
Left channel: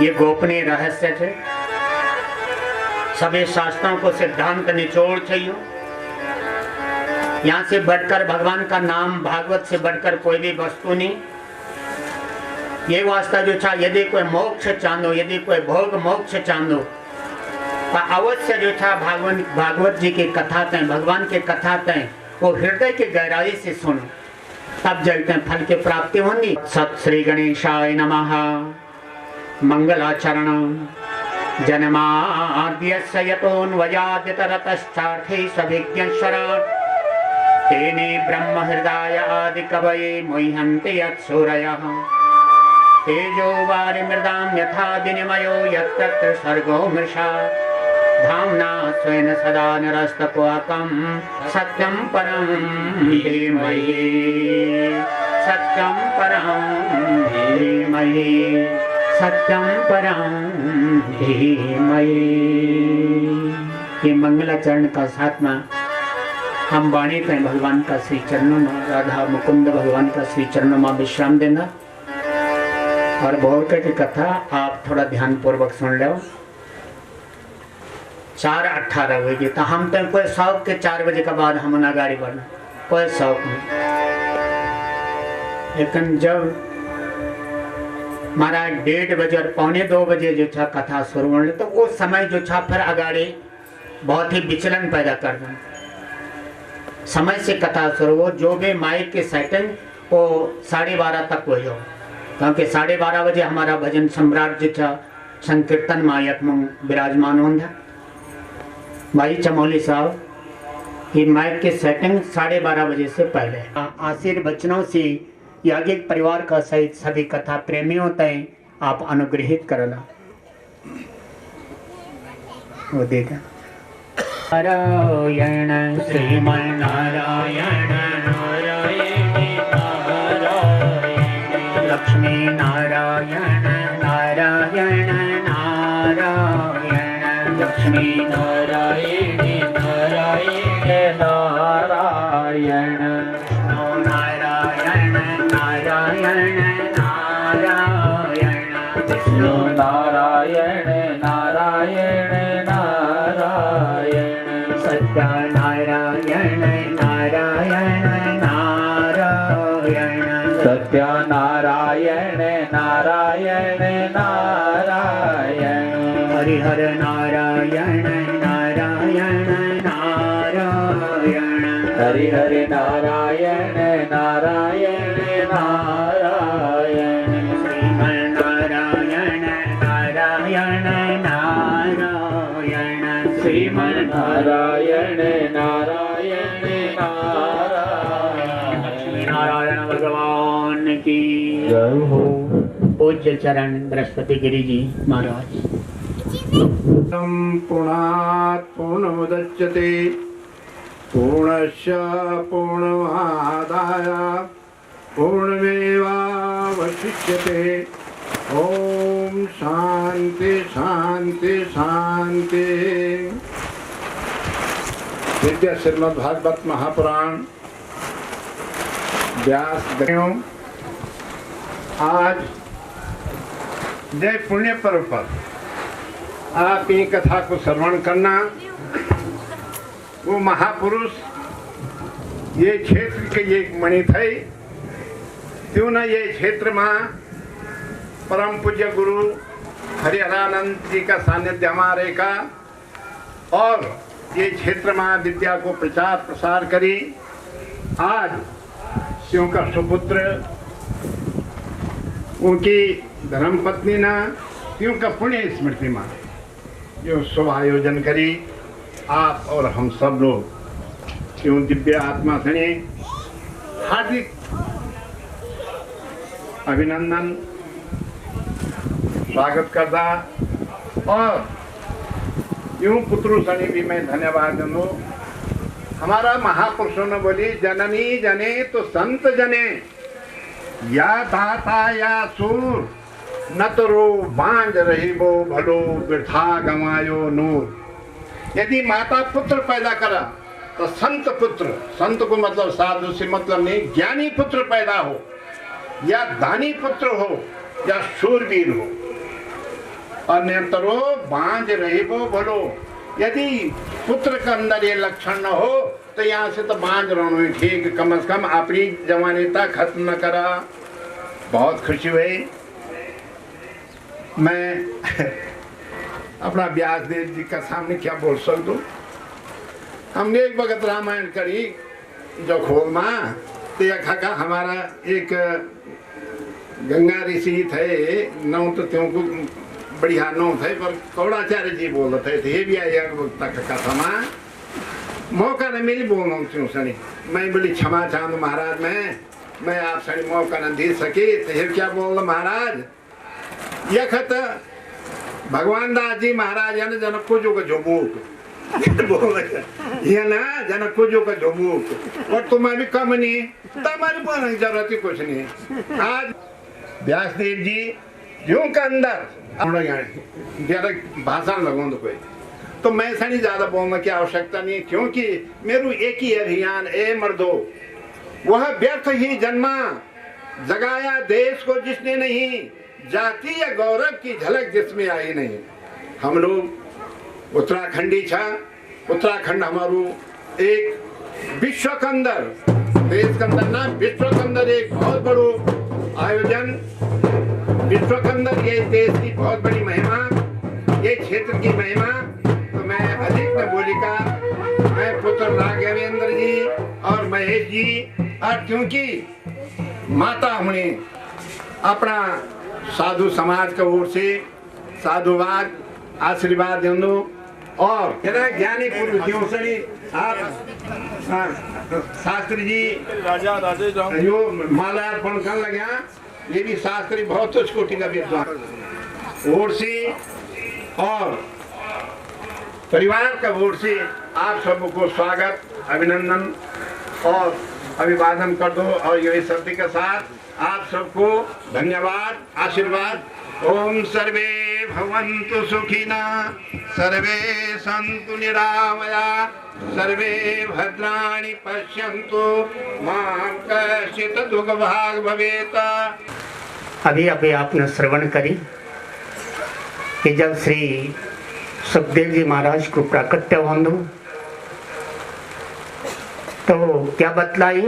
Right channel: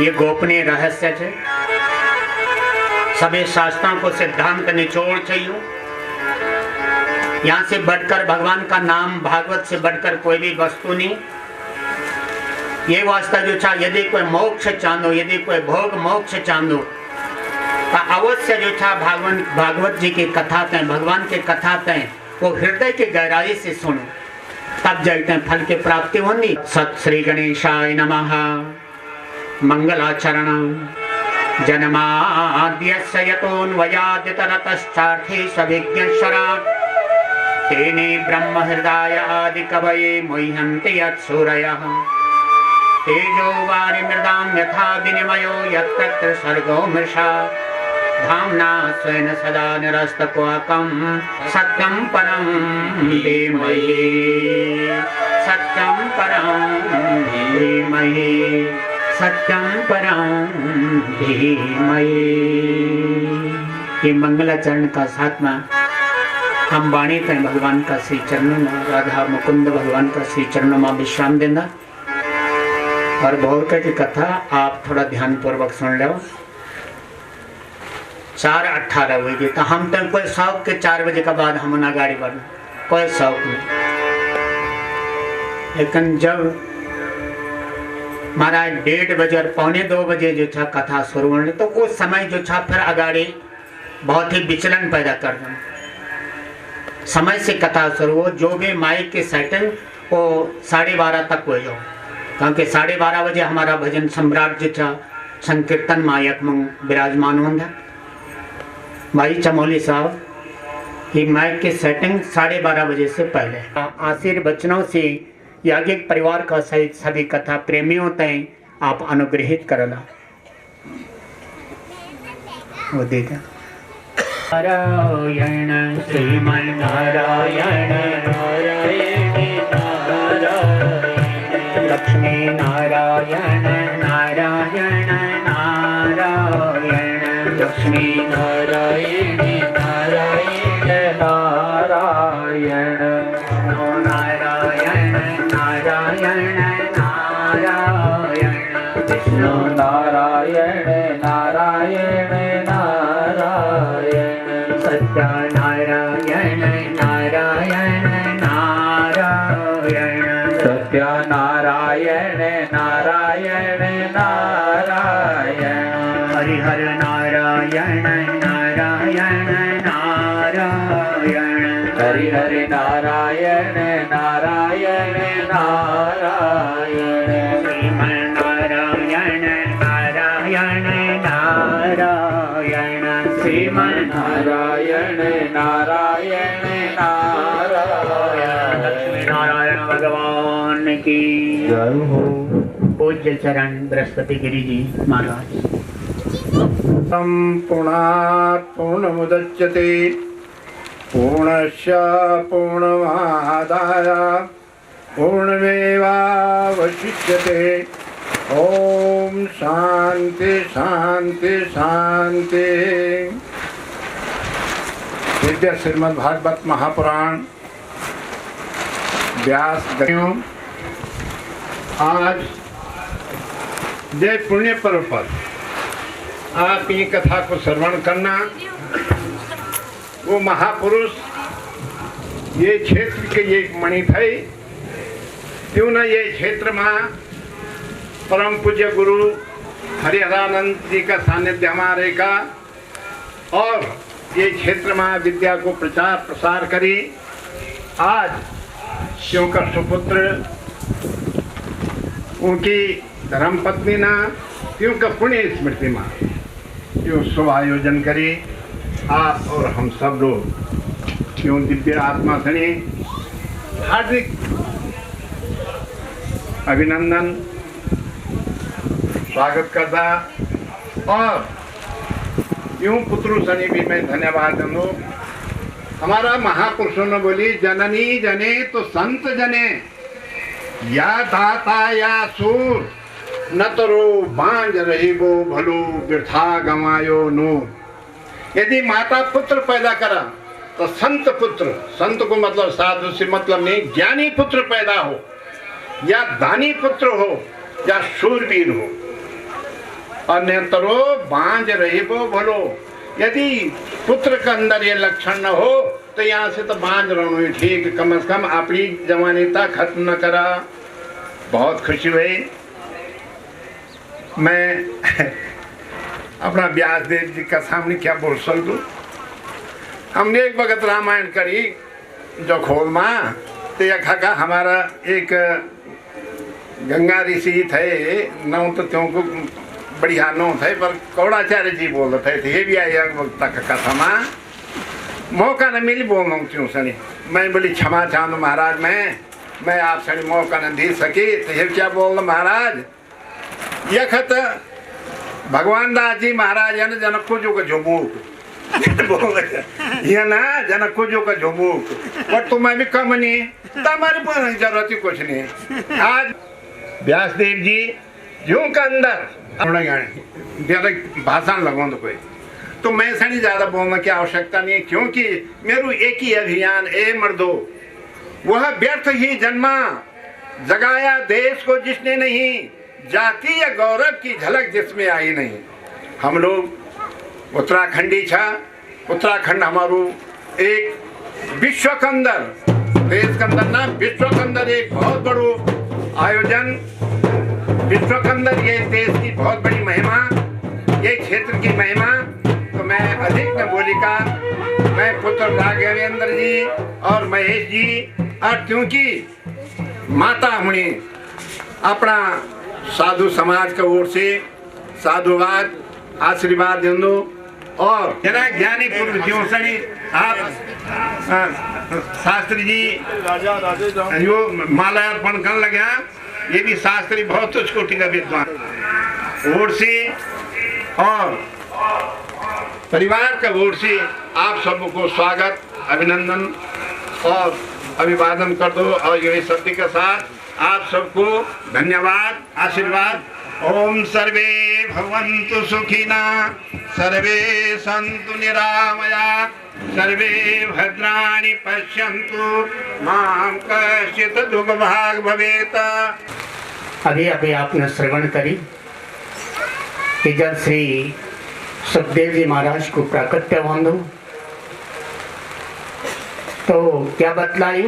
ये गोपनीय रहस्य है, सभी शास्त्रों को सिद्धांत निचोड़ चाहिए। यहाँ से बढ़कर भगवान का नाम, भागवत से बढ़कर कोई भी वस्तु नहीं। ये वास्ता जो था, यदि कोई मोक्ष चांदो, यदि कोई भोग मोक्ष चांदो, तो अवश्य जो था भागवत जी की कथा तय, भगवान की कथा तय, वो हृदय की गहराई से सुनो, तब जाते हैं फल की प्राप्ति होगी। सत श्री गणेशाय नमः। मंगलाचरण जन्माद्यस्य यतोऽन्वयादितरतश्चार्थे सभिज्ञस्वराट् तेने ब्रह्म हृदय आदि कवये मुह्यन्ति यत्सूरयः तेजो वारिमृदां यथा विनिमयो यत्र सर्गो मृषा धाम्ना स्वेन सदा निरस्तक्वाकं सत्यं परं धीमहि सत्यं परं धीमहि सत्यं परं धीमहि। ये मंगलाचरण का सातवां हम वाणी पे भगवान का श्री चरणों में, राधा मुकुंद भगवान का श्री चरणों में विश्राम देना। और भोरकर की कथा आप थोड़ा ध्यान पूर्वक सुन लो। 4:18 बजे तो हम तो कोई शौक के 4 बजे के बाद हम ना गाड़ी बढ़ना, कोई शौक नहीं। लेकिन जब हमारा 1:30 बजे और 1:45 बजे जो था कथा शुरू होने, तो उस समय जो था फिर अगाड़ी बहुत ही विचलन पैदा कर दें। समय से कथा शुरू हो, जो भी माइक की सेटिंग वो 12:30 तक हो जाओ, क्योंकि 12:30 बजे हमारा भजन सम्राट जो था संकीर्तन मायक में विराजमान होंगे। भाई चमोली साहब की माइक की सेटिंग 12:30 बजे से पहले। आशीर्वचनों से याज्ञिक परिवार का सहित सभी कथा प्रेमियों तय आप अनुग्रहित करला। वो देगा नारायण श्रीमन नारायण नारायण नारायण लक्ष्मी नारायण नारायण नारायण लक्ष्मी नारायण नारायण नारायण नारायण नारायण नारायण विष्णु नारायण नारायण नारायण सत्यनारायण नारायण नारायण सत्यनारायण नारायण नारायण हरिहर नारायण नारायण नारायण हरिहर नारायण नारायण नारायण श्रीमन नारायण नारायण नारायण श्रीमन नारायण नारायण नारायण लक्ष्मी नारायण भगवान की जय हो। पूज्य चरण बृहस्पति गिरि जी महाराज। पूर्णात् पूर्णमुदच्यते पूर्णस्य पूर्णमादाय पूर्णमेवावशिष्यते। ओम शांति शांति शांति। दिव्य श्रीमद् भागवत महापुराण व्यास ग्रंथों आज जय पुण्य पर्व पर आप ये कथा को श्रवण करना। वो महापुरुष ये क्षेत्र के ये मणि थे, क्यों ना ये क्षेत्र में परम पूज्य गुरु हरिहरानंद जी का सानिध्य हमारे का, और ये क्षेत्र में विद्या को प्रचार प्रसार करी। आज क्यों का सुपुत्र उनकी धर्मपत्नी ना क्यों का पुण्य स्मृति में क्यों सो आयोजन करी। आप और हम सब लोग क्यों दिव्य आत्मा सने हार्दिक अभिनंदन स्वागत करता और यूं पुत्रु सनी भी मैं धन्यवाद दूँ। हमारा महापुरुषों ने बोली जननी जने तो संत जने, या दाता या सूर न तो रो बांझ रही वो भलो वृथा गंवायो नो। यदि माता पुत्र पैदा करा तो संत पुत्र, संत को मतलब साधु से मतलब नहीं, ज्ञानी पुत्र पैदा हो या दानी पुत्र हो या शूरवीर हो, अन्यतरो बांझ रही वो भलो। यदि पुत्र के अंदर ये लक्षण न हो तो यहाँ से तो बांझ रहना ही ठीक, कम से कम अपनी जवानीता खत्म न करा। बहुत खुशी हुई। मैं अपना व्यासदेव जी का सामने क्या बोल सकूं। हमने एक वक्त रामायण करी जो खोल माँ तो यह खाका हमारा एक गंगा ऋषि थे, नौ तो क्योंकि बढ़िया नौ थे पर कौड़ाचार्य जी बोल रहे थे, ये भी आई वक्त का कथा माँ मौका न मिली बोल क्यों सनी। मैं बोली क्षमा चाहूँ महाराज, मैं आप सनी मौका न दे सके तो ये क्या बोल महाराज। यह खत भगवान दास जी महाराज है ना जनक को जो का झुमूक बोल ये ना जनक को जो का झुमूक और तुम्हें भी कम नहीं तो हमारे पास जरूरत ही कुछ नहीं। आज व्यासदेव जी यूं का अंदर भाषण लगो तो कोई तो मैं सनी ज्यादा बोलने की आवश्यकता नहीं, क्योंकि मेरू एक ही अभियान ए मर्दो वह व्यर्थ ही जन्मा, जगाया देश को जिसने नहीं, जातीय गौरव की झलक जिसमें आई नहीं। हम लोग उत्तराखंडी छा, उत्तराखंड हमारू एक विश्व के अंदर, देश के अंदर ना विश्व के अंदर एक बहुत बड़ो आयोजन, विश्व के अंदर ये देश की बहुत बड़ी महिमा, ये क्षेत्र की महिमा। तो मैं अधिक न बोलिका, मैं पुत्र राघवेंद्र जी और महेश जी और क्योंकि माता हमने अपना साधु समाज के ओर से साधुवाद आशीर्वाद दो और ज्ञानी पुरुषों से आप शास्त्री जी जो माल्यार्पण कर लगा, ये भी शास्त्री बहुत उच्च कोटि का विद्वान ओर से और परिवार का ओर से आप सबको स्वागत अभिनंदन और अभिवादन कर दो। और यही शब्द के साथ आप सबको धन्यवाद आशीर्वाद। ओम सर्वे भवन्तु सुखिना, सर्वे सन्तु निरामया, सर्वे भद्राणि पश्यन्तु मां कश्चित् दुर्भाग् भवेत्। अभी अभी आपने श्रवण करी कि जब श्री सुखदेव जी महाराज को प्राकट्य बंधु तो क्या बतलाई,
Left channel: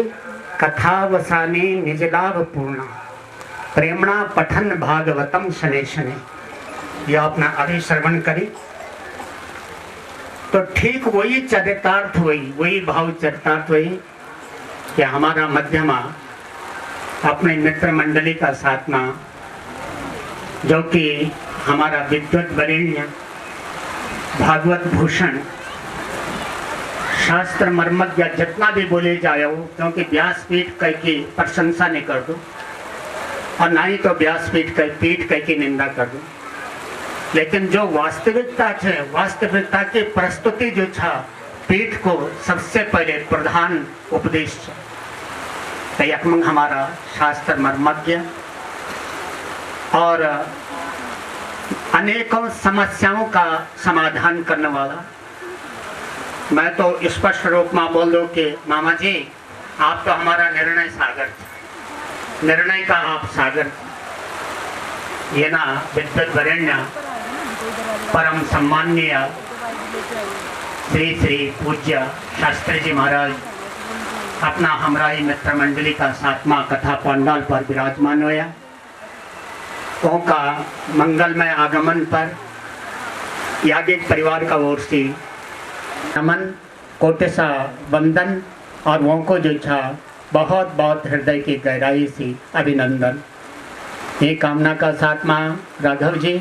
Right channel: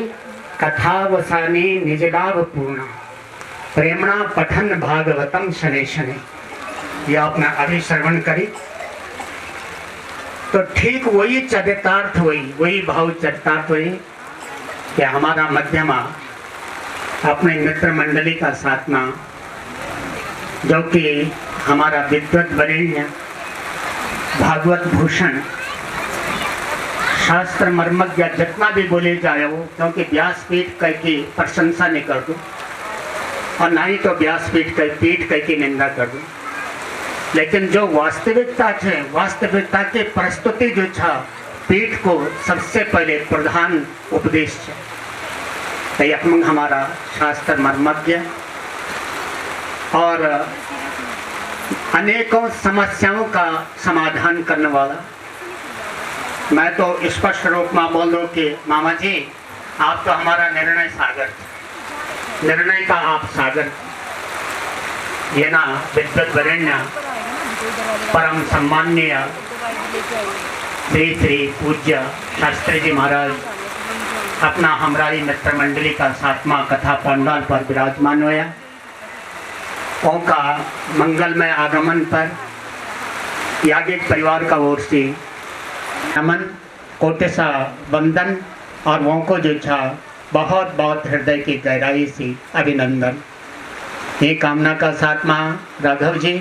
कथा वसानी निजलाभ पूर्ण प्रेमणा पठन भागवतम शनै शनै। यह आपने अभी श्रवण करी तो ठीक वही चरितार्थ वही भाव चरितार्थ हुई कि हमारा मध्यमा अपने मित्र मंडली का साथमा जो कि हमारा विद्वत वरेण्य भागवत भूषण शास्त्र मर्मज्ञ जितना भी बोले जाए हो, क्योंकि व्यासपीठ कह की प्रशंसा नहीं कर दूँ और ना ही तो व्यासपीठ कह पीठ कह की निंदा कर दूँ, लेकिन जो वास्तविकता है वास्तविकता की प्रस्तुति जो था पीठ को सबसे पहले प्रधान उपदेश है। तो यकमंग हमारा शास्त्र मर्मज्ञ और अनेकों समस्याओं का समाधान करने वाला। मैं तो स्पष्ट रूप में बोल दूं कि मामा जी आप तो हमारा निर्णय सागर, निर्णय का आप सागर। ये ना विद्वत वरेण्य परम सम्माननीय श्री श्री पूज्य शास्त्री जी महाराज अपना हमारी मित्र मंडली का 7वां कथा पंडाल पर विराजमान हुआ। उनका मंगलमय आगमन पर याज्ञिक परिवार का ओर से नमन कोटेसा वंदन और वो को जो था बहुत बहुत हृदय की गहराई से अभिनंदन। ये कामना का साथ माँ राघव जी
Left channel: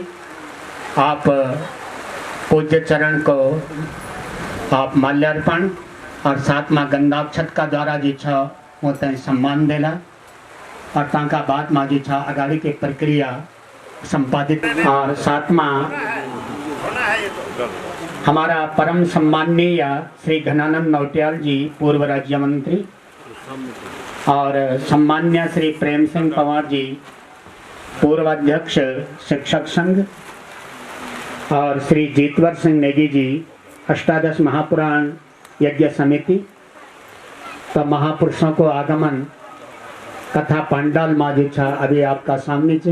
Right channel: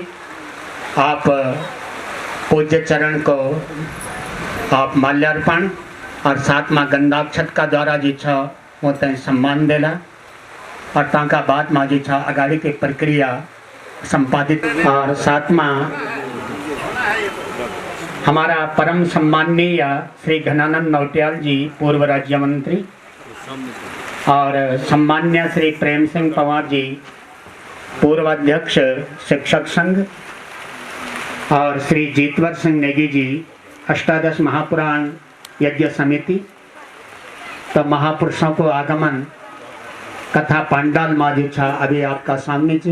आप पूज्य चरण को आप माल्यार्पण और साथ माँ गंधाक्षत का द्वारा जी छा वो तय सम्मान देला और ताका बाद माँ जी छा अगाड़ी की प्रक्रिया संपादित। और सातवां हमारा परम सम्माननीय श्री घनानंद नौटियाल जी, पूर्व राज्य मंत्री, और सम्मान्य श्री प्रेम सिंह पवार जी, पूर्व अध्यक्ष शिक्षक संघ, और श्री जीतवर सिंह नेगी जी, अष्टादश महापुराण यज्ञ समिति। तो महापुरुषों को आगमन कथा पांडाल माँ जो छा अभी आपका सामने छे,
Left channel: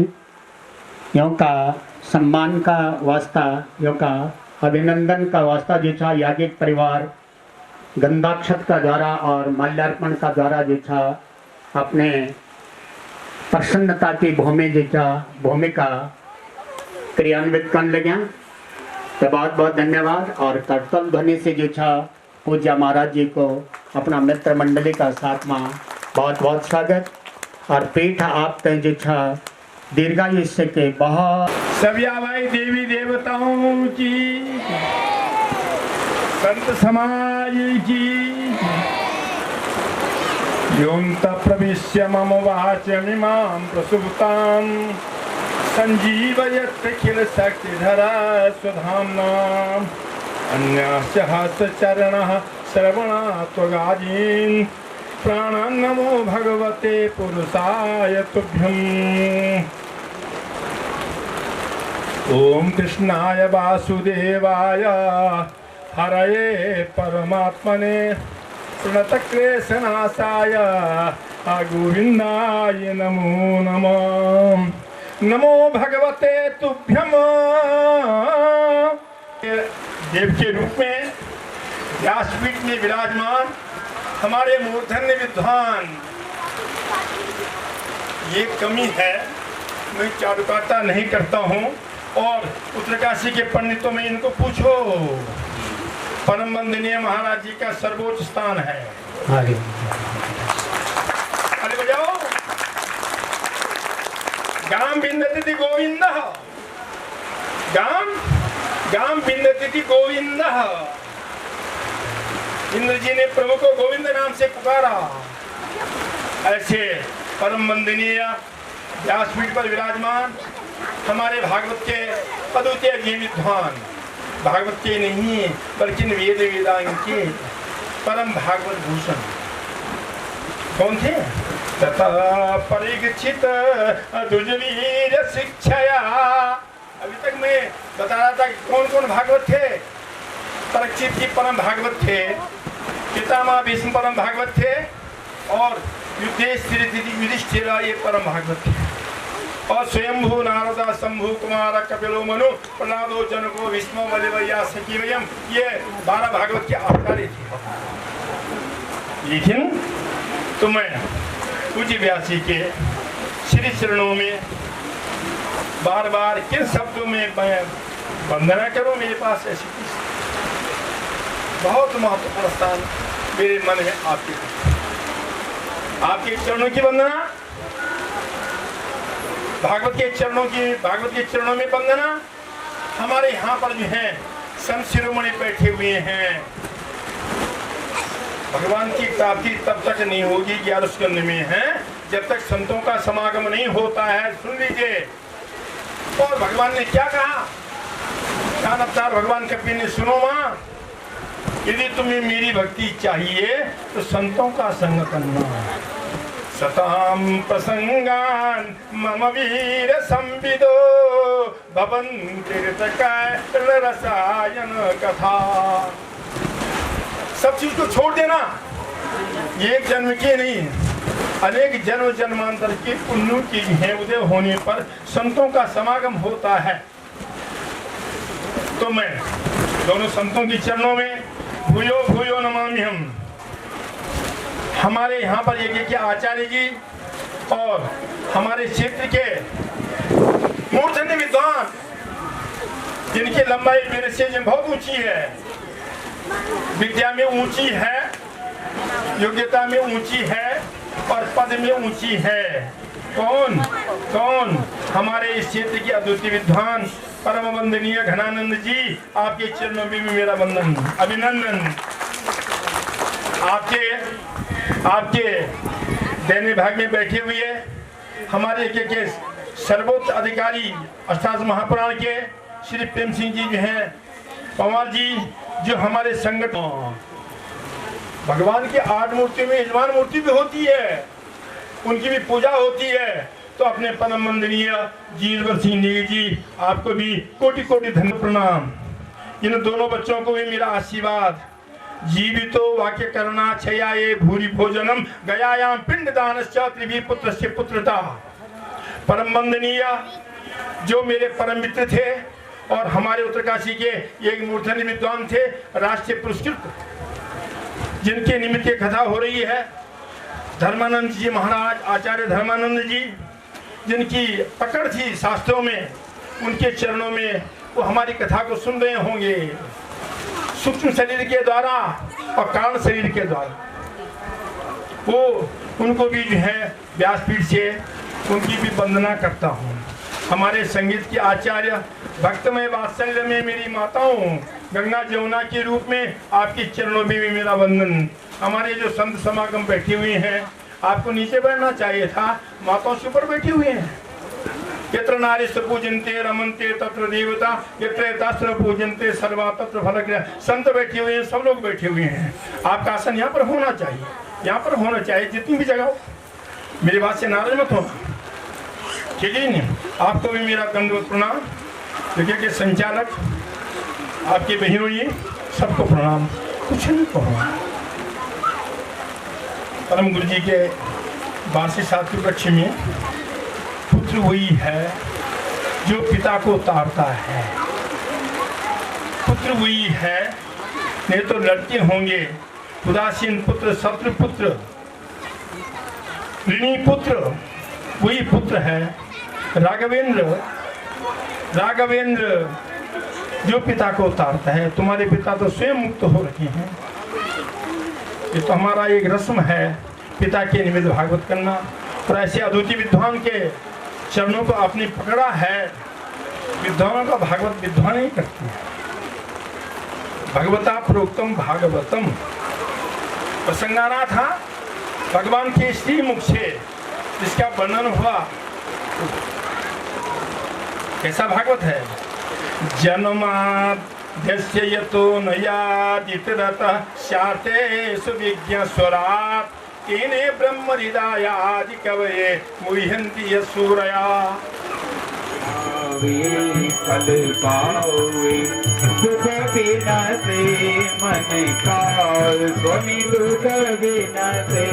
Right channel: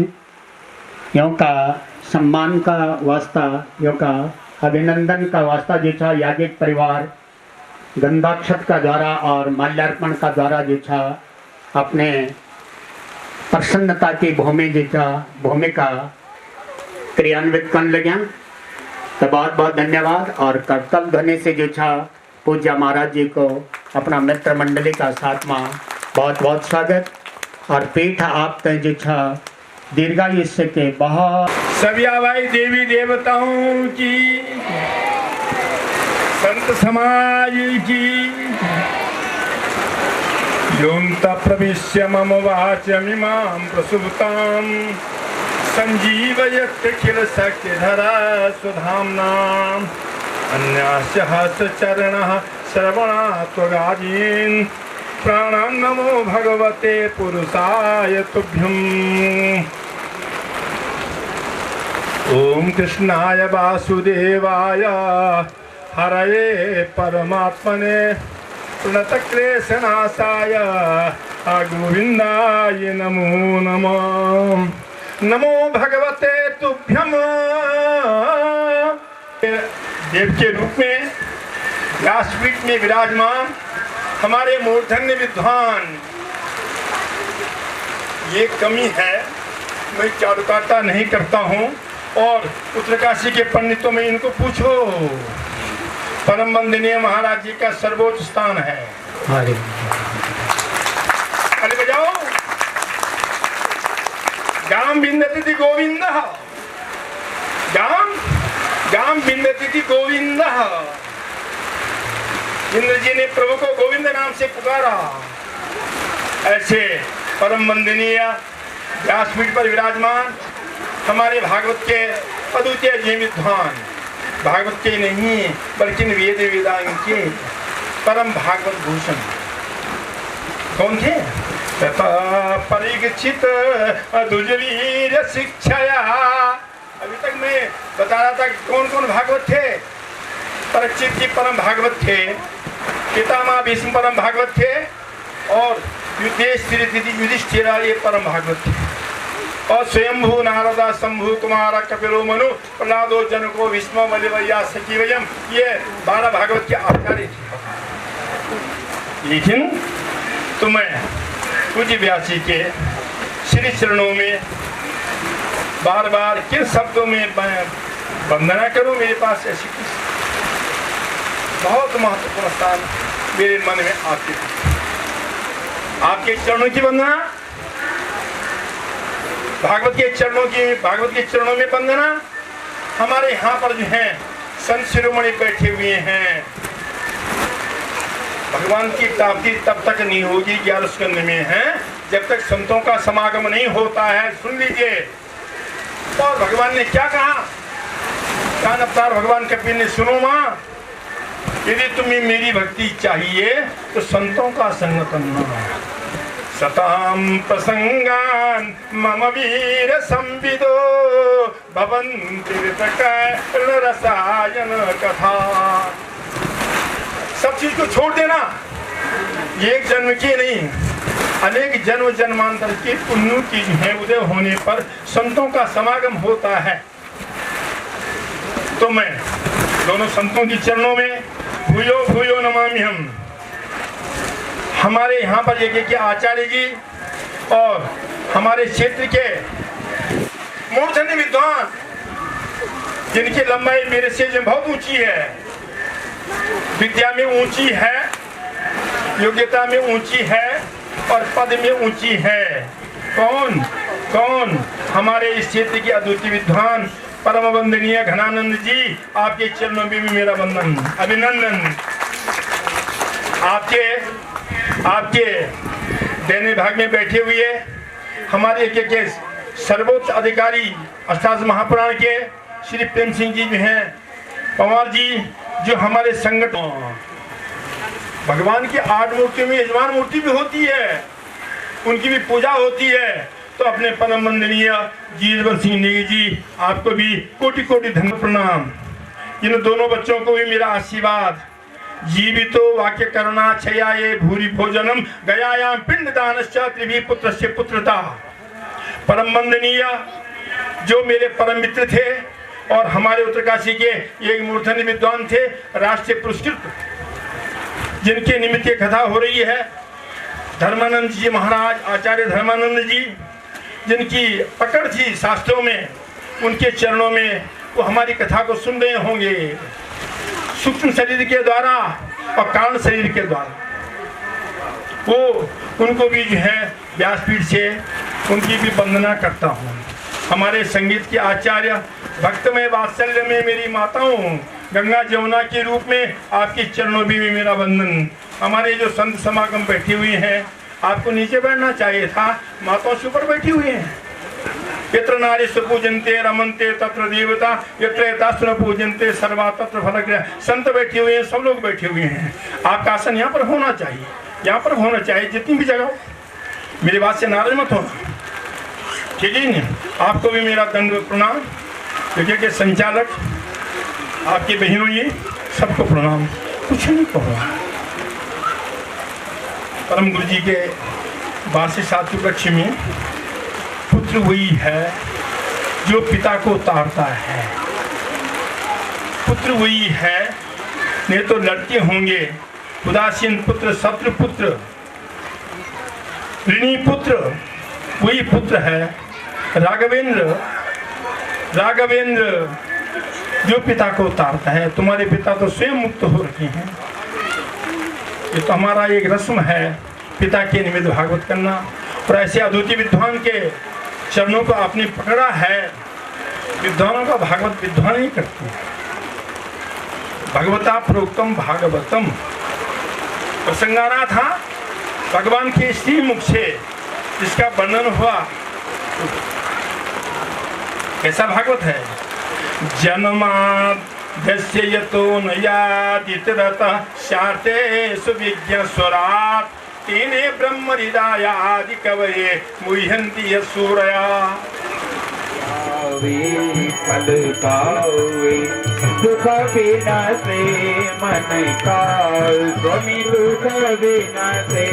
यों का सम्मान का वास्ता, यों का अभिनंदन का वास्ता जो छा याज्ञिक परिवार गंधाक्षत का द्वारा और माल्यार्पण का द्वारा जो छा अपने प्रसन्नता की भूमिका क्रियान्वित कर लग्या। तो बहुत बहुत धन्यवाद। और करतल ध्वनि से जो छा पूज्य महाराज जी को अपना मित्र मंडली का साथमा बहुत बहुत स्वागत। और पीठ आप तय जो छा दीर्घायुष्य के बहुत सभी भाई देवी देवताओं की, संत समाज की, योऽन्त प्रविश्य मम वाचमिमां प्रसुप्तां संजीवयत्यखिल शक्तिधरा स्वधाम्ना अन्यस्य हस्तचरणः श्रवणात्वगादीन् प्राणान् नमो भगवते पुरुषाय तुभ्यम्। ओम कृष्णाय वासुदेवाय हरये परमात्मने प्रणतक्लेशनाशाय गोविंदाय नमो नमः। नमो भगवते तुभ्यम। देव के रूप में व्यासपीठ में विराजमान हमारे मूर्धन्य विद्वान, ये कमी है, मैं चारुकाता नहीं करता हूँ। और उत्तरकाशी के पंडितों में इनको पूछो, परम वंदनीय महाराज जी का सर्वोच्च स्थान है। अरे बजाओ, गाम बिंदती गोविंद, गाम बिंदती गोविंद। इंद्र जी ने प्रभु को गोविंद नाम से पुकारा। ऐसे परम वंदनीय व्यासपीठ पर विराजमान हमारे भागवत के अद्वितीय जी विद्वान, भागवत के नहीं बल्कि वेद वेदांगे परम भागवत भूषण कौन थे? परीक्षित दुर्वीर शिक्षया। अभी तक मैं बता रहा था कि कौन कौन भागवत थे। परीक्षित जी परम भागवत थे, पितामह भीष्म परम भागवत थे, और युधिष्ठिर ये परम भागवत थे। और स्वयंभू नारदा शंभु कुमार कपिलो मनु प्रहलादो जनको विष्णु बलिवैया सखीवयम, ये 12 भागवत के आचार्य थे। लेकिन तुम्हें पूज्य व्यासी के श्री चरणों में बार बार किन शब्दों में वंदना करूं, मेरे पास ऐसी बहुत महत्वपूर्ण स्थान मेरे मन में आपके चरणों की वंदना, भागवत के चरणों में वंदना। हमारे यहाँ पर जो है संत शिरोमणि बैठे हुए हैं। भगवान की प्राप्ति तब तक नहीं होगी, 11 स्कंद में है, जब तक संतों का समागम नहीं होता है। सुन लीजिए, और भगवान ने क्या कहा, कान अवतार भगवान कपिल ने, सुनो माँ, यदि तुम्हें मेरी भक्ति चाहिए तो संतों का संग करना। सताम प्रसंगान मम वीर संविदो भवन्ति रसायन कथा। सब चीज को छोड़ देना, एक जन्म की नहीं, अनेक जन्म जन्मांतर के पुण्यों की है उदय होने पर संतों का समागम होता है। तो मैं दोनों संतों की चरणों में भूयो भूयो नमामि हम। हमारे यहाँ पर यज्ञ के आचार्य जी और हमारे क्षेत्र के मूर्धन्य विद्वान, जिनकी लंबाई मेरे से बहुत ऊंची है, विद्या में ऊंची है, योग्यता में ऊंची है और पद में ऊंची है। कौन कौन? हमारे इस क्षेत्र के अद्वितीय विद्वान परम वंदनीय घनानंद जी, आपके चरणों में भी मेरा वंदन, अभिनंदन। आपके देने भाग में बैठे हुए हमारे के सर्वोच्च अधिकारी अष्टादश महापुराण के श्री प्रेम सिंह जी भी हैं, पवार जी जो हमारे संगठन, भगवान की 8 मूर्तियों में यजमान मूर्ति भी होती है, उनकी भी पूजा होती है। तो अपने परम वंदनीय जीवन सिंह नेगी जी, आपको भी कोटि कोटि धन्यवाद प्रणाम। इन दोनों बच्चों को भी मेरा आशीर्वाद। जीवितो वाक्य करुणा छयाये भूरि भोजनम गयायाम पिंड दानश्च त्रिवी पुत्रस्य पुत्रता। परम वंदनीय जो मेरे परम मित्र थे और हमारे उत्तरकाशी के एक मूर्धन्य विद्वान थे, राष्ट्रीय पुरस्कृत, जिनके निमित्त कथा हो रही है, धर्मानंद जी महाराज, आचार्य धर्मानंद जी, जिनकी पकड़ थी शास्त्रों में, उनके चरणों में वो हमारी कथा को सुन रहे होंगे, सूक्ष्म शरीर के द्वारा और कारण शरीर के द्वारा। वो उनको भी जो है व्यासपीठ से उनकी भी वंदना करता हूँ। हमारे संगीत के आचार्य, भक्तमय वात्सल्य में मेरी माताओं, गंगा जमुना के रूप में आपके चरणों में भी मेरा वंदन। हमारे जो संत समागम बैठे हुए हैं, आपको नीचे बैठना चाहिए था, माताओं से ऊपर बैठी हुई हैं। यत्र नारीश्वर पूजन्ते रमन्ते तत्र देवता, यत्र दास्त्र पूजन्ते सर्वा तत्र फलक्रिया। संत बैठे हुए हैं, सब लोग बैठे हुए हैं। आपका आसन यहाँ पर होना चाहिए, यहाँ पर होना चाहिए, जितनी भी जगह हो। मेरी बात से नाराज मत होना, ठीक है नहीं? आपको भी मेरा दंडवत प्रणाम। जगह के संचालक, आपके बहनों, ये सबको प्रणाम। कुछ नहीं कहो। परम गुरु जी के 82 सातु कक्ष में पुत्र वही है जो पिता को तारता है। पुत्र वही है, नहीं तो लड़के होंगे उदासीन पुत्र, शत्रु पुत्र, ऋणी पुत्र, वही पुत्र है। राघवेंद्र जो पिता को उतारता है। तुम्हारे पिता तो स्वयं मुक्त हो रखे हैं। ये तो हमारा एक रस्म है, पिता के निमित्त भागवत करना। और ऐसे अद्वितीय विद्वान के चरणों को आपने पकड़ा है। विद्वानों का भागवत विद्वान ही करते हैं। भगवता प्रोक्तम भागवतम प्रसंगाना था भगवान के श्री मुख से, जिसका वर्णन हुआ। कैसा भागवत है? जन्माद्यस्य यतो नयादितरतः शाते सुविज्ञ स्वरात् तेने ब्रह्म हृदय आदि कवये मुह्यन्ति यसूरया। फल पावे दुख बिना से मन का, स्वामी दुख बिना से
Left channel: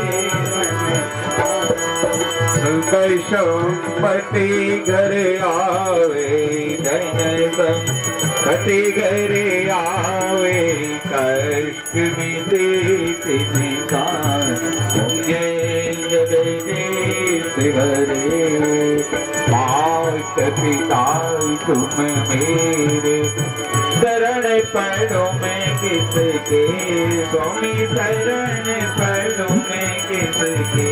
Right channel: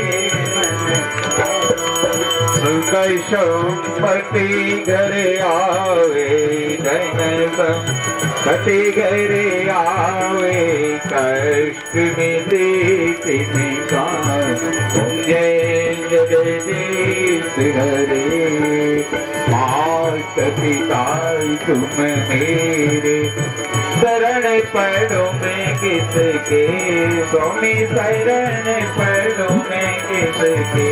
संपत्ति घर आवे, धनपति घर आवे, कष्ट मिले निकाल, जय जगदीश हरे। मात पिता तुम मेरे, शरण पड़ो मैं किसके, स्वामी शरण पड़ो मैं किसके।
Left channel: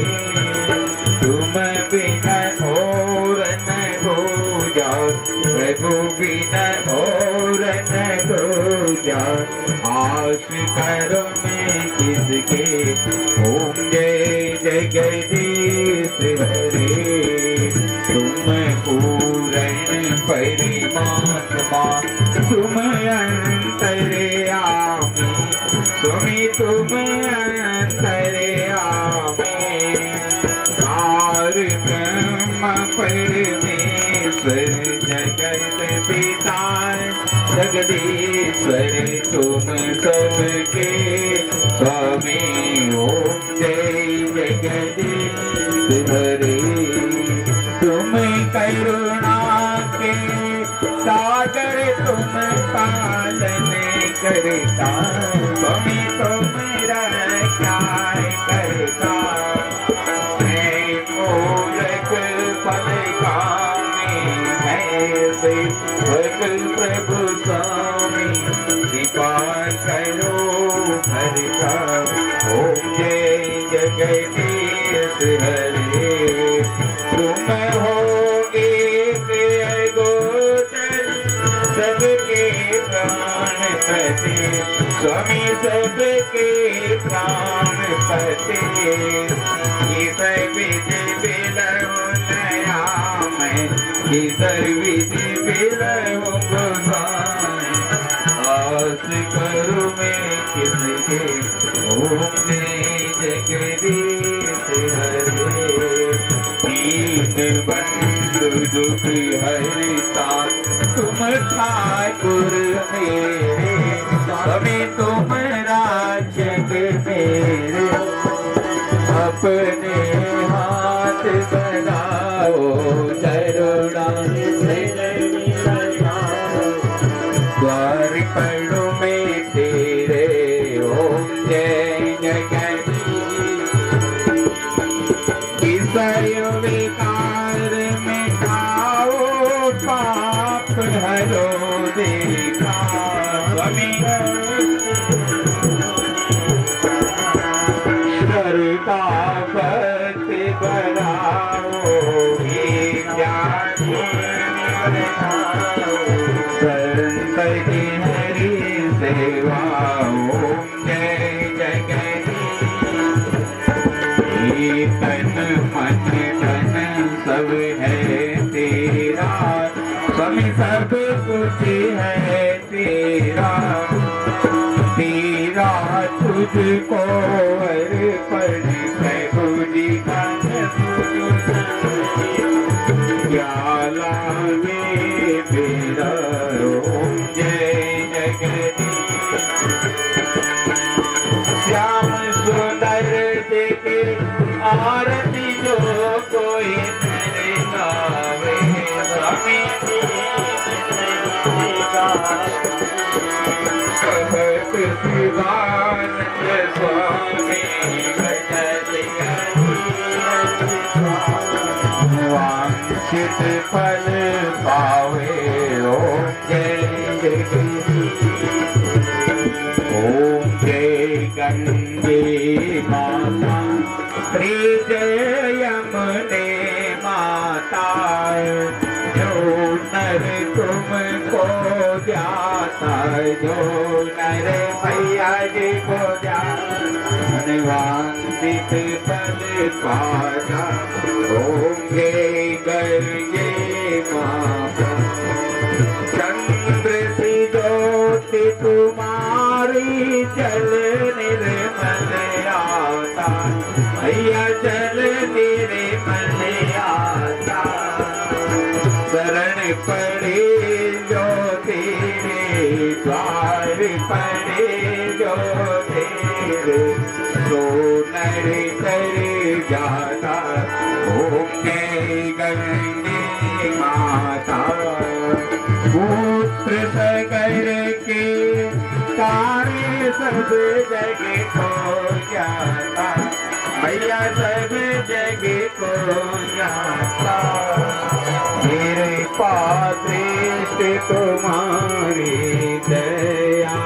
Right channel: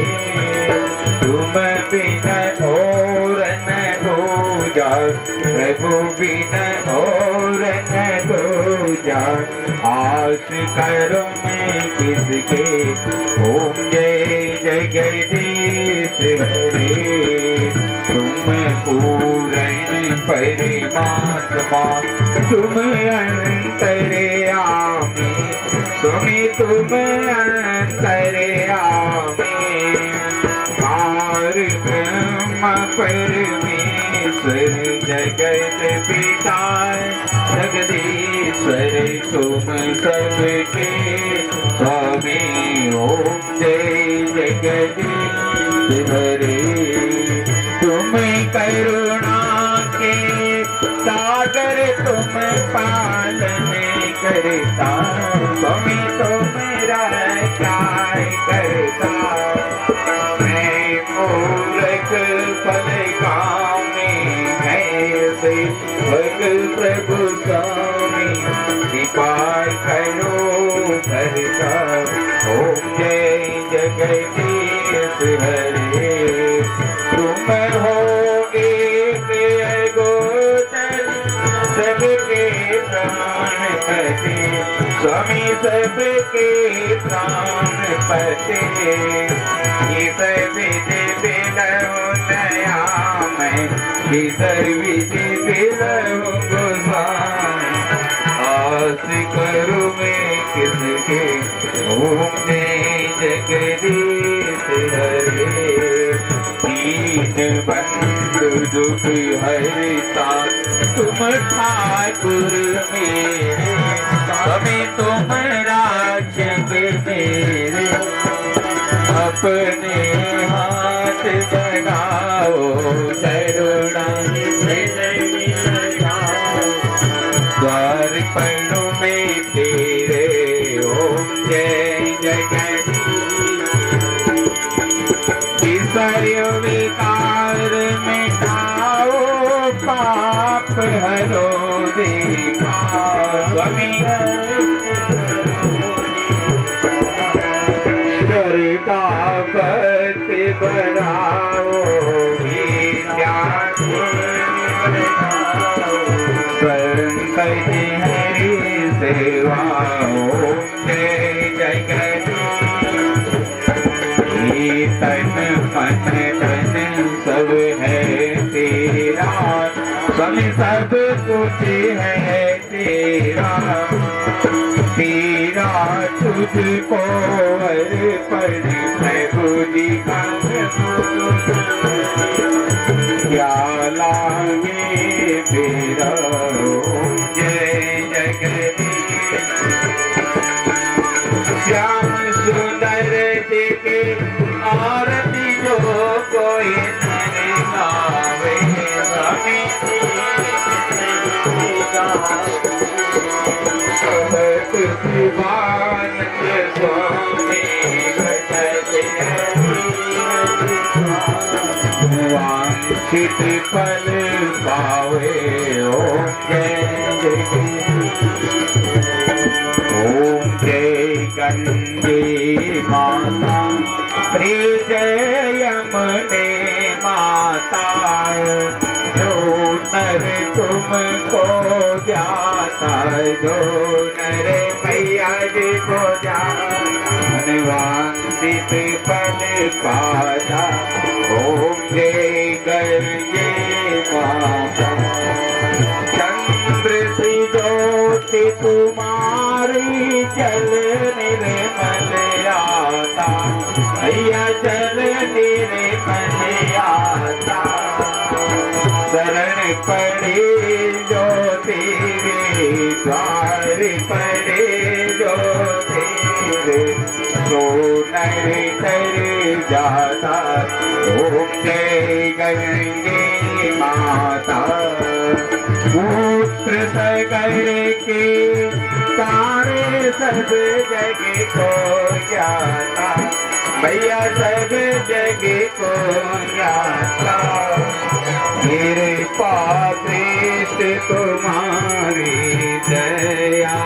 तुम बिना और न हो जा, प्रभु बिना और न हो जा, आस करो मैं किसके। ओम जय जगदीश हरे। तुम पूर्ण परमात्मा, तुम अंतर्यामी, स्वामी तुम अंतर्यामी। परमेश्वर जगत पिता जगदीश्वर, तुम सबके स्वामी। ओम जय जगदीश हरे। तुम करुणा के सागर, तुम पालन करता, स्वामी तुम रक्षा करता। प्रभु स्वामी कृपा करो करता। ओम जय जगदीश हरे। तुम हो एक गोचर, सबके प्राणपति, स्वामी सबके प्राणपति। ये सब विधि बिलौ नया मैं किधर विधि बिरहूं गोसाई आस करूं मैं किसके ओम जय जगदीश हरे दीन बंधु दुख हरता तुम ठाकुर मेरे स्वामी तुम रक्षक मेरे अपने हाथ बनाओ करुणा द्वार पढ़ो में तेरे ओम जय जगदीश ईश्वरीय विकार मिटाओ पाप हरो देखा स्वामी का पति बनाओ विद्या शंकर जी हरि सेवा ओम जय जगदीश तन मन धन सब है तेरा स्वामी सब कुछ है तेरा तेरा तुझको अर्पण प्रभु जी क्या लागे मेरा ओम जय जगदीश श्याम सुंदर देखे आरती जो कोई नर गावे स्वामी शिवानंद स्वामी वांछित फल पावे ओम जय ओम जय गंगे माता श्री जय यमुने माता जो नर तुमको जाता जो नर मैया जी को जाता वांछित फल पाता ओम जय गंगे माता चंद्र सी ज्योति तुम्हारी जल निर्मल आता मैया जल निर्मल आता शरण पड़े जो तेरे द्वार पड़े जो तेरे सो नर तर जाता ओम जय गंगे माता पुत्र सगर के तारे सब जग को जाता भैया सब जग को जाता मेरे पास तुम्हारी दया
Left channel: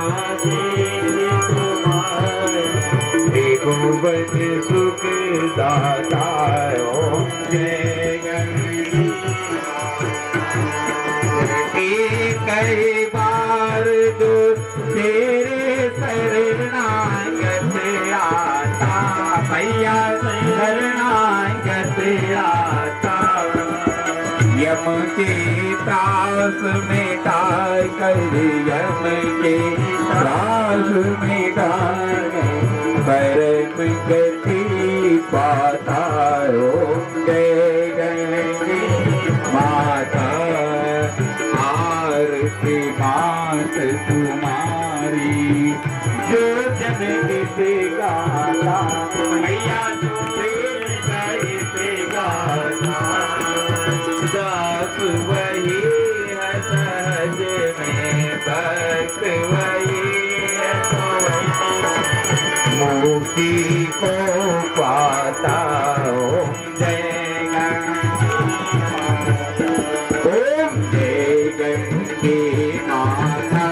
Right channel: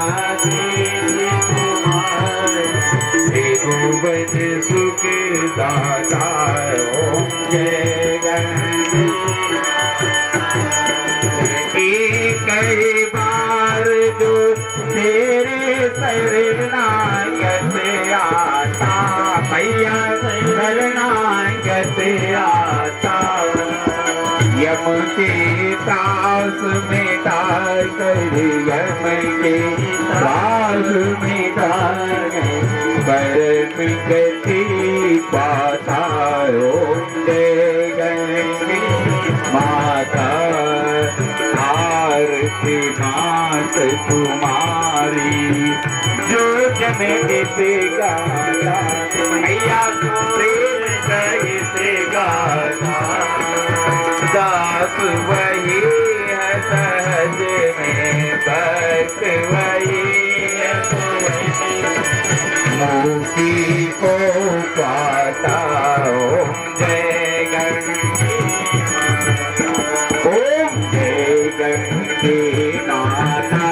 भुवन सुख दाता ओम जय कई बार जो तेरे शरणागत आता मैया शरणागत आता यम के त्रास मिटा कर यम के त्रास मिटा कर गति पाता ओम जय गंगे माता आरती मात तुम्हारी जो जब गीत गाता मैया प्रेम गीत गाता दास वही है सहज में भक्त वही है मुक्ति को पाता ओम जय गंगे ओम जय गंगे माता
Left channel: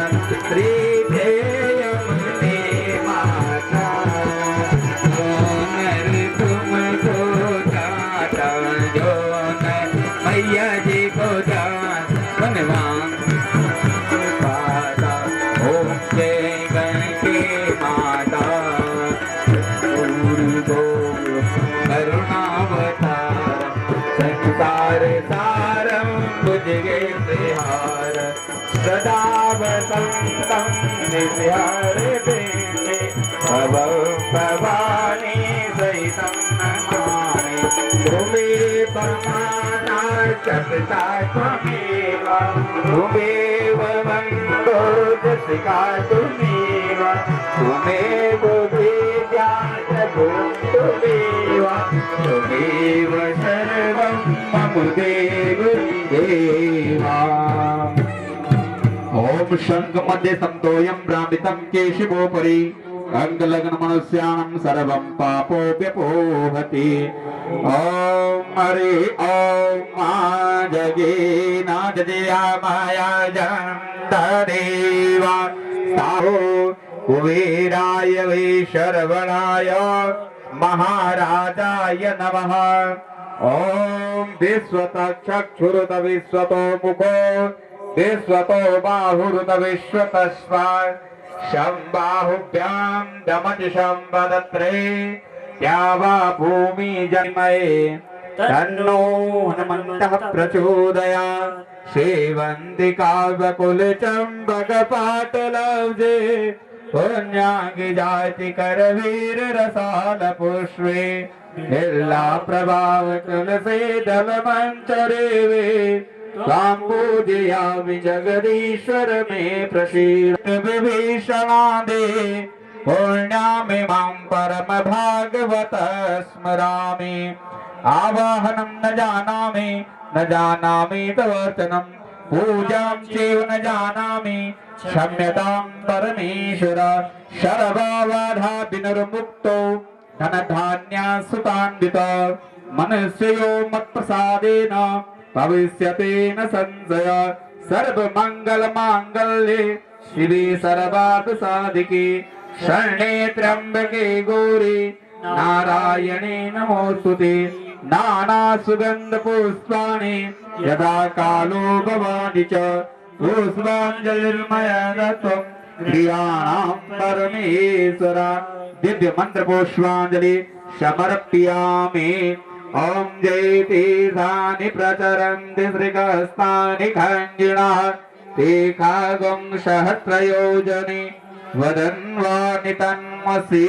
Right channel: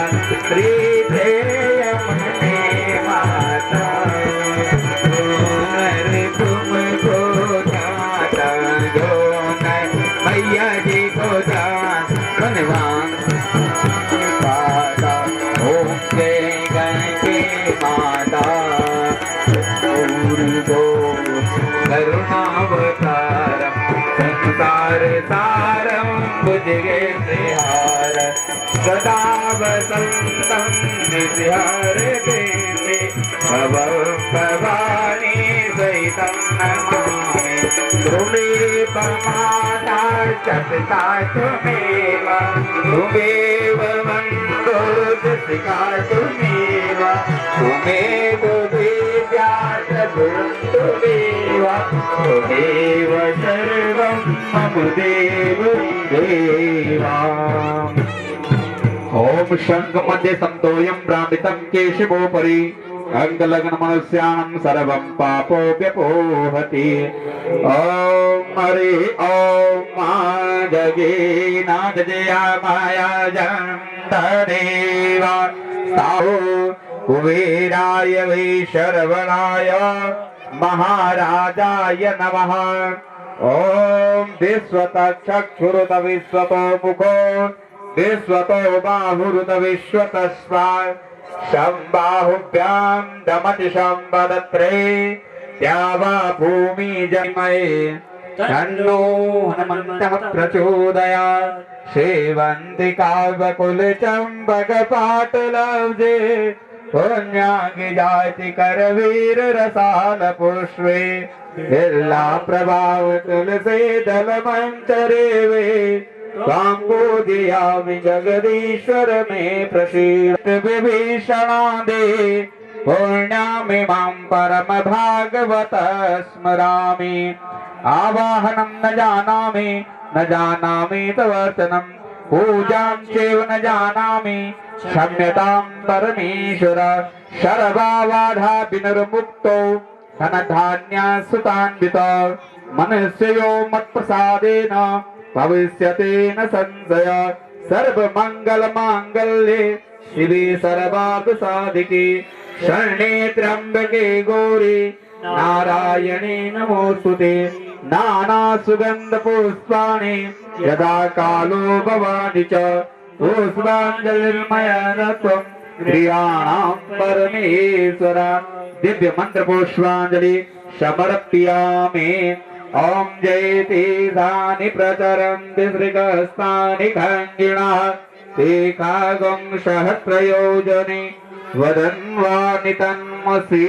श्री जय यमुने माता तुमको जाता जो मैया जी को जाता पाता ओम जय गंगे माता करुणावतारम संसार सारम सन्ततं नित्यहरिते भवानी सहितं नमामि तुमे परमाता जगता तुमेव तुमेव मन्दो जगता तुमेव तुमेव विद्या तुमेव तुमेव सर्वं मम देव देवा ओम शंख मध्ये संतोयं भ्रामितं केशवोपरि अंगलग्न मनुष्याणं सर्वं पापोऽप्यपोहति ओम हरि ओम जगे नागजया माया जन्तदेव साहो कुबेराय वै शरवणाय महाराजाय नमः ओम विश्वतचक्षुरुत विश्वतो मुखो विश्वतो बाहुरुत विश्वतस्वा शम्बाहुभ्यां दमति शम्बदत्रे द्यावा भूमि जन्मये तन्नो हनुमन्तः प्रचोदयात् सेवन्ति काव्यकुलचम्बकपाटलब्धे पुण्याङ्गि जाति करवीर रसाल पुष्पे बिल्ला प्रभाव तुलसी दल मंचरेवे काम्बोजयामि जगदीश्वर मे प्रसीद विभीषणादे पुण्यामिमां परम भागवत स्मरामि आवाहनं न जानामि तवर्चनं पूजां चैव न जानामि क्षम्यतां परमेश्वर शरभावाधा विनिर्मुक्तो धनधान्यसुतान्वित मनुष्यो मत्प्रसादेन भविष्यते न संशय सर्वमङ्गलमाङ्गल्ये शिवे सर्वार्थसाधिके शरणे त्र्यम्बके गौरी नारायणे नमोस्तुते नानासुगन्धपुष्पाणि यदा कालो भवानि च पुष्पाञ्जलिर्मया दत्तं प्रियाणां परमेश्वर दिव्य मंत्र पुष्पांजलि समर्पयामि ओम जयतीर्थानि प्रचरन्ति श्रीगस्तानि खञ्जिणः ते कागं सहस्रयोजने वदन्वानि तन्मसि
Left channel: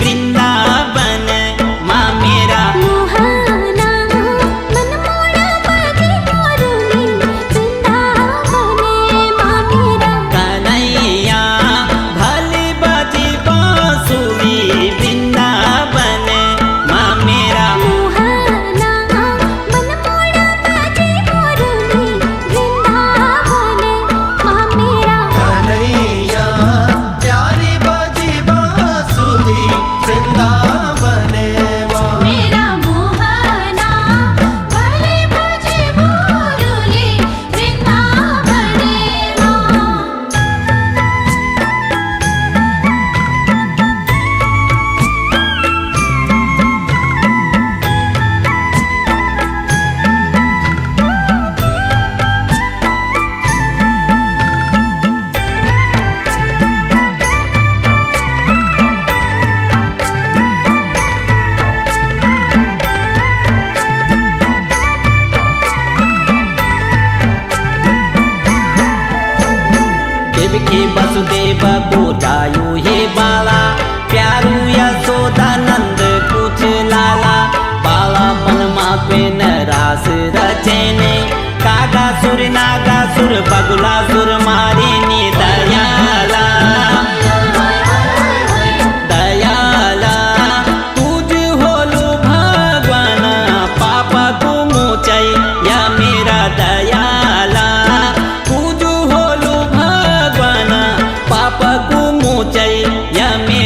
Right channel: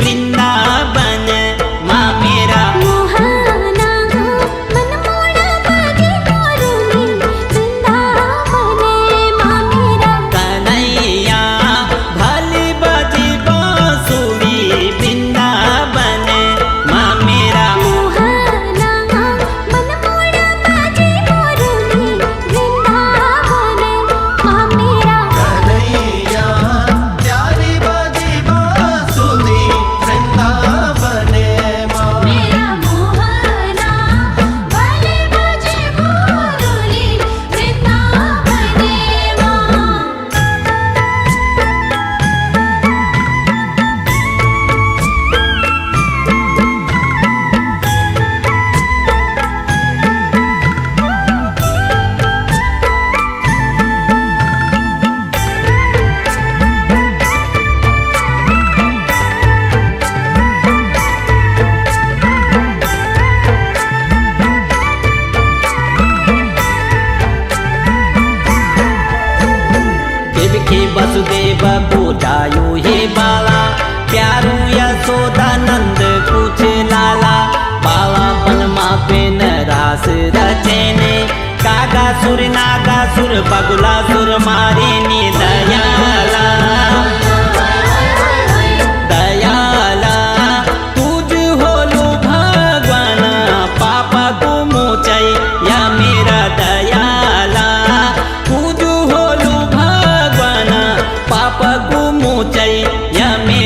वृंदावन माँ मेरा मोहना मन मोड़ा बाजे मोरुनी वृंदावन माँ मेरा कन्हैया भले बजे बांसुरी वृंदावन माँ मेरा मोहना मन मोड़ा बाजे मोरुनी वृंदावन माँ मेरा कन्हैया प्यारी बाजी बांसुरी वृंदावन माँ मेरा मोहना भले बाजे मोरुनी वृंदावन माँ देवकी वसुदेव पूजायु हे बाला प्यारू यशोदानंद कुछ लाला बालापन माँ पे न रास रचने कागासुर नागासुर बगुलासुर मारे ने दयाला दयाला तुझ होलू भगवान पापा को मोचै या मेरा दयाला तुझ होलू भगवान पापा को मोचै या मेरा